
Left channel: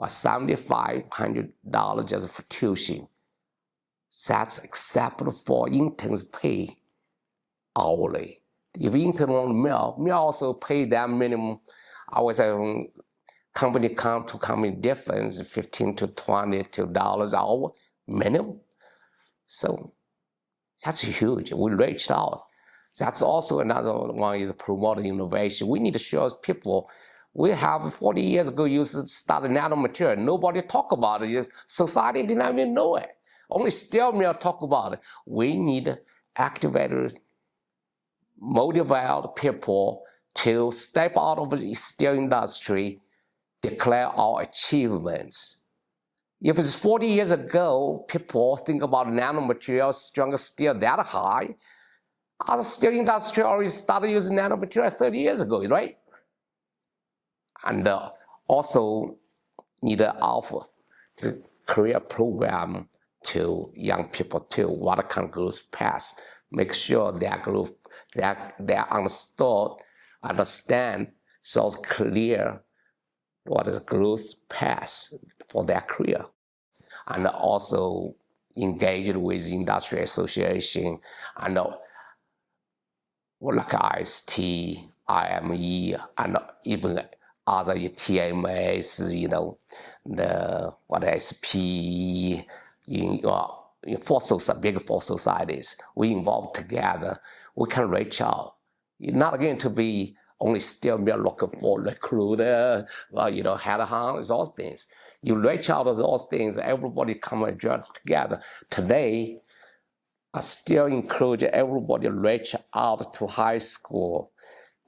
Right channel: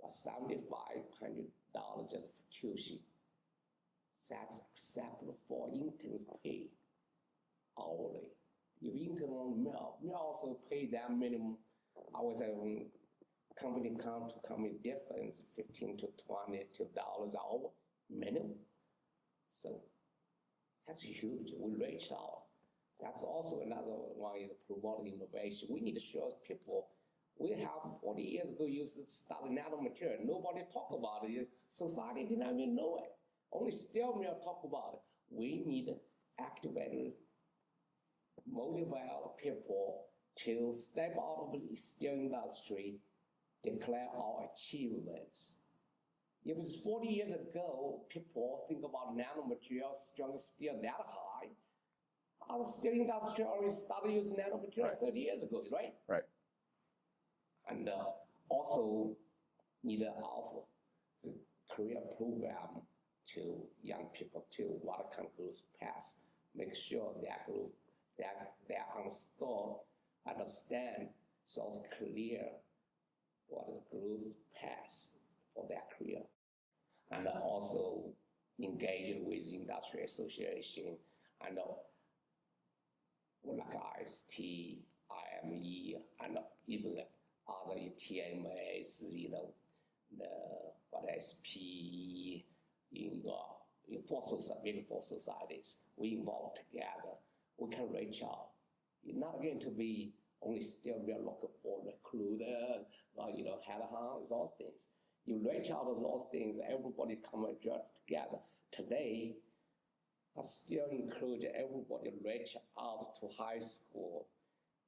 $7,500 just for tuition. That's acceptable for interns pay hourly. If intern on mill also pay that minimum, I would say company difference, $15 to $22 an hour minimum. So that's huge. We reached out. That's also another one is promoting innovation. We need to show people. We have 40 years ago used to start nanomaterial. Nobody talk about it. Society didn't even know it. Only steel mill talk about it. We need activated, motivated people to step out of the steel industry, declare our achievements. If it's 40 years ago, people think about nanomaterials, stronger steel that high. Other steel industry already started using nanomaterials 30 years ago, right? Right. And also need to offer the career program to young people too. What kind of growth path? Make sure their growth, they understand, so it's clear what is growth path for their career. And also engaged with industry association and like IST, AIME, and even other TMAs, the SPE, in big four societies. We involve together. We can reach out. You're not going to be only still be looking for recruiter, headhunters, all things. You reach out to those things, everybody come and join together. Today, I still encourage everybody to reach out to high school.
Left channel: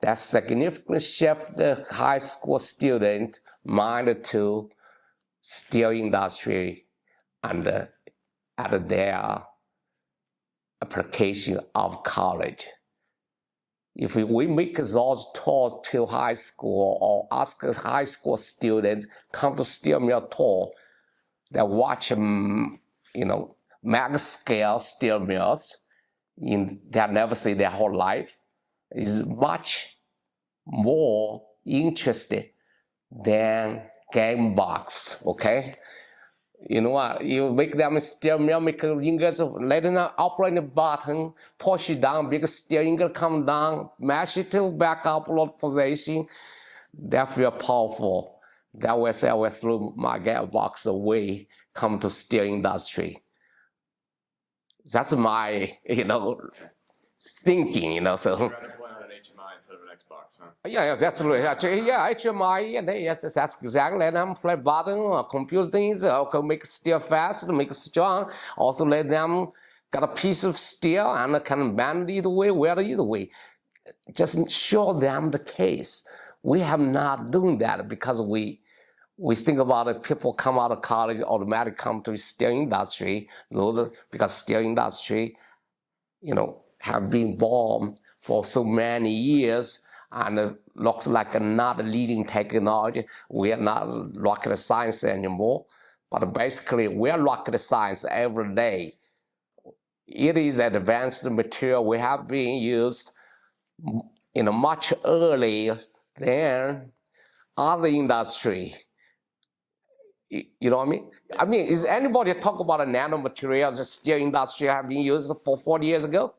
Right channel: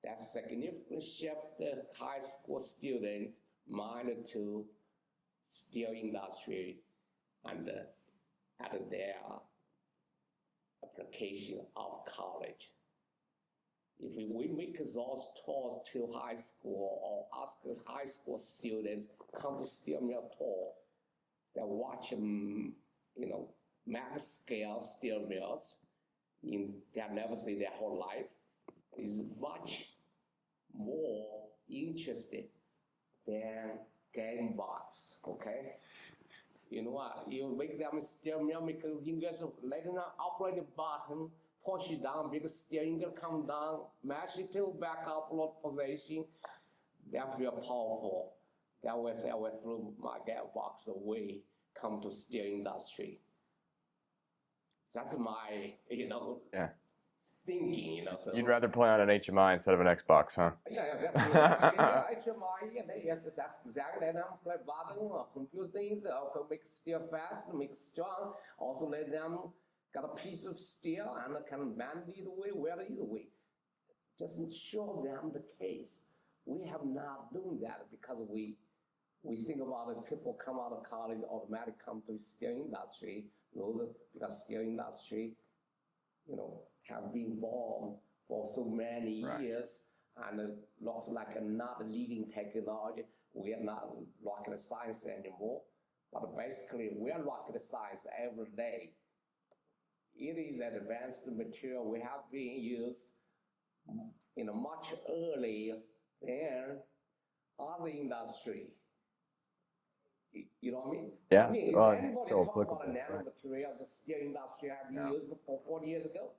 That significantly shift the high school student mind to steel industry and at their application of college. If we make those tours to high school or ask high school students come to steel mill tour, they watch mega scale steel mills they never see their whole life, is much more interested than game box, okay? You know what? You make them steel mill, make ingots, let them operate the button, push it down, big steel ingot come down, mash it to back upload position. That feel powerful. That was I went through my gap box away, come to steel industry. That's my, thinking, So You'd rather play on an HMI instead of an Xbox, huh? Yeah, that's HMI, yes, that's exactly. Let them play button, computer things, can make steel fast, make it strong. Also let them got a piece of steel and can bend either way, weld either way. Just show them the case. We have not doing that because we think about it, people come out of college, automatically come to the steel industry, because steel industry, have been born for so many years and it looks like not a leading technology. We are not rocket science anymore, but basically we are rocket science every day. It is advanced material we have been used much earlier than other industry. You know what I mean? Yeah. Is anybody talk about a nanomaterial, the steel industry have been used for 40 years ago?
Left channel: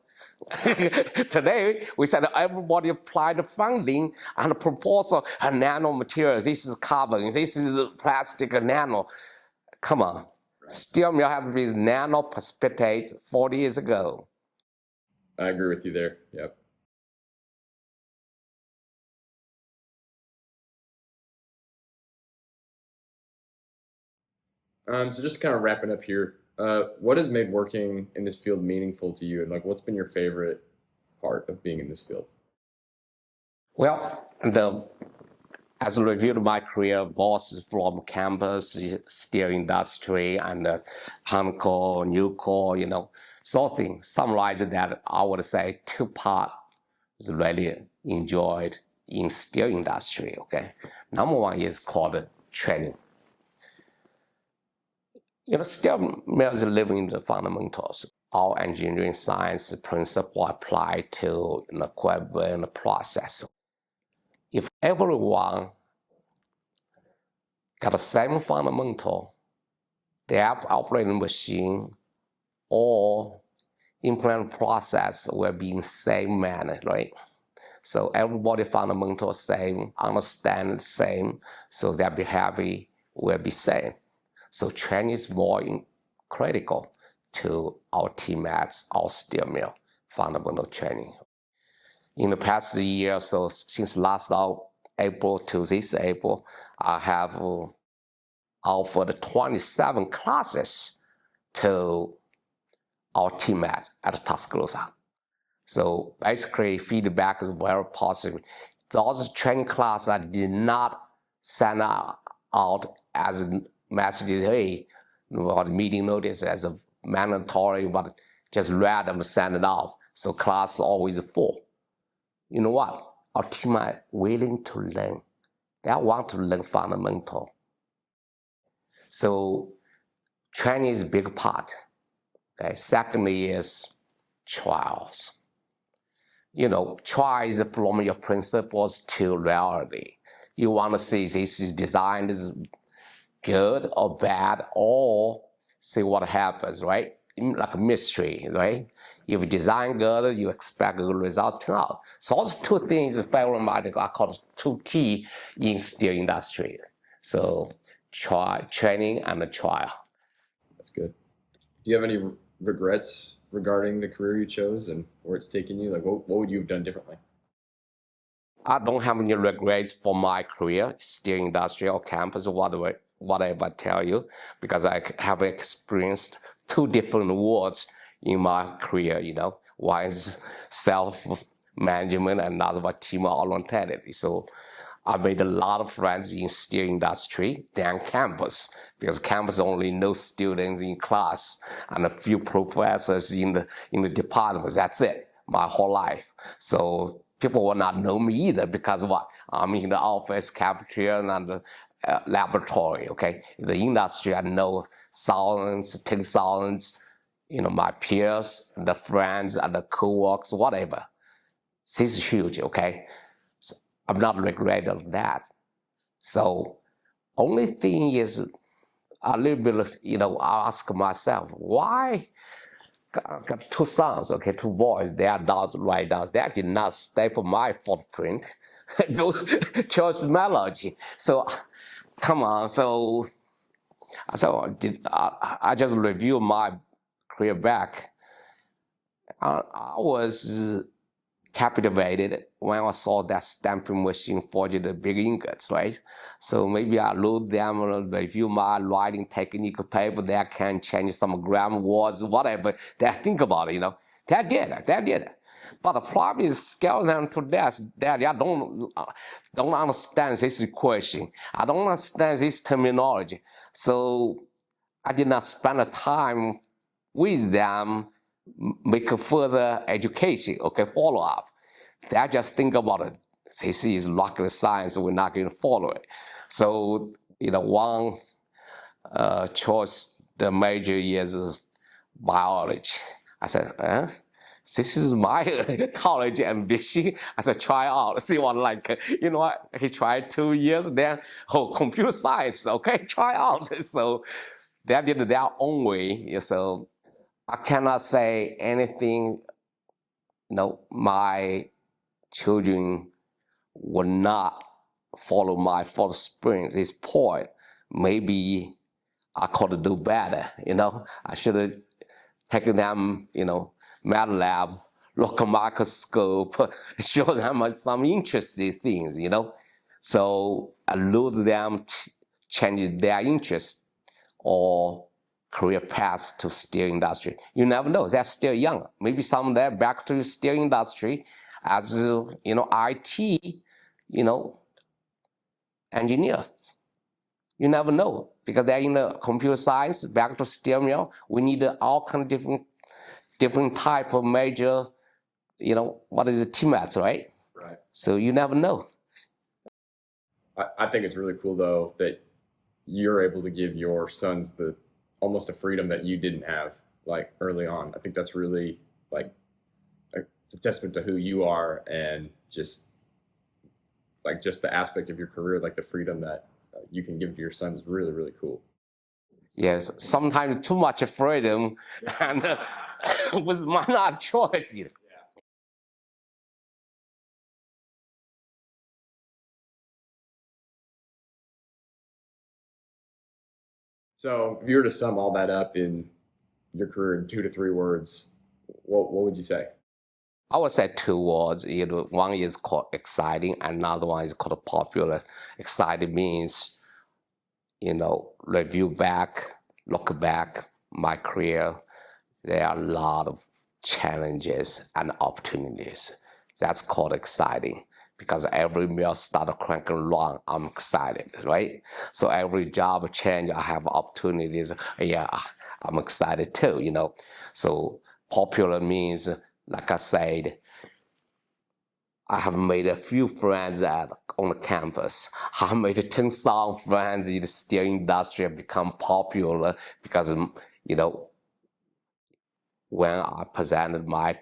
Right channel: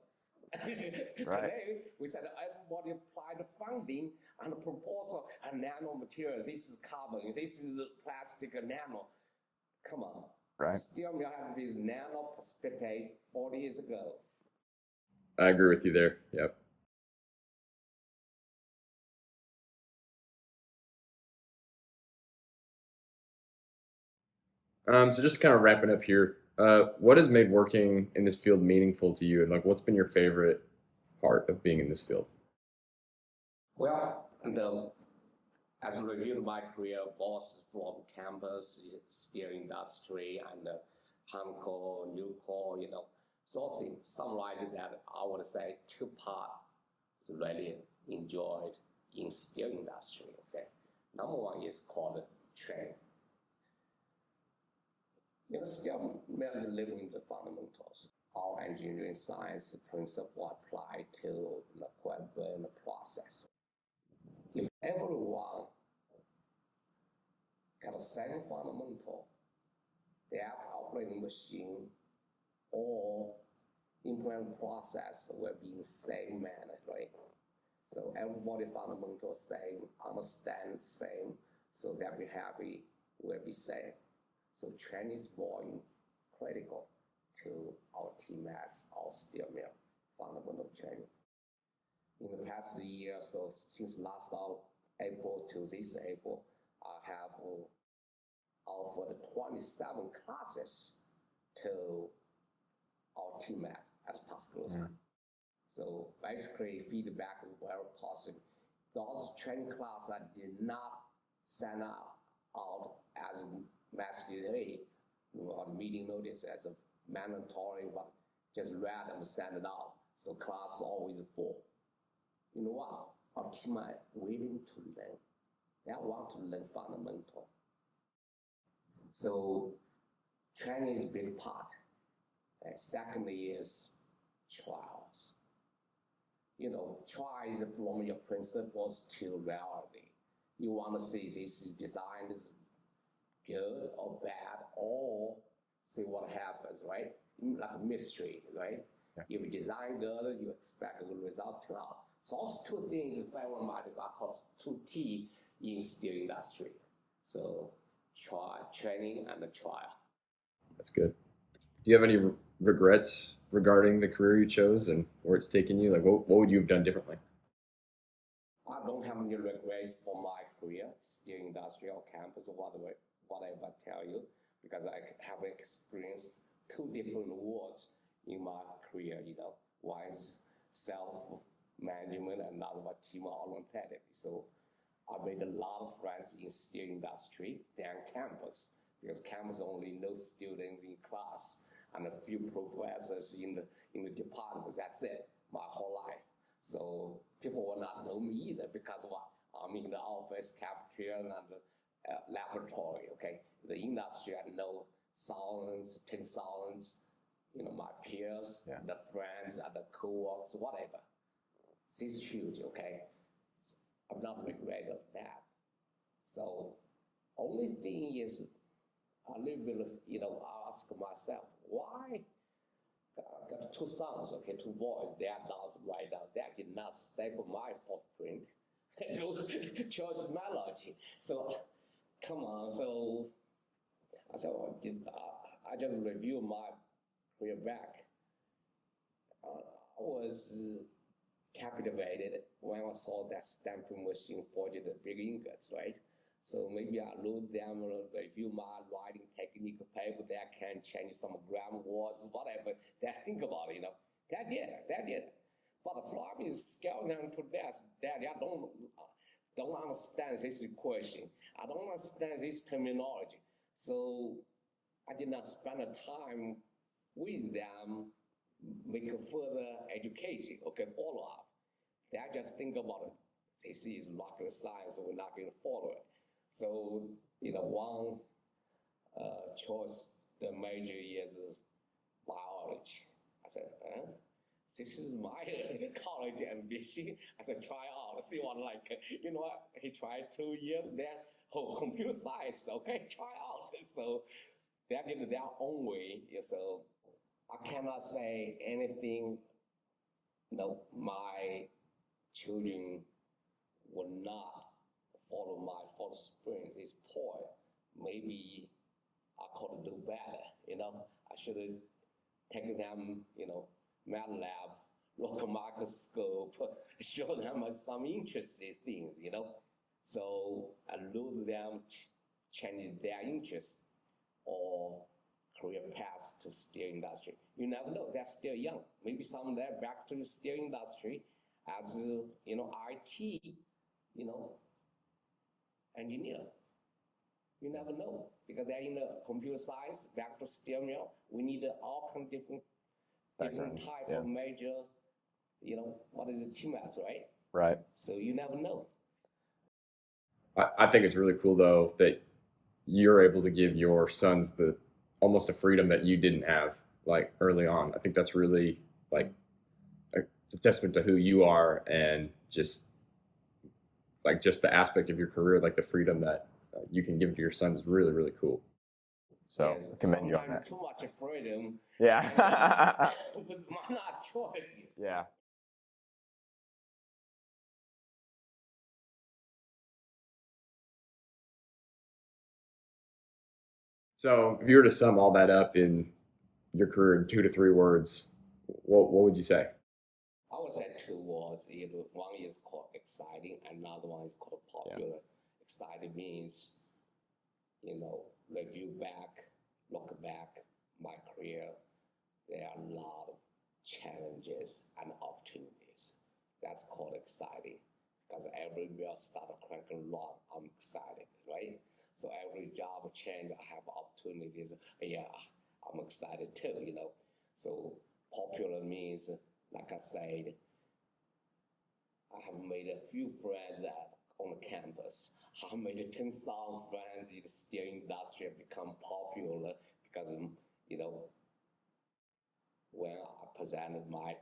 Today, we said everybody apply the funding and the proposal and nanomaterials. This is carbon, this is plastic and nano. Come on. Right. Steel mill have to be nano precipitate 40 years ago. I agree with you there. Yep. So just kind of wrapping up here, what has made working in this field meaningful to you? And what's been your favorite part of being in this field? Well, as I reviewed my career, bosses from campus, steel industry, and Huntco, Nucor, something summarized that I would say two parts really enjoyed in steel industry, okay? Number one is called training. Steel mills living the fundamentals. All engineering science principle apply to the equipment and the process. If everyone got the same fundamental, they have operating machine or implement process will be in same manner, right? So everybody fundamental same, understand the same, so their behavior will be same. So training is more critical to our teammates, our steel mill fundamental training. In the past year, so since last April to this April, I have offered 27 classes to our teammates at Tuscaloosa. So basically, feedback is very positive. Those training classes I did not send out as messages, hey, or meeting notice as a mandatory, but just read them, send it out. So class is always full. You know what? Our teammates willing to learn. They want to learn fundamental. So training is a big part. Okay. Secondly is trials. You know, try is from your principles to reality. You want to see this is designed is good or bad, or see what happens, right? Like a mystery, right? If you design good, you expect good results turn out. So those two things, ferromagnetic, are called two key in steel industry. So training and a trial. That's good. Do you have any regrets regarding the career you chose and where it's taken you? Like, what would you have done differently? I don't have any regrets for my career, steel industry or campus, or whatever I tell you, because I have experienced two different worlds in my career, you know. One is self-management and another one team-oriented. So I made a lot of friends in steel industry than campus, because campus only knows students in class and a few professors in the departments. That's it, my whole life. So people will not know me either, because what? I'm in the office, cafeteria, and the laboratory, okay? In the industry, I know thousands, 10,000, you know, my peers, the friends, and the co-workers, whatever. This is huge, okay? So I'm not regretting that. So only thing is a little bit, you know, I ask myself, why? Got two sons, okay, two boys. They are adults right now. They did not step on my footprint. Chose Metallurgy. So, come on. So I just review my career back. I was captivated when I saw that stamping machine forged the big ingots, right? So maybe I load them and review my writing technique paper. They can change some grammar words, whatever. They think about it, you know. They did it. But the problem is scale them to death. Daddy, I don't understand this equation. I don't understand this terminology. So I did not spend the time with them, make a further education, okay, follow up. They just think about it. This is rocket science, we're not going to follow it. So, you know, one choice, the major is biology. I said, this is my college ambition. I said, try out, see what like. You know what? He tried 2 years, then, computer science, okay, try out. So they did it their own way. So I cannot say anything, you know, my children will not follow my footprints. This point, maybe I could do better, you know. I should have taken them, you know, math lab, look at microscope, show them some interesting things, you know. So I lose them, change their interest or career path to steel industry. You never know, they're still young. Maybe some of them back to the steel industry as, you know, IT, you know, engineers. You never know, because they're in the computer science, back to steel mill. We need all kind of different type of major, you know, what is it, teammates, right? Right. So you never know. I think it's really cool though that you're able to give your sons the almost a freedom that you didn't have like early on. I think that's really like a testament to who you are, and just the aspect of your career, like the freedom that you can give to your sons is really, really cool. So, yes, sometimes too much freedom, yeah, and was not choice. Yeah. So if you were to sum all that up in your career in 2 to 3 words, what would you say? I would say 2 words. One is called exciting, another one is called popular. Exciting means, review back, look back, my career, there are a lot of challenges and opportunities. That's called exciting because every meal started cranking along, I'm excited, right? So every job change, I have opportunities. Yeah, I'm excited too. So popular means, like I said, I have made a few friends on the campus. I have made 10,000 friends in the steel industry have become popular because, when I presented my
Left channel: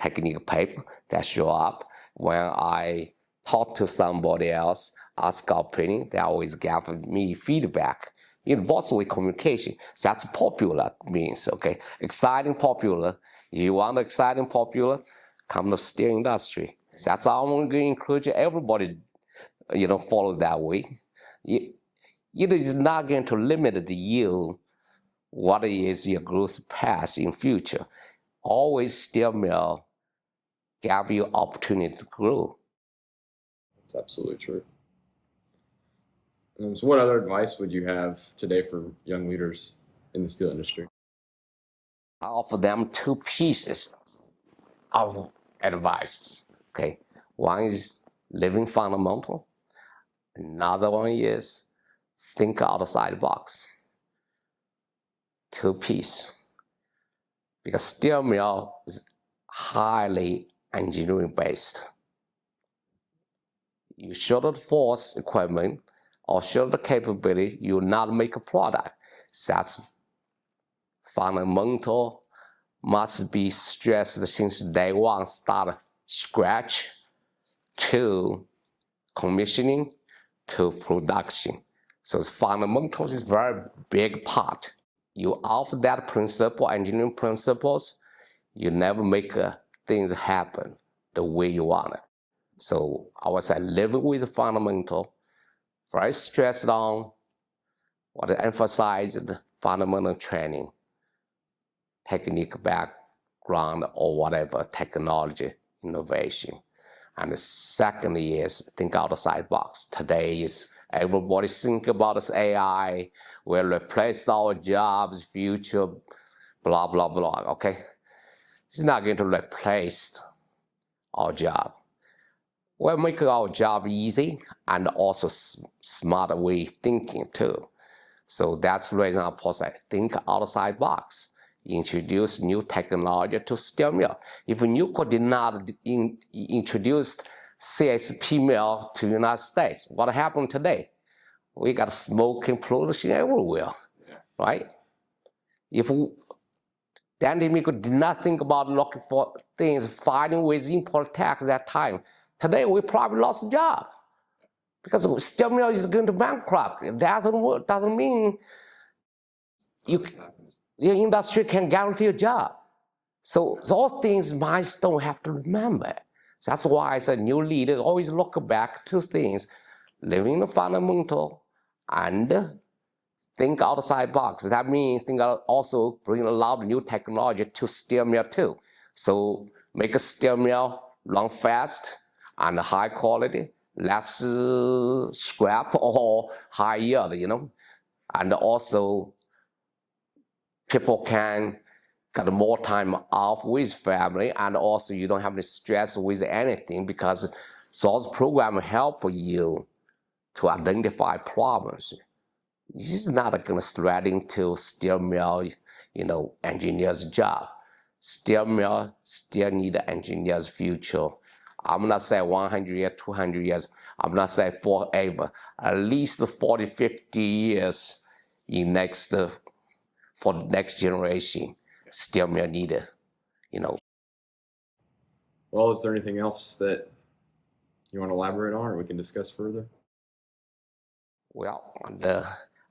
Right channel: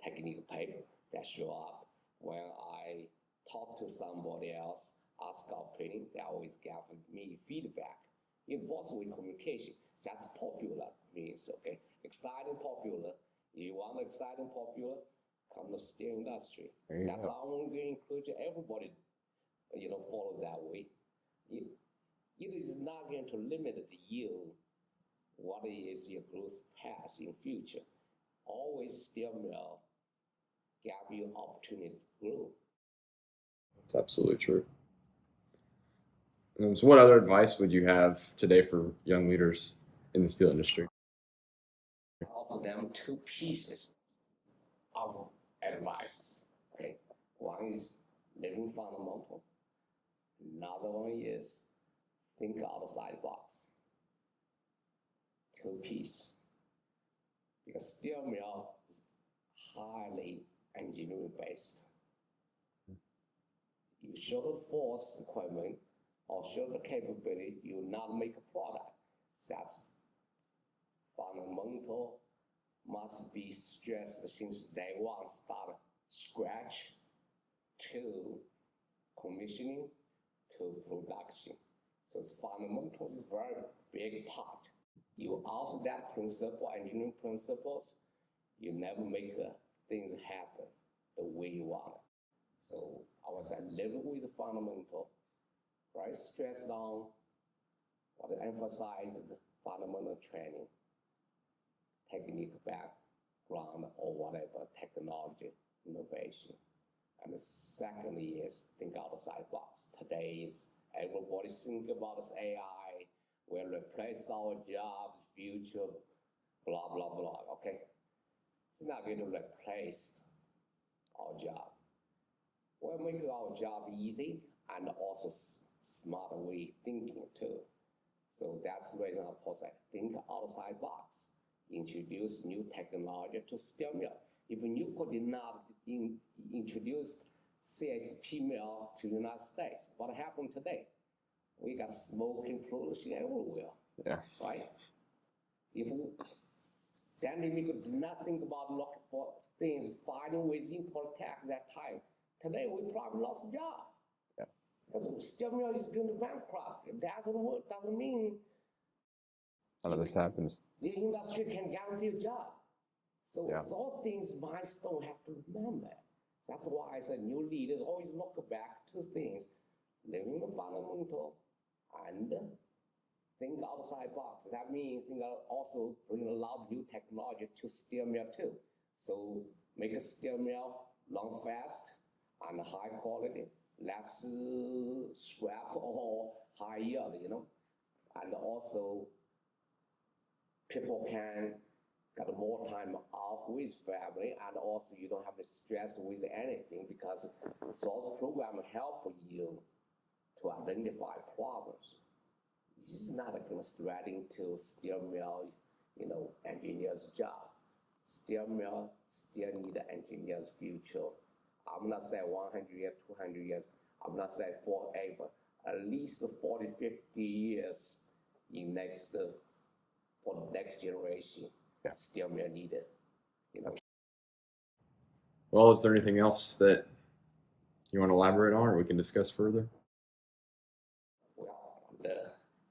technical paper, they show up. When I talk to somebody else, ask opinion, they always give me feedback. Both way communication. So that's popular means, okay? Exciting, popular. You want exciting, popular, come to steel industry. So that's how I'm going to encourage everybody, follow that way. It is not going to limit you what is your growth path in future. Always steel mill give you opportunity to grow. That's absolutely true. So what other advice would you have today for young leaders in the steel industry? I offer them 2 pieces of advice. Okay, one is living fundamental. Another one is think outside the box. 2 pieces. Because steel mill is highly engineering based. You show the force equipment or show the capability, you will not make a product. So that's fundamental, must be stressed since day one, start scratch to commissioning to production. So fundamentals is very big part. You offer that principle, engineering principles, you never make things happen the way you want it. So I would say living with the fundamental, very stressed on what I emphasize the fundamental training, technique background or whatever, technology, innovation. And the second is think outside box. Today is everybody think about this AI will replace our jobs, future, blah, blah, blah, okay? It's not going to replace our job. We're making our job easy and also smarter way thinking too. So that's the reason I say think outside box. Introduce new technology to steel mill. If Nucor did not introduce CSP mill to the United States, what happened today? We got smoke and pollution everywhere, right? If Dan DeMico did not think about looking for things, fighting with import tax at that time, today we probably lost a job. Because steel mill is going to bankrupt. It doesn't mean happens. The industry can guarantee a job. So those things Milestone have to remember. That's why as a new leader, always look back to things, living the fundamental and think outside box. That means also bring a lot of new technology to steel mill too. So make a steel mill run fast and high quality, less scrap or high yield, and also people can get more time off with family, and also you don't have to stress with anything because those programs help you to identify problems. This is not going to threaten to steel mill, engineer's job. Steel mill still need an engineer's future. I'm not saying 100 years, 200 years. I'm not saying forever. At least 40, 50 years for the next generation, steel mill needed, Well, is there anything else that you want to elaborate on or we can discuss further? Well,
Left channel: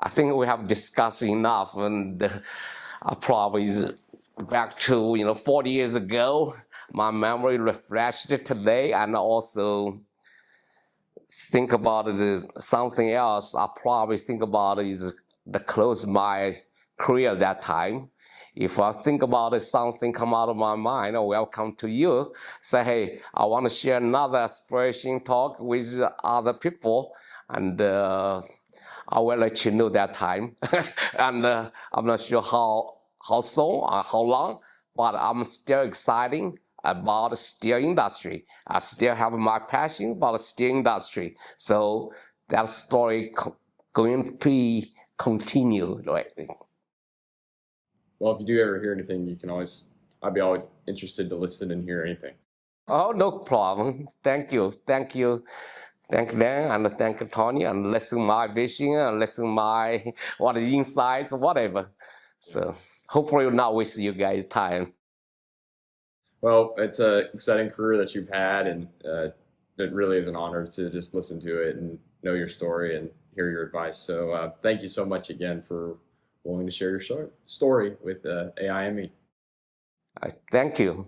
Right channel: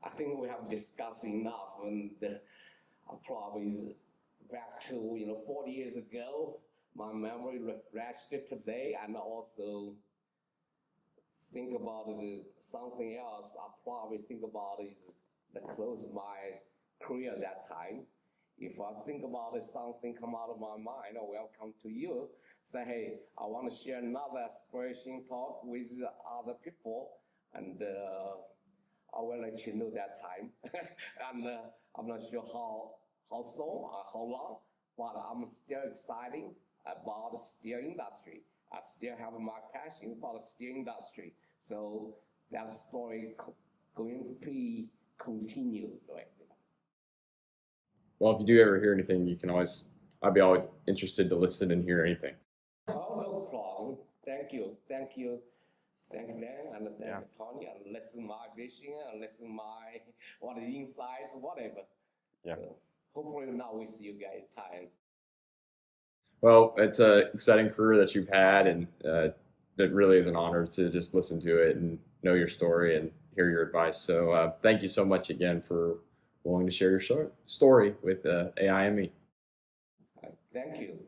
I think we have discussed enough, and probably is back to 40 years ago. My memory refreshed today, and also think about something else. I probably think about is the close my career at that time. If I think about it, something come out of my mind, I will come to you, say, hey, I want to share another aspiration talk with other people, and I will let you know that time. And I'm not sure how soon or how long, but I'm still excited about the steel industry. I still have my passion about the steel industry. So that story going to be continued, right? Well, if you do ever hear anything, I'd be always interested to listen and hear anything. Oh, no problem. Thank you. Thank you. Thank you, Dan, and thank you, Tony, and listen my vision, and listen my what is insights, whatever. Yeah. So hopefully we'll not waste you guys' time. Well, it's an exciting career that you've had, and it really is an honor to just listen to it and know your story and hear your advice. So thank you so much again for willing to share your story with AIME. Thank you.